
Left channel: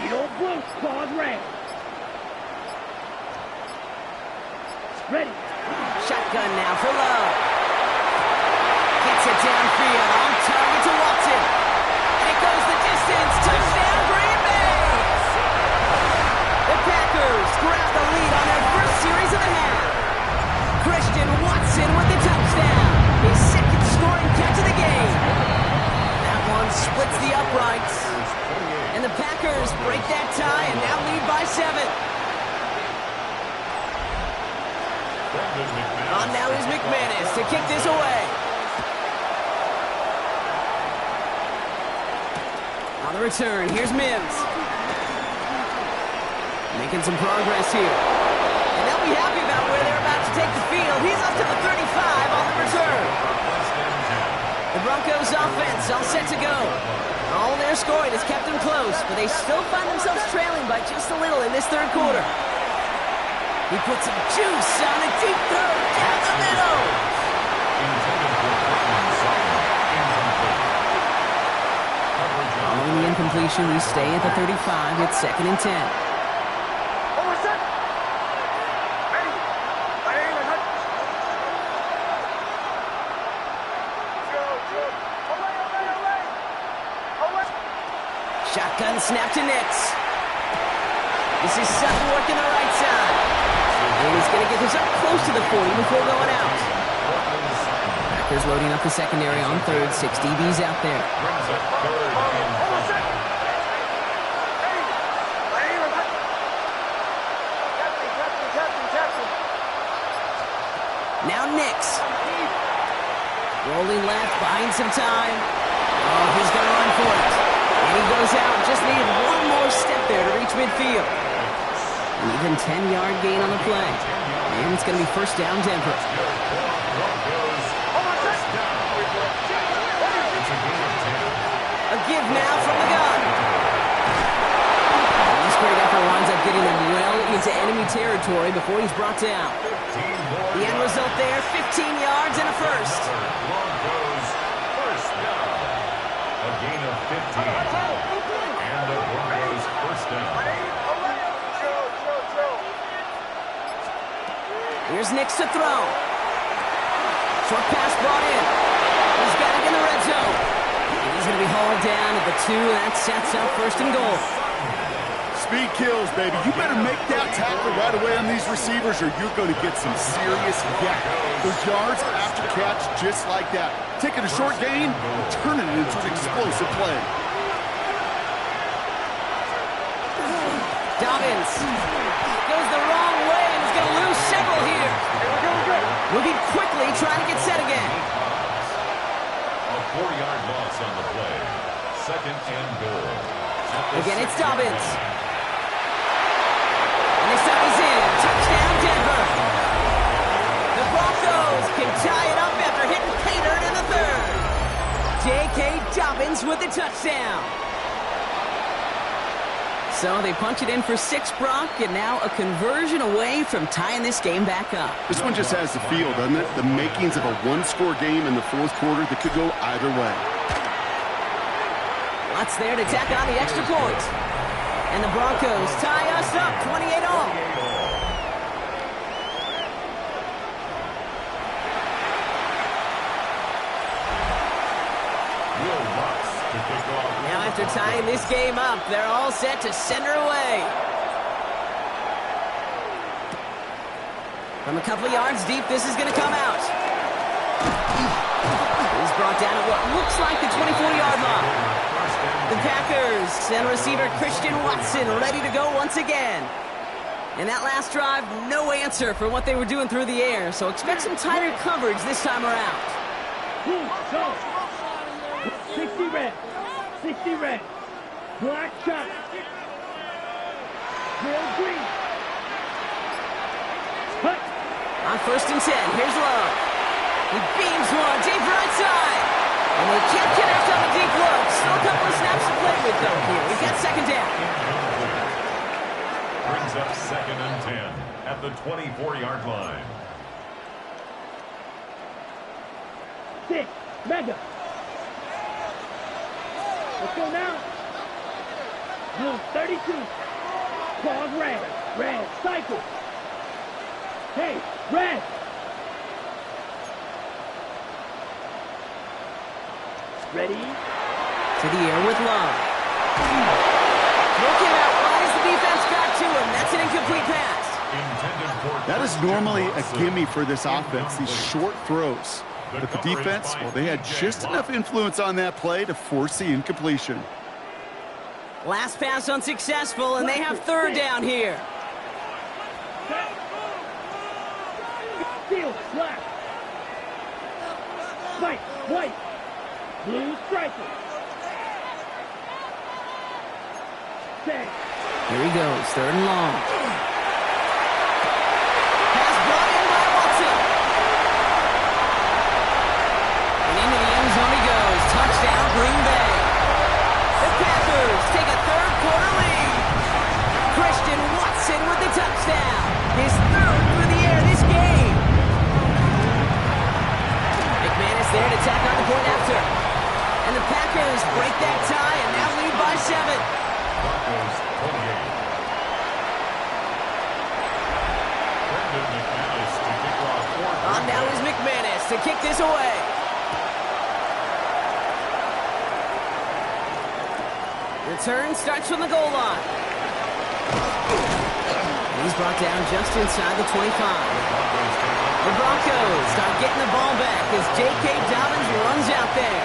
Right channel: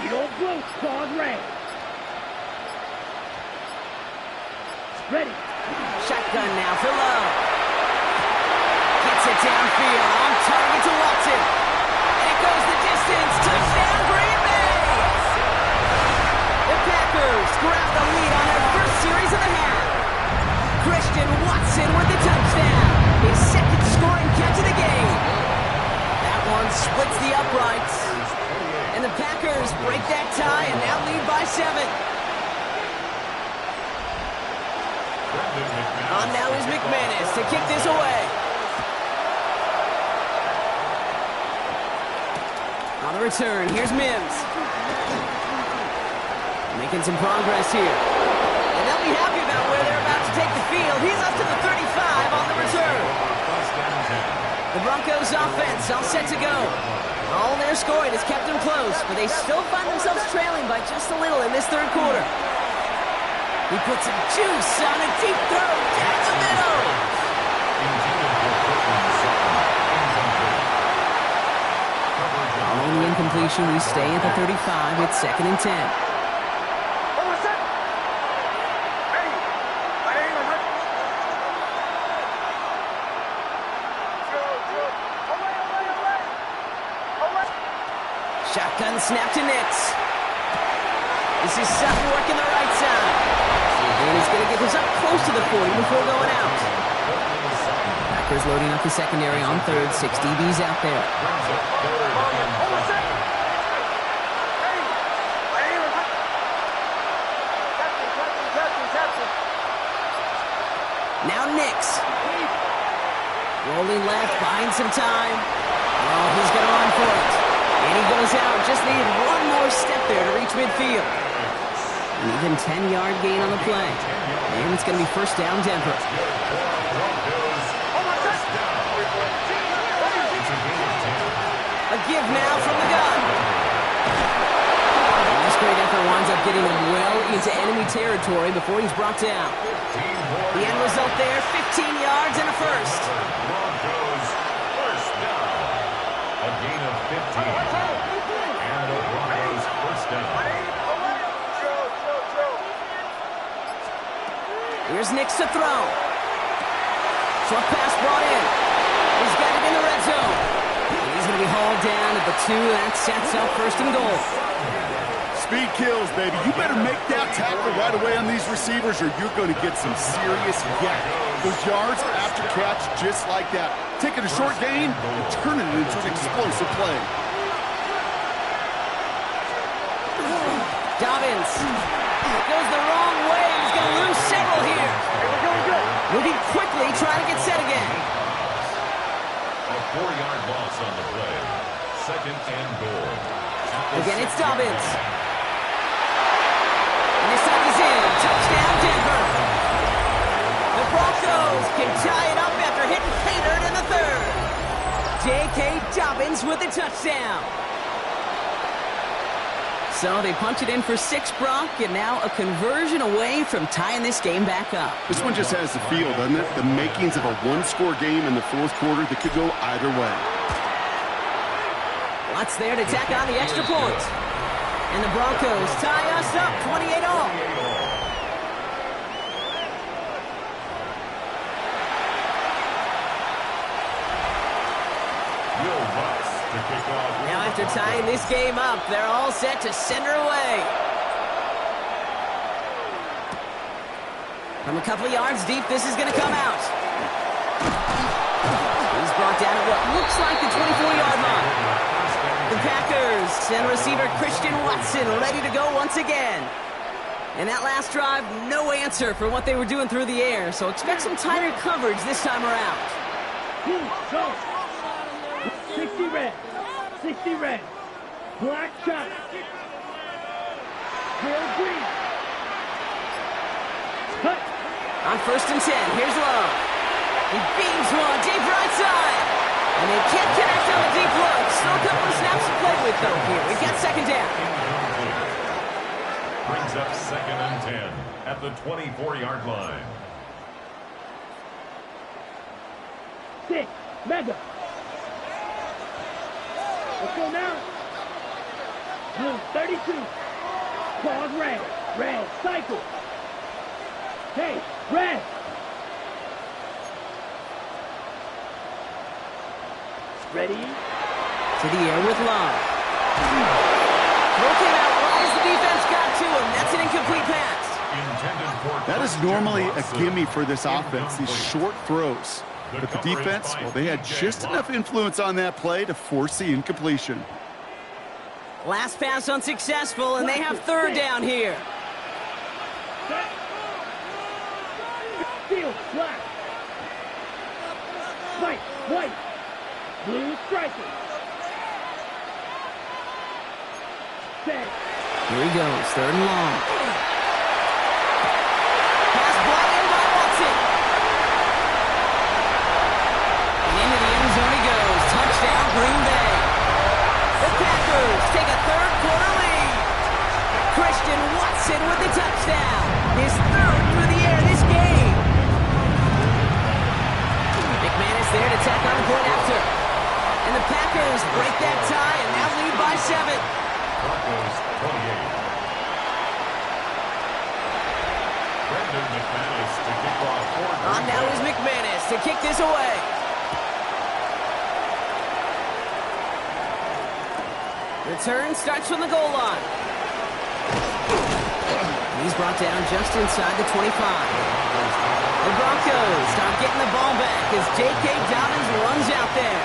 Beetle blue, claws red. Ready. Shotgun now for Love. Gets it downfield, on target to Watson. And it goes the distance. Touchdown, Green Bay! The Packers grab the lead on their first series of the half. Christian Watson with the touchdown. His second scoring catch of the game. That one splits the uprights. And the Packers break that tie and now lead by 7. On now is McManus to kick this away. On the return, here's Mims. Making some progress here. And they'll be happy about where they're about to take the field. He's up to the 35 on the return. The Broncos offense all set to go. All their scoring has kept them close, but they still find themselves trailing by just a little in this third quarter. He puts some juice on a deep throw down the middle. Following the incompletion, we stay at the 35. It's second and 10. Shotgun snap to Nix. This is Sutton working the right side. And he's going to get this up close to the 40 before going out. Packers loading up the secondary on third. 6 DBs out there. Now Nix. Rolling left, buying some time. Oh, he's going to run for it. And he goes out. Just needed one more step there to reach midfield. An even 10-yard gain on the play. And it's going to be first down, Denver. A give now from the gun. And this great effort winds up getting him well into enemy territory before he's brought down. The end result there, 15 yards and a first. First down. A gain of 15. And the Broncos first down. Here's Nix to throw. Short pass brought in. He's got it in the red zone. And he's going to be hauled down at the 2. That sets up first and goal. Speed kills, baby. You better make that tackle right away on these receivers or you're going to get some serious yak. Those yards after catch just like that. Taking a short gain and turning it into an explosive play. Dobbins goes the wrong way and is going to lose several here. Moving quickly, trying to get set again. A 4-yard loss on the play. Second and goal. Again, it's Dobbins. And this time he's in. Touchdown, Denver. The Broncos can tie it up after hitting Paydirt in the third. J.K. Dobbins with the touchdown. So they punch it in for 6, Brock, and now a conversion away from tying this game back up. This one just has the feel, doesn't it? The makings of a one-score game in the fourth quarter that could go either way. Lots there to tack on the extra point. And the Broncos tie us up 28-all. Will Bucks to kick off. Now after tying this game up, they're all set to send her away. From a couple of yards deep, this is going to come out. He's brought down at what looks like the 24-yard line. The Packers send receiver Christian Watson ready to go once again. And that last drive, no answer for what they were doing through the air, so expect some tighter coverage this time around. Go. 60 red. 60 red. Black shot. Real green. Cut. On 1st and 10, here's Love. He beams one deep right side. And they can't connect on the deep look. Still a couple of snaps to play with, though, here. We've got 2nd down. Brings up 2nd and 10 at the 24-yard line. 6. Mega. Let's go now. Blue 32. Claws red. Red. Cycle. Hey, red. Ready? To the air with Love. Throw came out wide as the defense got to him. That's an incomplete pass. That is normally a gimme for this offense, these short throws. But the defense, well, they had just enough influence on that play to force the incompletion. Last pass unsuccessful, and they have 3rd down here. Field, black. White. Blue striker. Set. Here he goes, 3rd and long. Pass brought in by Watson. And into the end zone he goes. Touchdown, Green Bay. The Packers take a 3rd quarter lead. Christian Watson with the touchdown. His 3rd through the air this game. McManus there to tack on the point after. And the Packers break that tie and now lead by 7. Broncos 28. Brendan McManus to kick off for On now is McManus to kick this away. Return starts from the goal line. He's brought down just inside the 25. The Broncos start getting the ball back as J.K. Dobbins runs out there.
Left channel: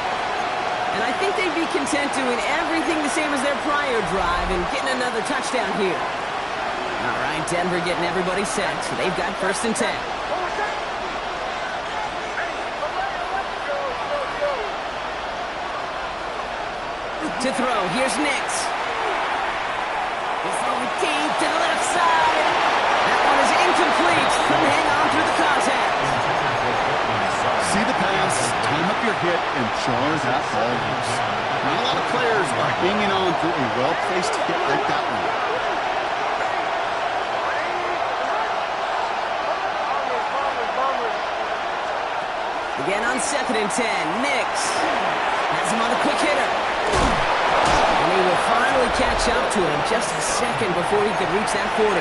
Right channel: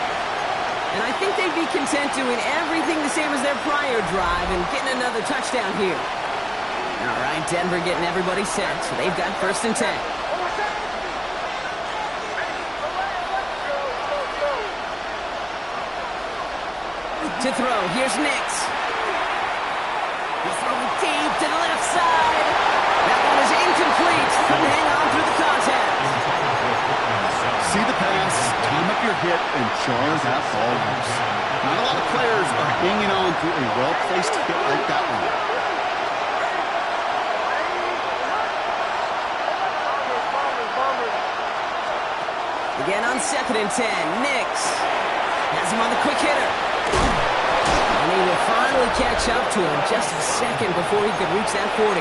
And I think they'd be content doing everything the same as their prior drive and getting another touchdown here. All right, Denver getting everybody set, so they've got 1st and 10. To throw, here's Nix. He's throwing deep to the left side. That one is incomplete. Couldn't hang on through the contact. See the pass, time up your hit, and jar that ball loose. Not a lot of players are hanging on through a well-placed hit like that one. Again on 2nd and 10, Nix has him on the quick hitter. And he will finally catch up to him just a second before he could reach that 40.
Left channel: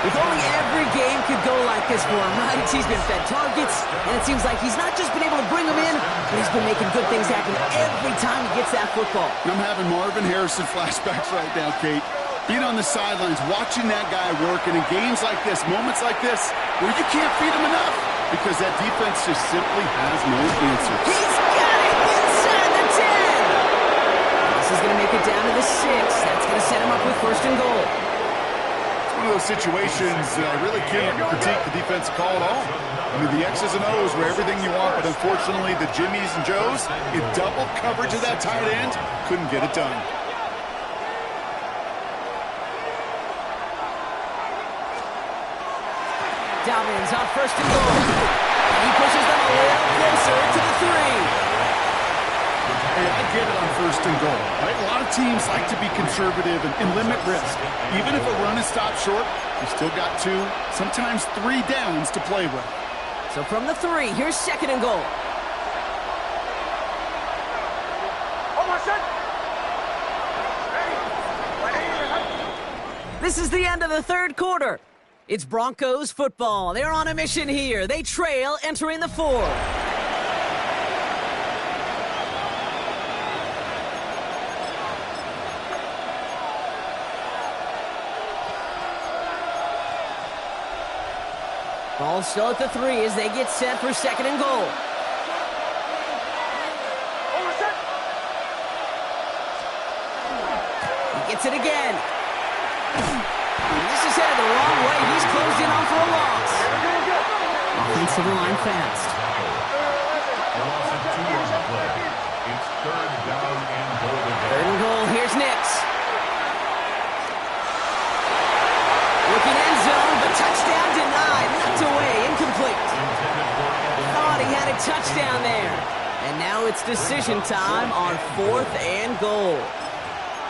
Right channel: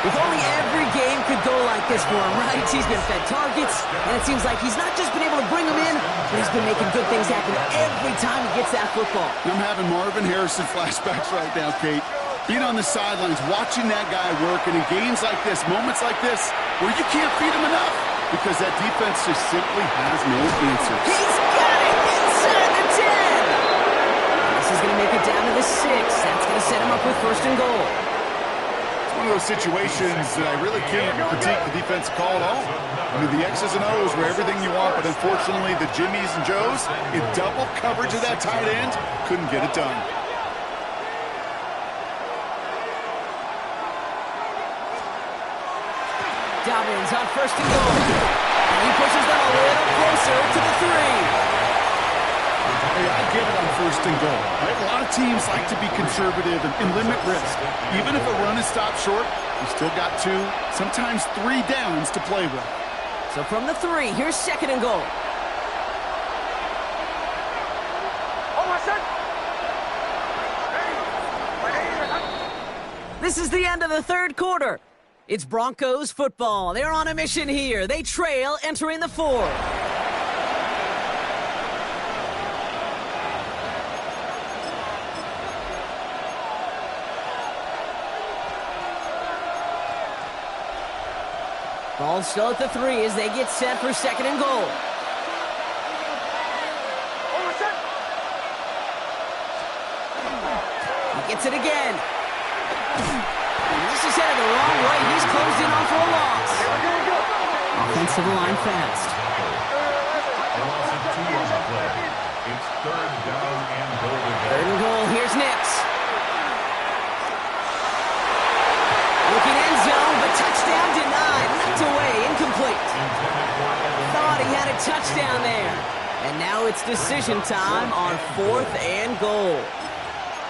If only every game could go like this for him, right? He's been fed targets, and it seems like he's not just been able to bring them in, but he's been making good things happen every time he gets that football. I'm having Marvin Harrison flashbacks right now, Kate. Being on the sidelines, watching that guy work, and in games like this, moments like this, where you can't feed him enough because that defense just simply has no answers. He's got it inside the 10. And this is going to make it down to the 6. That's going to set him up with 1st and goal. It's one of those situations that I really can't critique the defensive call at all. I mean, the X's and O's were everything you want, but unfortunately the Jimmies and Joes, in double coverage of that tight end, couldn't get it done. Dobbins on 1st and goal. And he pushes them a little closer to the 3. Hey, I get it on 1st and goal, right? A lot of teams like to be conservative and limit risk. Even if a run is stopped short, you still got 2, sometimes 3 downs to play with. So from the 3, here's 2nd and goal. This is the end of the 3rd quarter. It's Broncos football. They're on a mission here. They trail entering the 4th. Ball still at the 3 as they get set for 2nd and goal. He gets it again. This is headed the wrong way. He's closed in on for a loss. Offensive line fast. A loss of 2 on the play. It's 3rd down and goal again. 3rd and goal. Here's Nix. Looking end zone, but touchdown denied. Knocked away, incomplete. Thought he had a touchdown there. And now it's decision time on 4th and goal.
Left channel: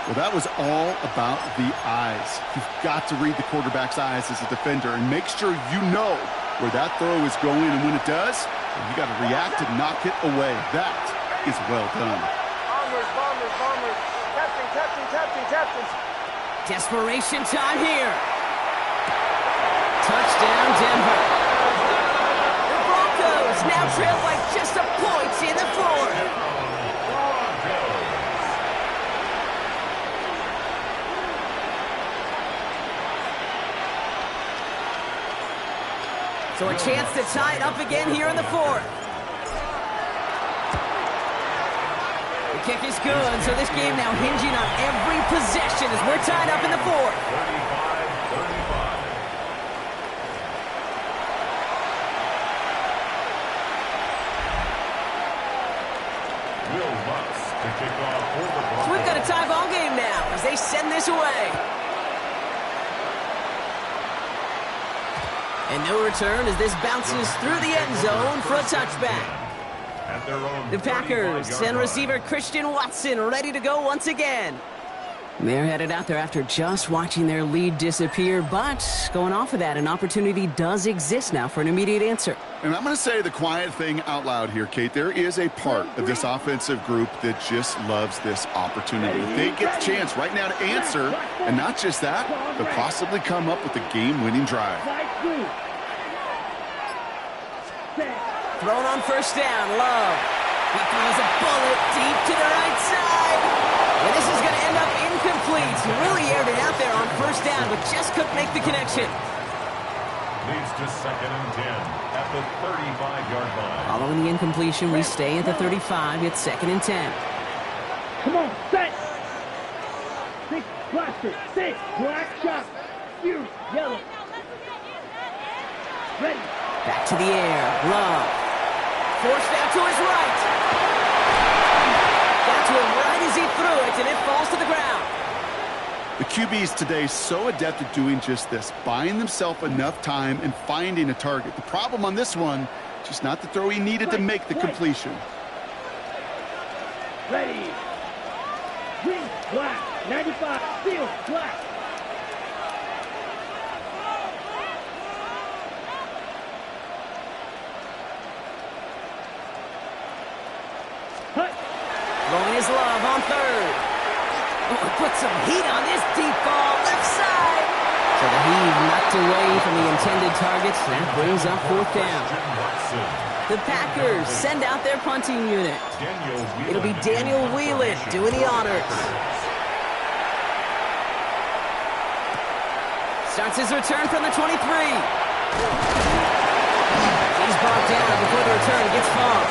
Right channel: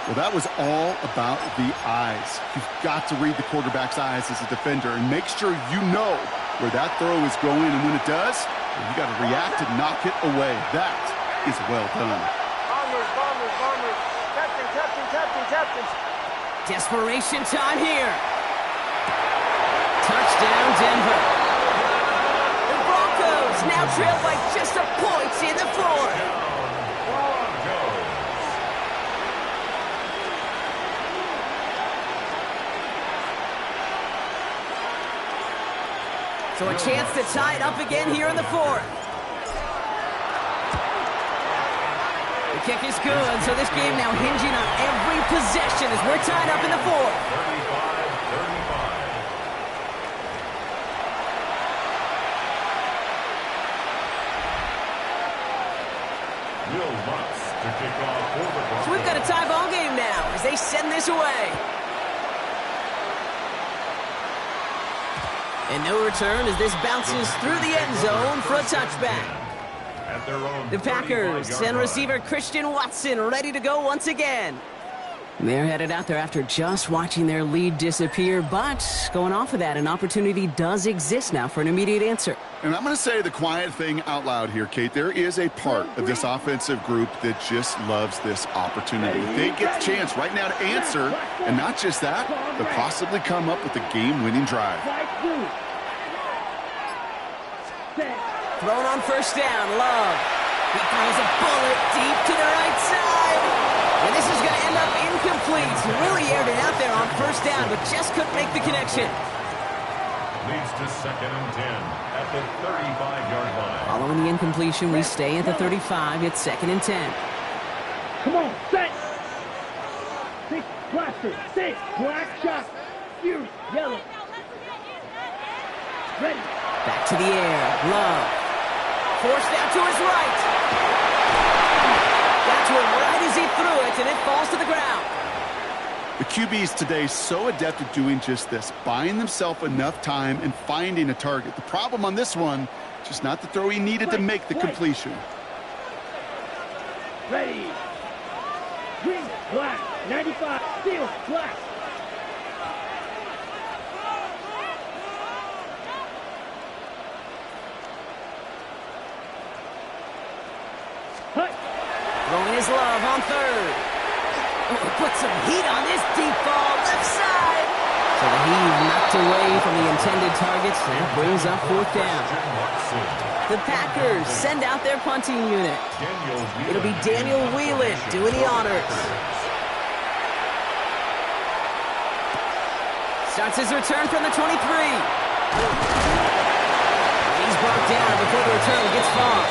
Well, that was all about the eyes. You've got to read the quarterback's eyes as a defender and make sure you know where that throw is going. And when it does, you got to react and knock it away. That is well done. Bombers, bombers, bombers. Captain, captain, captain, captain. Desperation time here. Touchdown, Denver. The Broncos now trail by just a point in the 4th. Broncos. So a chance to tie it up again here in the 4th. The kick is good, so this game now hinging on every possession as we're tied up in the 4th. 35-35. Will Lutz to kick off for the Broncos. So we've got a tie ball game now as they send this away. And no return as this bounces through the end zone for a touchback. At their own The Packers send receiver Christian Watson ready to go once again. They're headed out there after just watching their lead disappear, but going off of that, an opportunity does exist now for an immediate answer. And I'm going to say the quiet thing out loud here, Kate. There is a part of this offensive group that just loves this opportunity. They get the chance right now to answer, and not just that, but possibly come up with a game-winning drive. Thrown on 1st down, Love. He throws a bullet deep to the right side. And this is going to end up incomplete. He really aired it out there on 1st down, but just couldn't make the connection. Leads to 2nd and 10 at the 35-yard line. Following the incompletion, we stay at the 35. It's 2nd and 10. Come on, set. 6 blaster, 6 black shot. Fuse, yellow. Ready. Back to the air. Love. Forced out to his right. Got to him right as he threw it, and it falls to the ground. The QBs today so adept at doing just this, buying themselves enough time and finding a target. The problem on this one, just not the throw he needed to make the completion. Ready. Green, black, 95, steel, black. Hut. Throwing his Love on 3rd. Oh, he put some heat on this deep ball, left side. So the heave knocked away from the intended targets, and it brings up 4th down. The Packers send out their punting unit. It'll be Daniel Whelan doing the honors. Starts his return from the 23. He's brought down before the return gets far.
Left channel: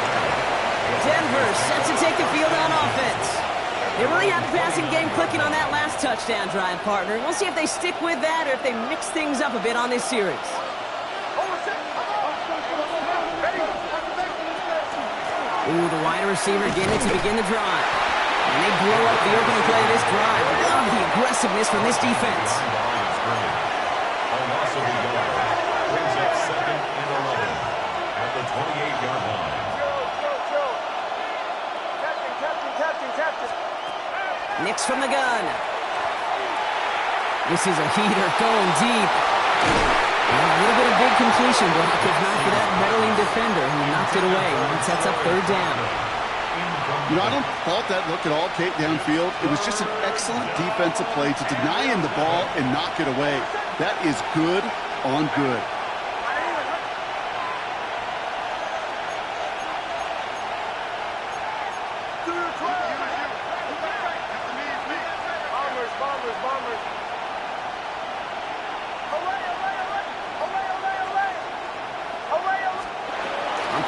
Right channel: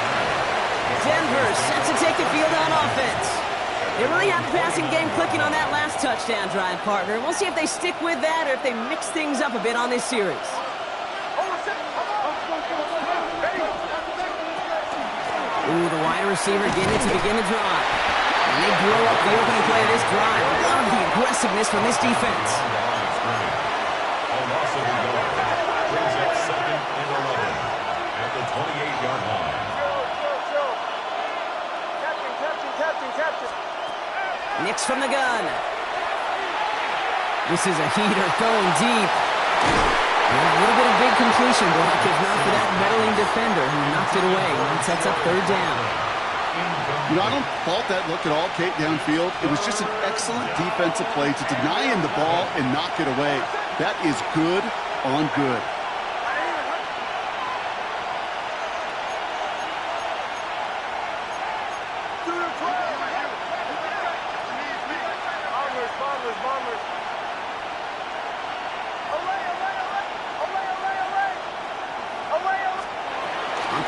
Denver set to take the field on offense. They really have the passing game clicking on that last touchdown drive, partner. We'll see if they stick with that or if they mix things up a bit on this series. Ooh, the wide receiver getting it to begin the drive. And they blow up the opening play of this drive. Love the aggressiveness from this defense. A loss of a yard brings up 2nd and 11 at the 28-yard line. Captain. Nix from the gun. This is a heater going deep. And a little bit of big completion block, if not for that meddling defender who knocked it away. And sets up 3rd down. You know, I don't fault that look at all, Kate, downfield. It was just an excellent defensive play to deny him the ball and knock it away. That is good on good. Bombers.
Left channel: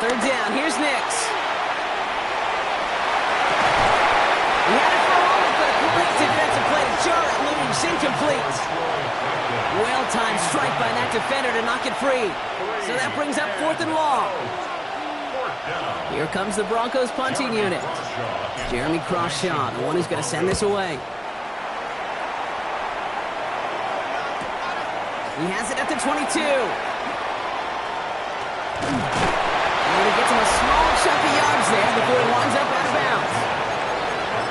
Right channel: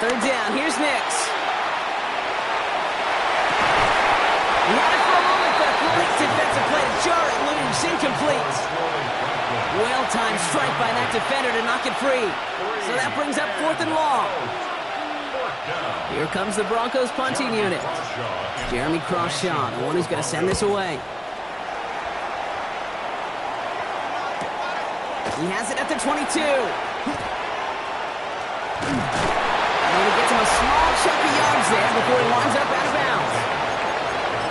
third down. Here's Nix. He had it for a moment, but a great defensive play to jar it loose. Incomplete. Well-timed strike by that defender to knock it free. So that brings up 4th and long. Here comes the Broncos punting unit. Jeremy Crawshaw, the one who's going to send this away. He has it at the 22. And he gets him a small chunk of yards there before he winds up out of bounds.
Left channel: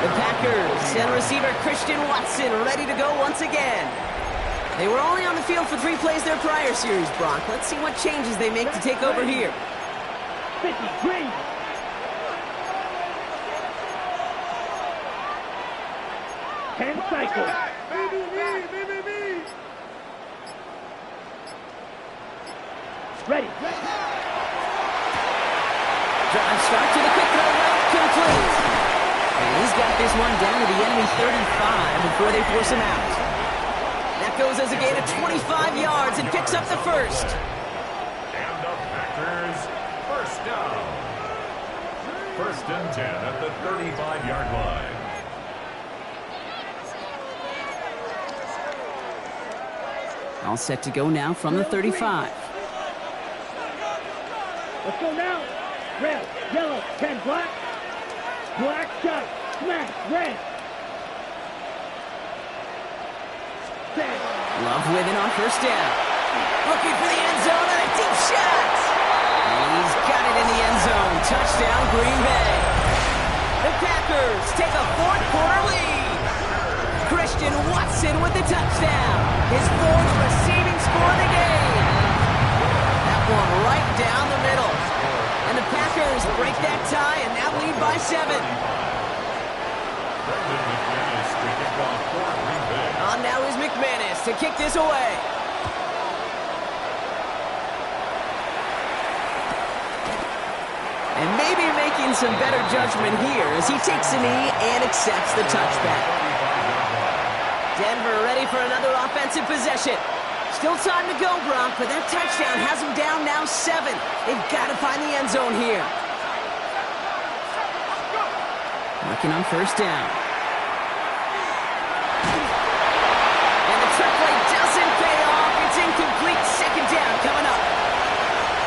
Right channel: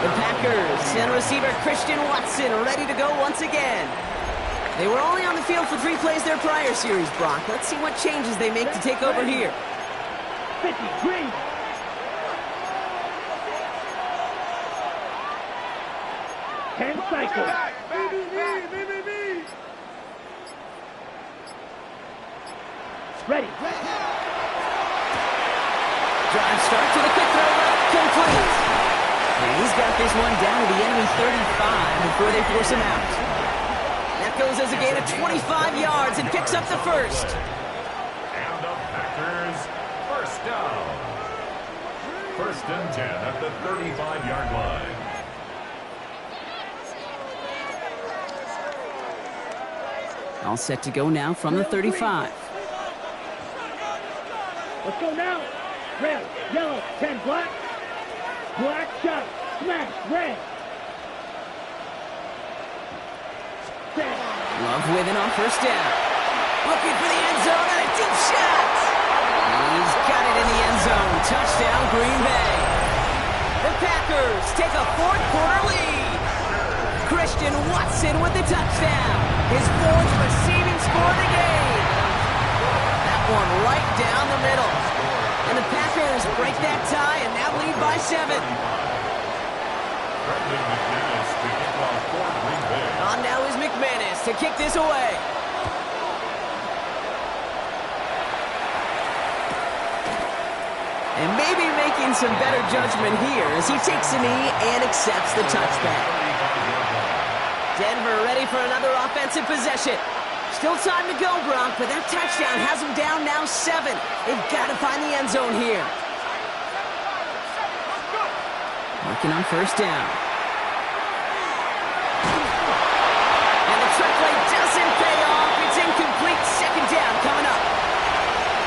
The Packers send receiver Christian Watson ready to go once again. They were only on the field for 3 plays their prior series, Brock. Let's see what changes they make to take over here. 53. Ten cycles. Ready. Drive start to the quick throw route, complete. And he's got this one down to the enemy 35 before they force him out. That goes as a gain of 25 yards and picks up the first. And the Packers, first down. 1st and 10 at the 35-yard line. All set to go now from the 35. Let's go now. Red, yellow, 10 black. Black shot, smash, red. Love with it on first down. Looking for the end zone and a deep shot. And he's got it in the end zone. Touchdown, Green Bay. The Packers take a 4th quarter lead. Christian Watson with the touchdown. His 4th receiving score of the game. That one right down the middle. And the Packers break that tie and now lead by 7. On now is McManus to kick this away. And maybe making some better judgment here as he takes a knee and accepts the touchback. Denver ready for another offensive possession. Still time to go, Brock, but that touchdown has them down now 7. They've got to find the end zone here. Working on first down. And the trick play doesn't pay off. It's incomplete. 2nd down coming up.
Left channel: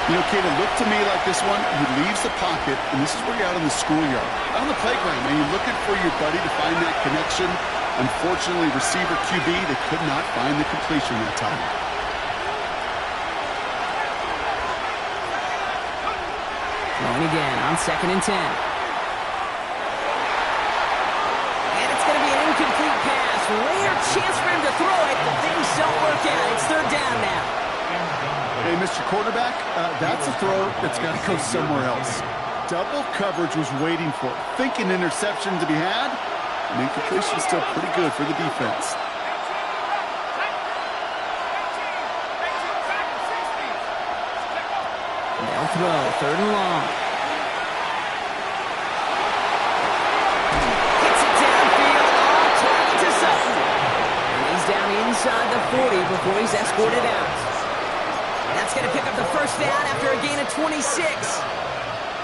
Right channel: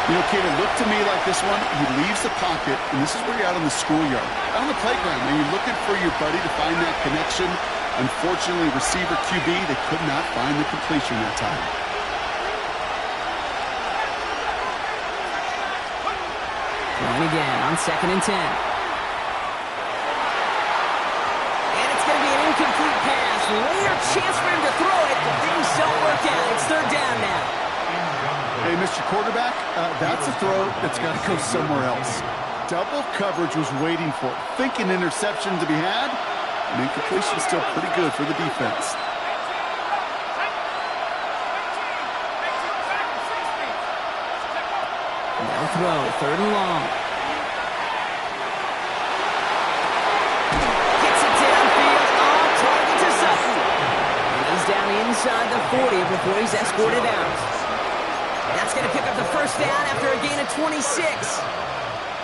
You know, Kate, it looked to me like this one, he leaves the pocket, and this is where you're out in the schoolyard, out on the playground, and you're looking for your buddy to find that connection. Unfortunately, receiver QB, they could not find the completion that time. Throwing again on 2nd and 10. And it's going to be an incomplete pass. Rare chance for him to throw it, but things don't work out. It's 3rd down now. Hey, Mr. Quarterback, that's a throw that's got to go somewhere else. Double coverage was waiting for it. Thinking interception to be had. And incompletion still pretty good for the defense. And they'll throw 3rd and long. Gets it downfield on target to Sutton. And he's down inside the 40 before he's escorted out. That's going to pick up the first down after a gain of 26.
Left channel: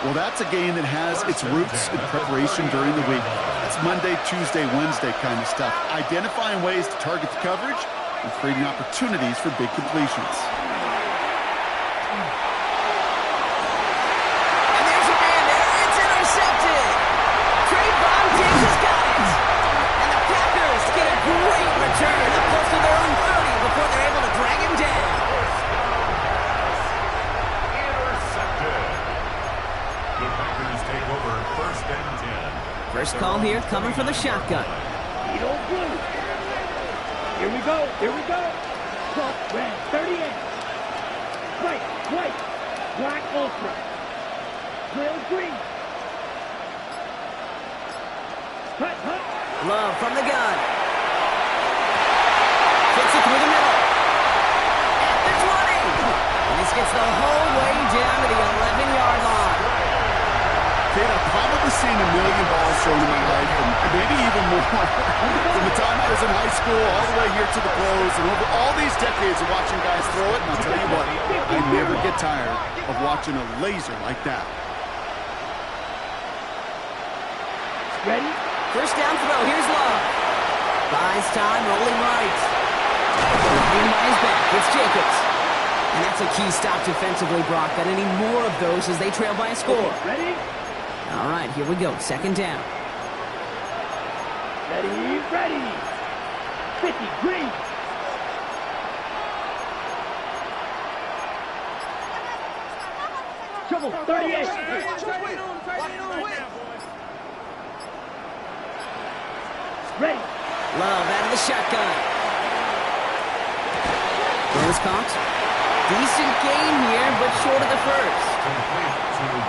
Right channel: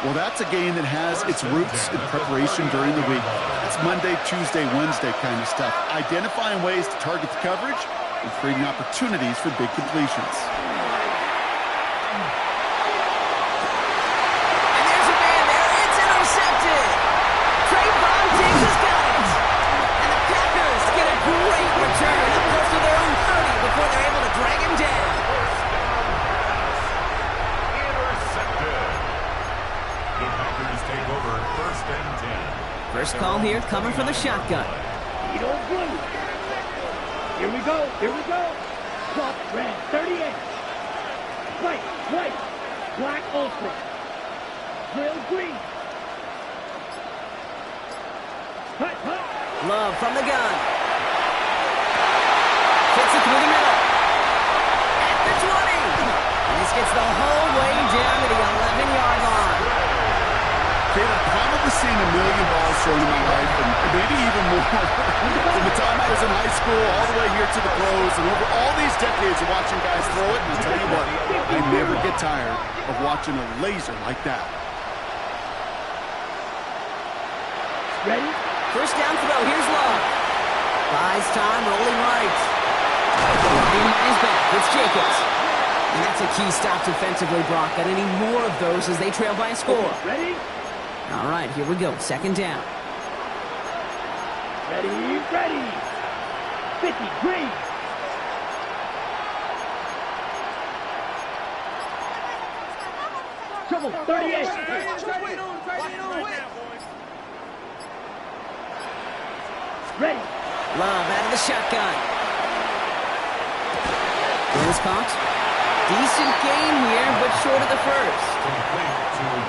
Well, that's a game that has its roots in preparation during the week. That's Monday, Tuesday, Wednesday kind of stuff. Identifying ways to target the coverage and creating opportunities for big completions. And there's a man there. It's intercepted. Trayvon Diggs has got it. And the Packers get a great return up close to their own 30 before they're able to drag him down. The Packers take over 1st and 10. First call here coming from the shotgun. Edo blue. Here we go. Here we go. Plus red. 38. White. White. Black ultra. Grill green. Hut. Hut. Love from the gun. Fits it through the middle. At the 20. And this gets the whole way down to the 11-yard line. Kate, I've probably seen a million balls thrown in my life, and maybe even more. From the time I was in high school all the way here to the pros, and over all these decades of watching guys throw it, and I'll tell you what, I never get tired of watching a laser like that. Ready? First down throw. Here's Love. Buys time, rolling right. Ryan by his back. It's Jacobs. And that's a key stop defensively, Brock. Got any more of those as they trail by a score. Ready? All right, here we go. Second down. Ready, ready. 50, green. Trouble, 38. Ready. Love out of the shotgun. Throw is caught. Decent gain here, but short of the first.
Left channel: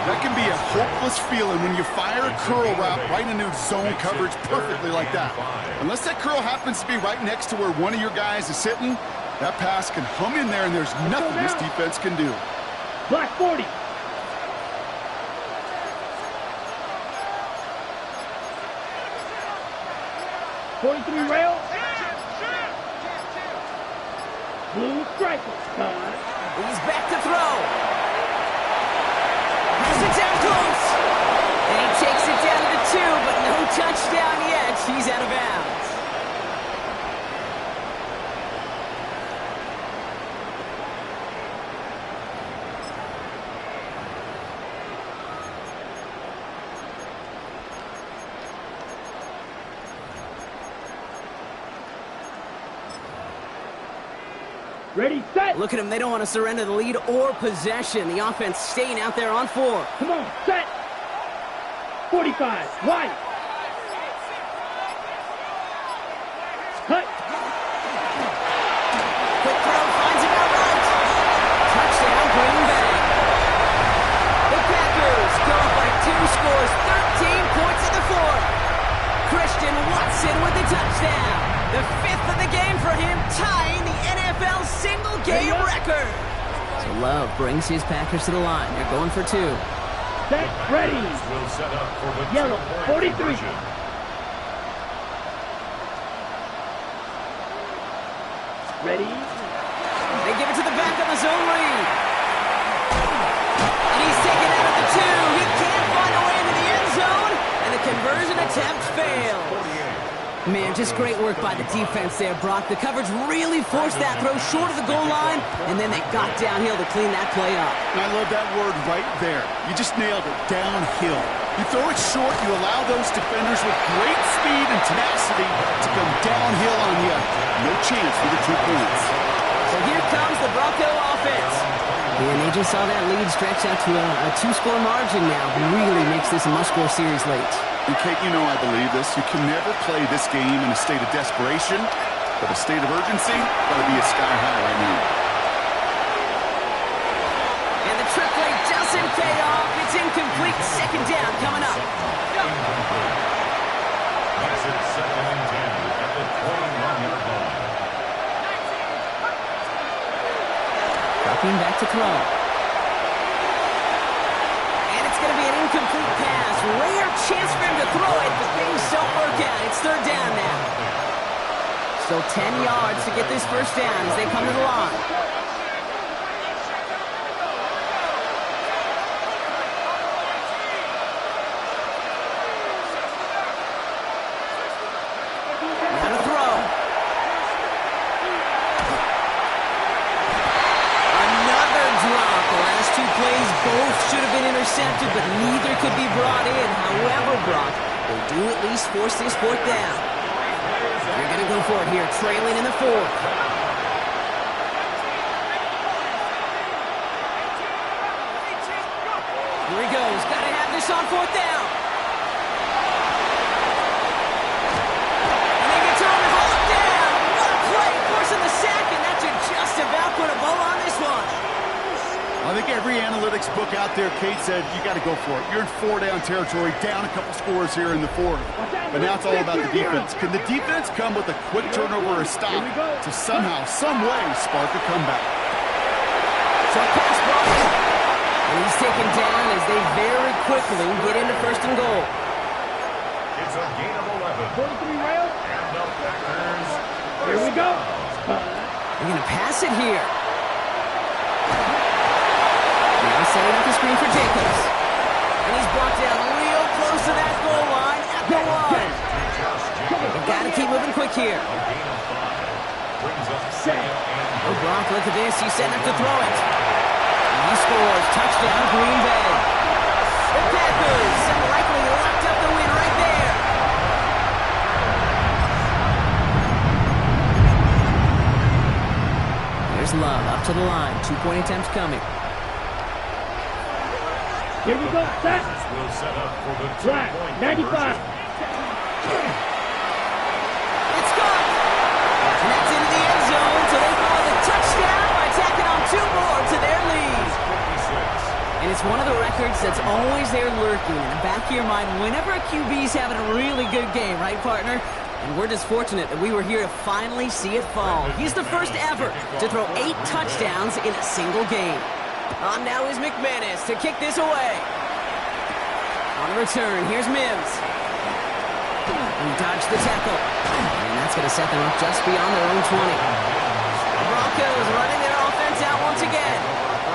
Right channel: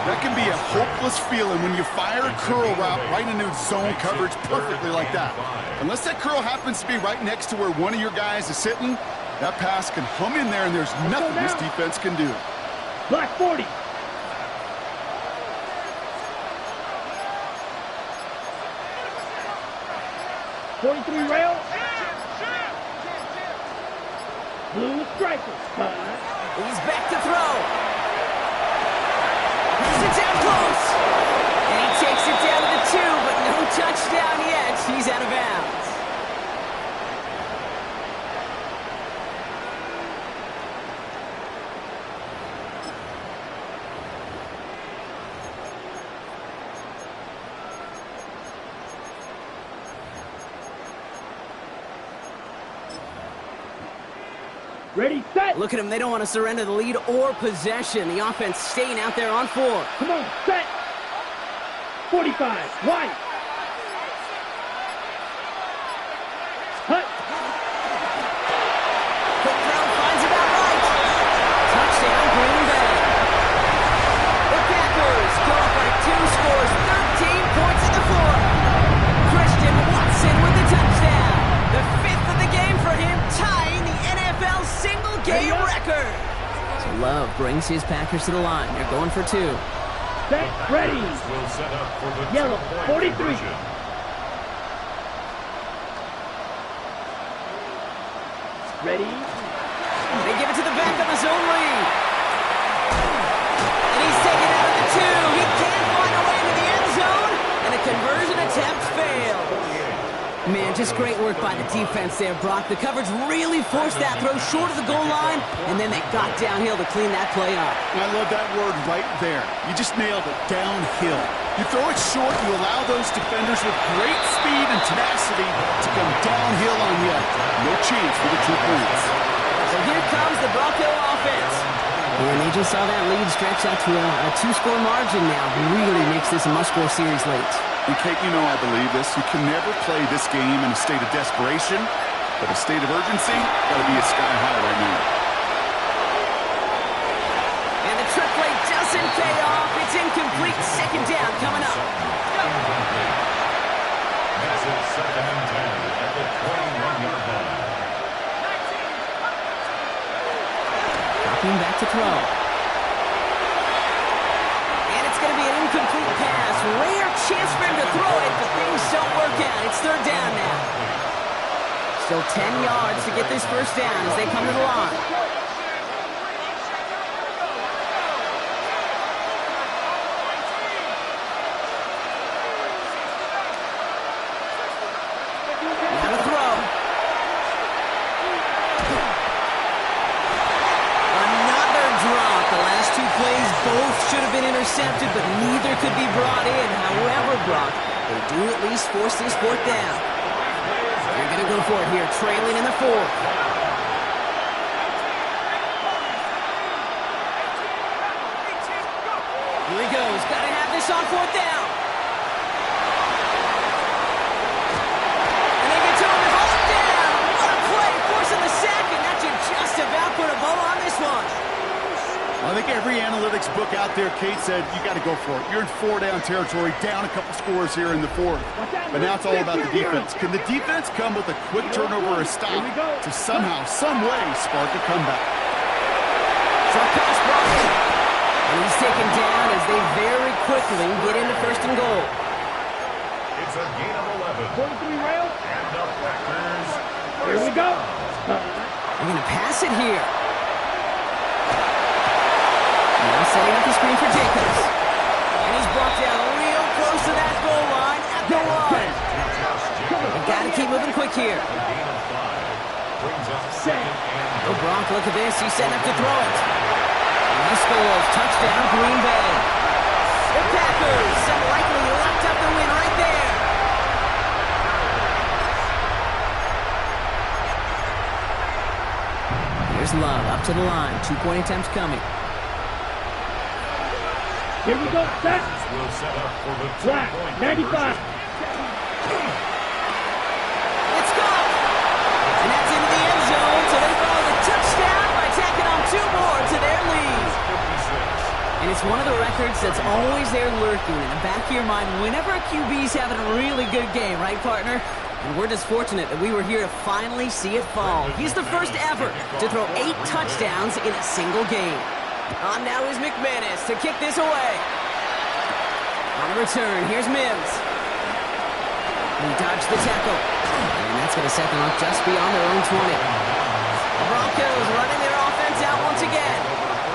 That can be a hopeless feeling when you fire a curl route right into zone coverage perfectly like that. Unless that curl happens to be right next to where one of your guys is sitting, that pass can hum in there and there's nothing this defense can do. Black 40. .43 rail. Blue striker. He's back to throw. Pass it down close. And he takes it down to the 2, but no touchdown yet. He's out of bounds. Ready, set. Look at them. They don't want to surrender the lead or possession. The offense staying out there on 4. Come on, set. 45, white. Hut. Quick throw finds about right. Touchdown, Green Bay. The Packers go up by 2 scores, 13 points in the 4th. Christian Watson with the touchdown. The 5th of the game for him, tying the NFL single-game record. So Love brings his Packers to the line. They're going for 2. Set, ready. Will set up for the Yellow, 43. conversion. Ready. They give it to the back of the zone read. And he's taken out of the 2. He can't find a way into the end zone. And the conversion attempt fails. Man, just great work by the defense there, Brock. The coverage really forced that throw short of the goal line, and then they got downhill to clean that play up. And I love that word right there. You just nailed it, downhill. You throw it short, you allow those defenders with great speed and tenacity to come downhill on you. No chance for the 2 points. So here comes the Bronco offense. And they just saw that lead stretch out to a 2-score margin now. Really makes this a must-score series late. And Kate, you know I believe this. You can never play this game in a state of desperation, but a state of urgency got to be a sky high right now. And the trick play doesn't pay off. It's incomplete. Second down coming up. Makes it 2nd and 10 at the 21-yard line. Dropping back to throw. And it's going to be an incomplete pass. Rare chance for him to throw it, but things don't work out. It's 3rd down now. Still 10 yards to get this first down as they come to the line. Now to throw. Another drop. The last 2 plays both should have been intercepted, but neither could be brought in. However, Brock, they do at least force this 4th down. They're going to go for it here, trailing in the 4th. Here he goes. Got to have this on 4th down. And they get to him and hold him down. What a play, forcing the sack, and that should just about put a bow on this one. I think every analytics book out there, Kate said, you got to go for it. You're in 4-down territory, down a couple scores here in the 4th. But now it's all about the defense. Can the defense come with a quick turnover or a stop to somehow, some way, spark a comeback? Short pass brought in. And he's taken down as they very quickly get into first and goal. It's a gain of 11. 43 rail. And the Packers. Here we go. They're going to pass it here. Now setting up the screen for Jacobs. And he's brought down real close to that goal line at the one. They've got to keep moving quick here. A gain of 5. Brings up second and Oh, Gronk, look at this. He's setting up to throw it. And he scores. Touchdown, Green Bay. The Packers have likely locked up the win right there. Here's Love up to the line. 2-point attempts coming. Here we go. Set. will set up for the Black. 95. It's gone. And that's into the end zone, so they follow the touchdown by tacking on 2 more to their lead. 56. And it's one of the records that's always there lurking in the back of your mind whenever a QB's having a really good game, right, partner? And we're just fortunate that we were here to finally see it fall. He's the first ever to throw 8 touchdowns in a single game. On now is McManus to kick this away. On the return, here's Mims. He dodged the tackle. And that's going to set them up just beyond their own 20. The Broncos running their offense out once again.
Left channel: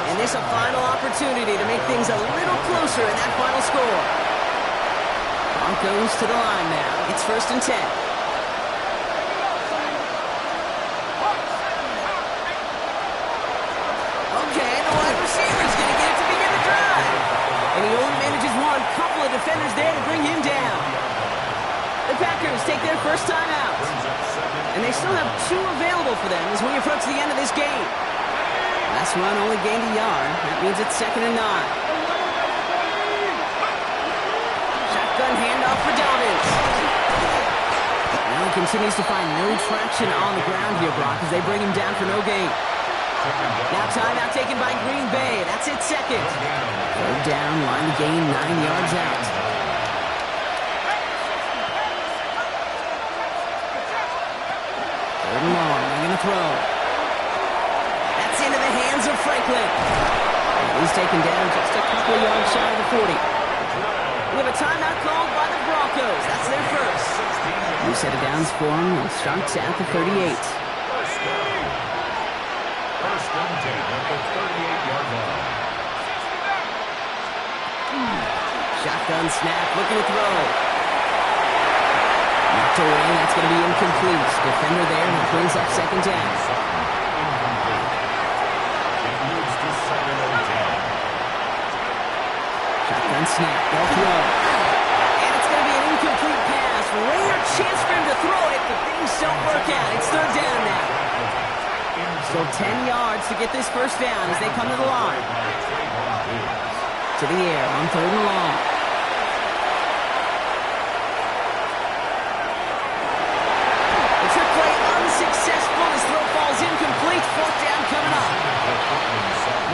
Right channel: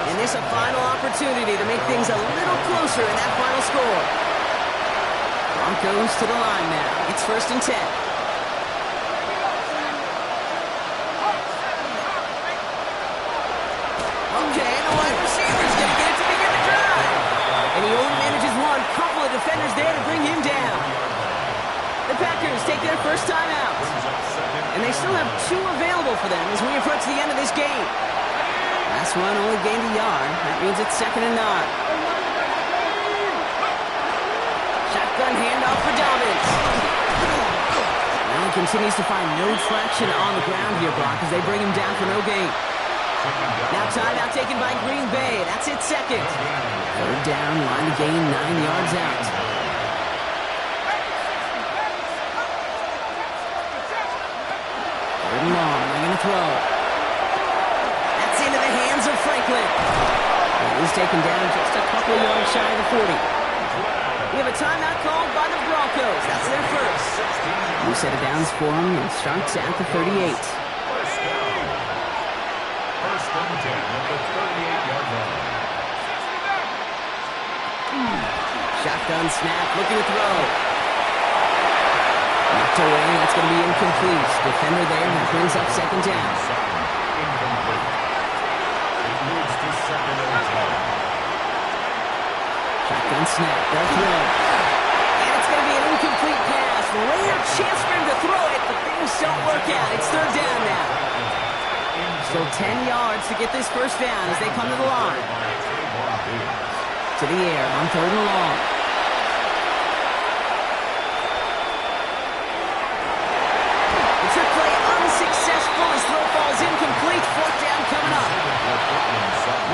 And this a final opportunity to make things a little closer in that final score. Broncos to the line now. It's 1st and 10. Okay, the wide receiver's going to get it to begin the drive. And he only manages one. Couple of defenders there to bring him down. The Packers take their first time out. And they still have 2 available for them as we approach the end of this game. Last one only gained a yard. That means it's 2nd and 9. Shotgun handoff for Dobbins. Well, he continues to find no traction on the ground here, Brock, as they bring him down for no gain. Now timeout taken by Green Bay. That's it, 2nd. 3rd down, line to gain 9 yards out. 3rd and long. They're going to throw. That's into the hands of Franklin. And he's taken down just a couple of yards shy of the 40. We have a timeout called by the Broncos. That's their first. New set of downs for them. It starts at the 38. First and 10 at the 38-yard line. Shotgun snap, looking to throw. Knocked away, that's going to be incomplete. Defender there, that brings up 2nd down. Incomplete. It moves to 2nd and 10. Shotgun snap, they'll throw. And it's going to be an incomplete pass. Rare chance for him to throw it, but things don't work out. It's 3rd down now. Still 10 yards to get this first down as they come to the line. To the air on 3rd and long. The trick play unsuccessful. His throw falls incomplete. 4th down coming up.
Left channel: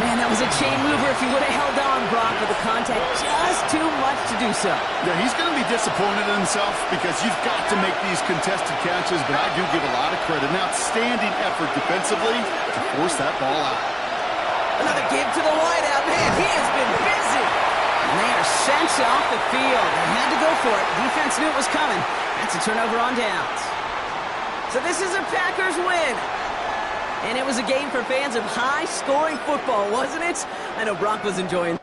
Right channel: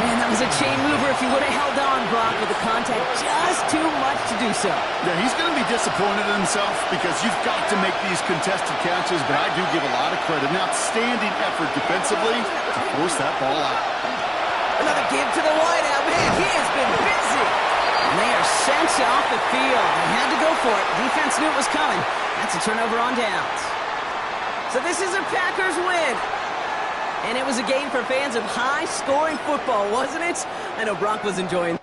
Man, that was a chain mover if he would have held on, Brock, but the contact just too much to do so. Yeah, he's going to be disappointed in himself because you've got to make these contested catches, but I do give a lot of credit. An outstanding effort defensively to force that ball out. Another give to the wideout. Man, he has been busy. And they are sent off the field. They had to go for it. Defense knew it was coming. That's a turnover on downs. So this is a Packers win. And it was a game for fans of high-scoring football, wasn't it? I know Brock was enjoying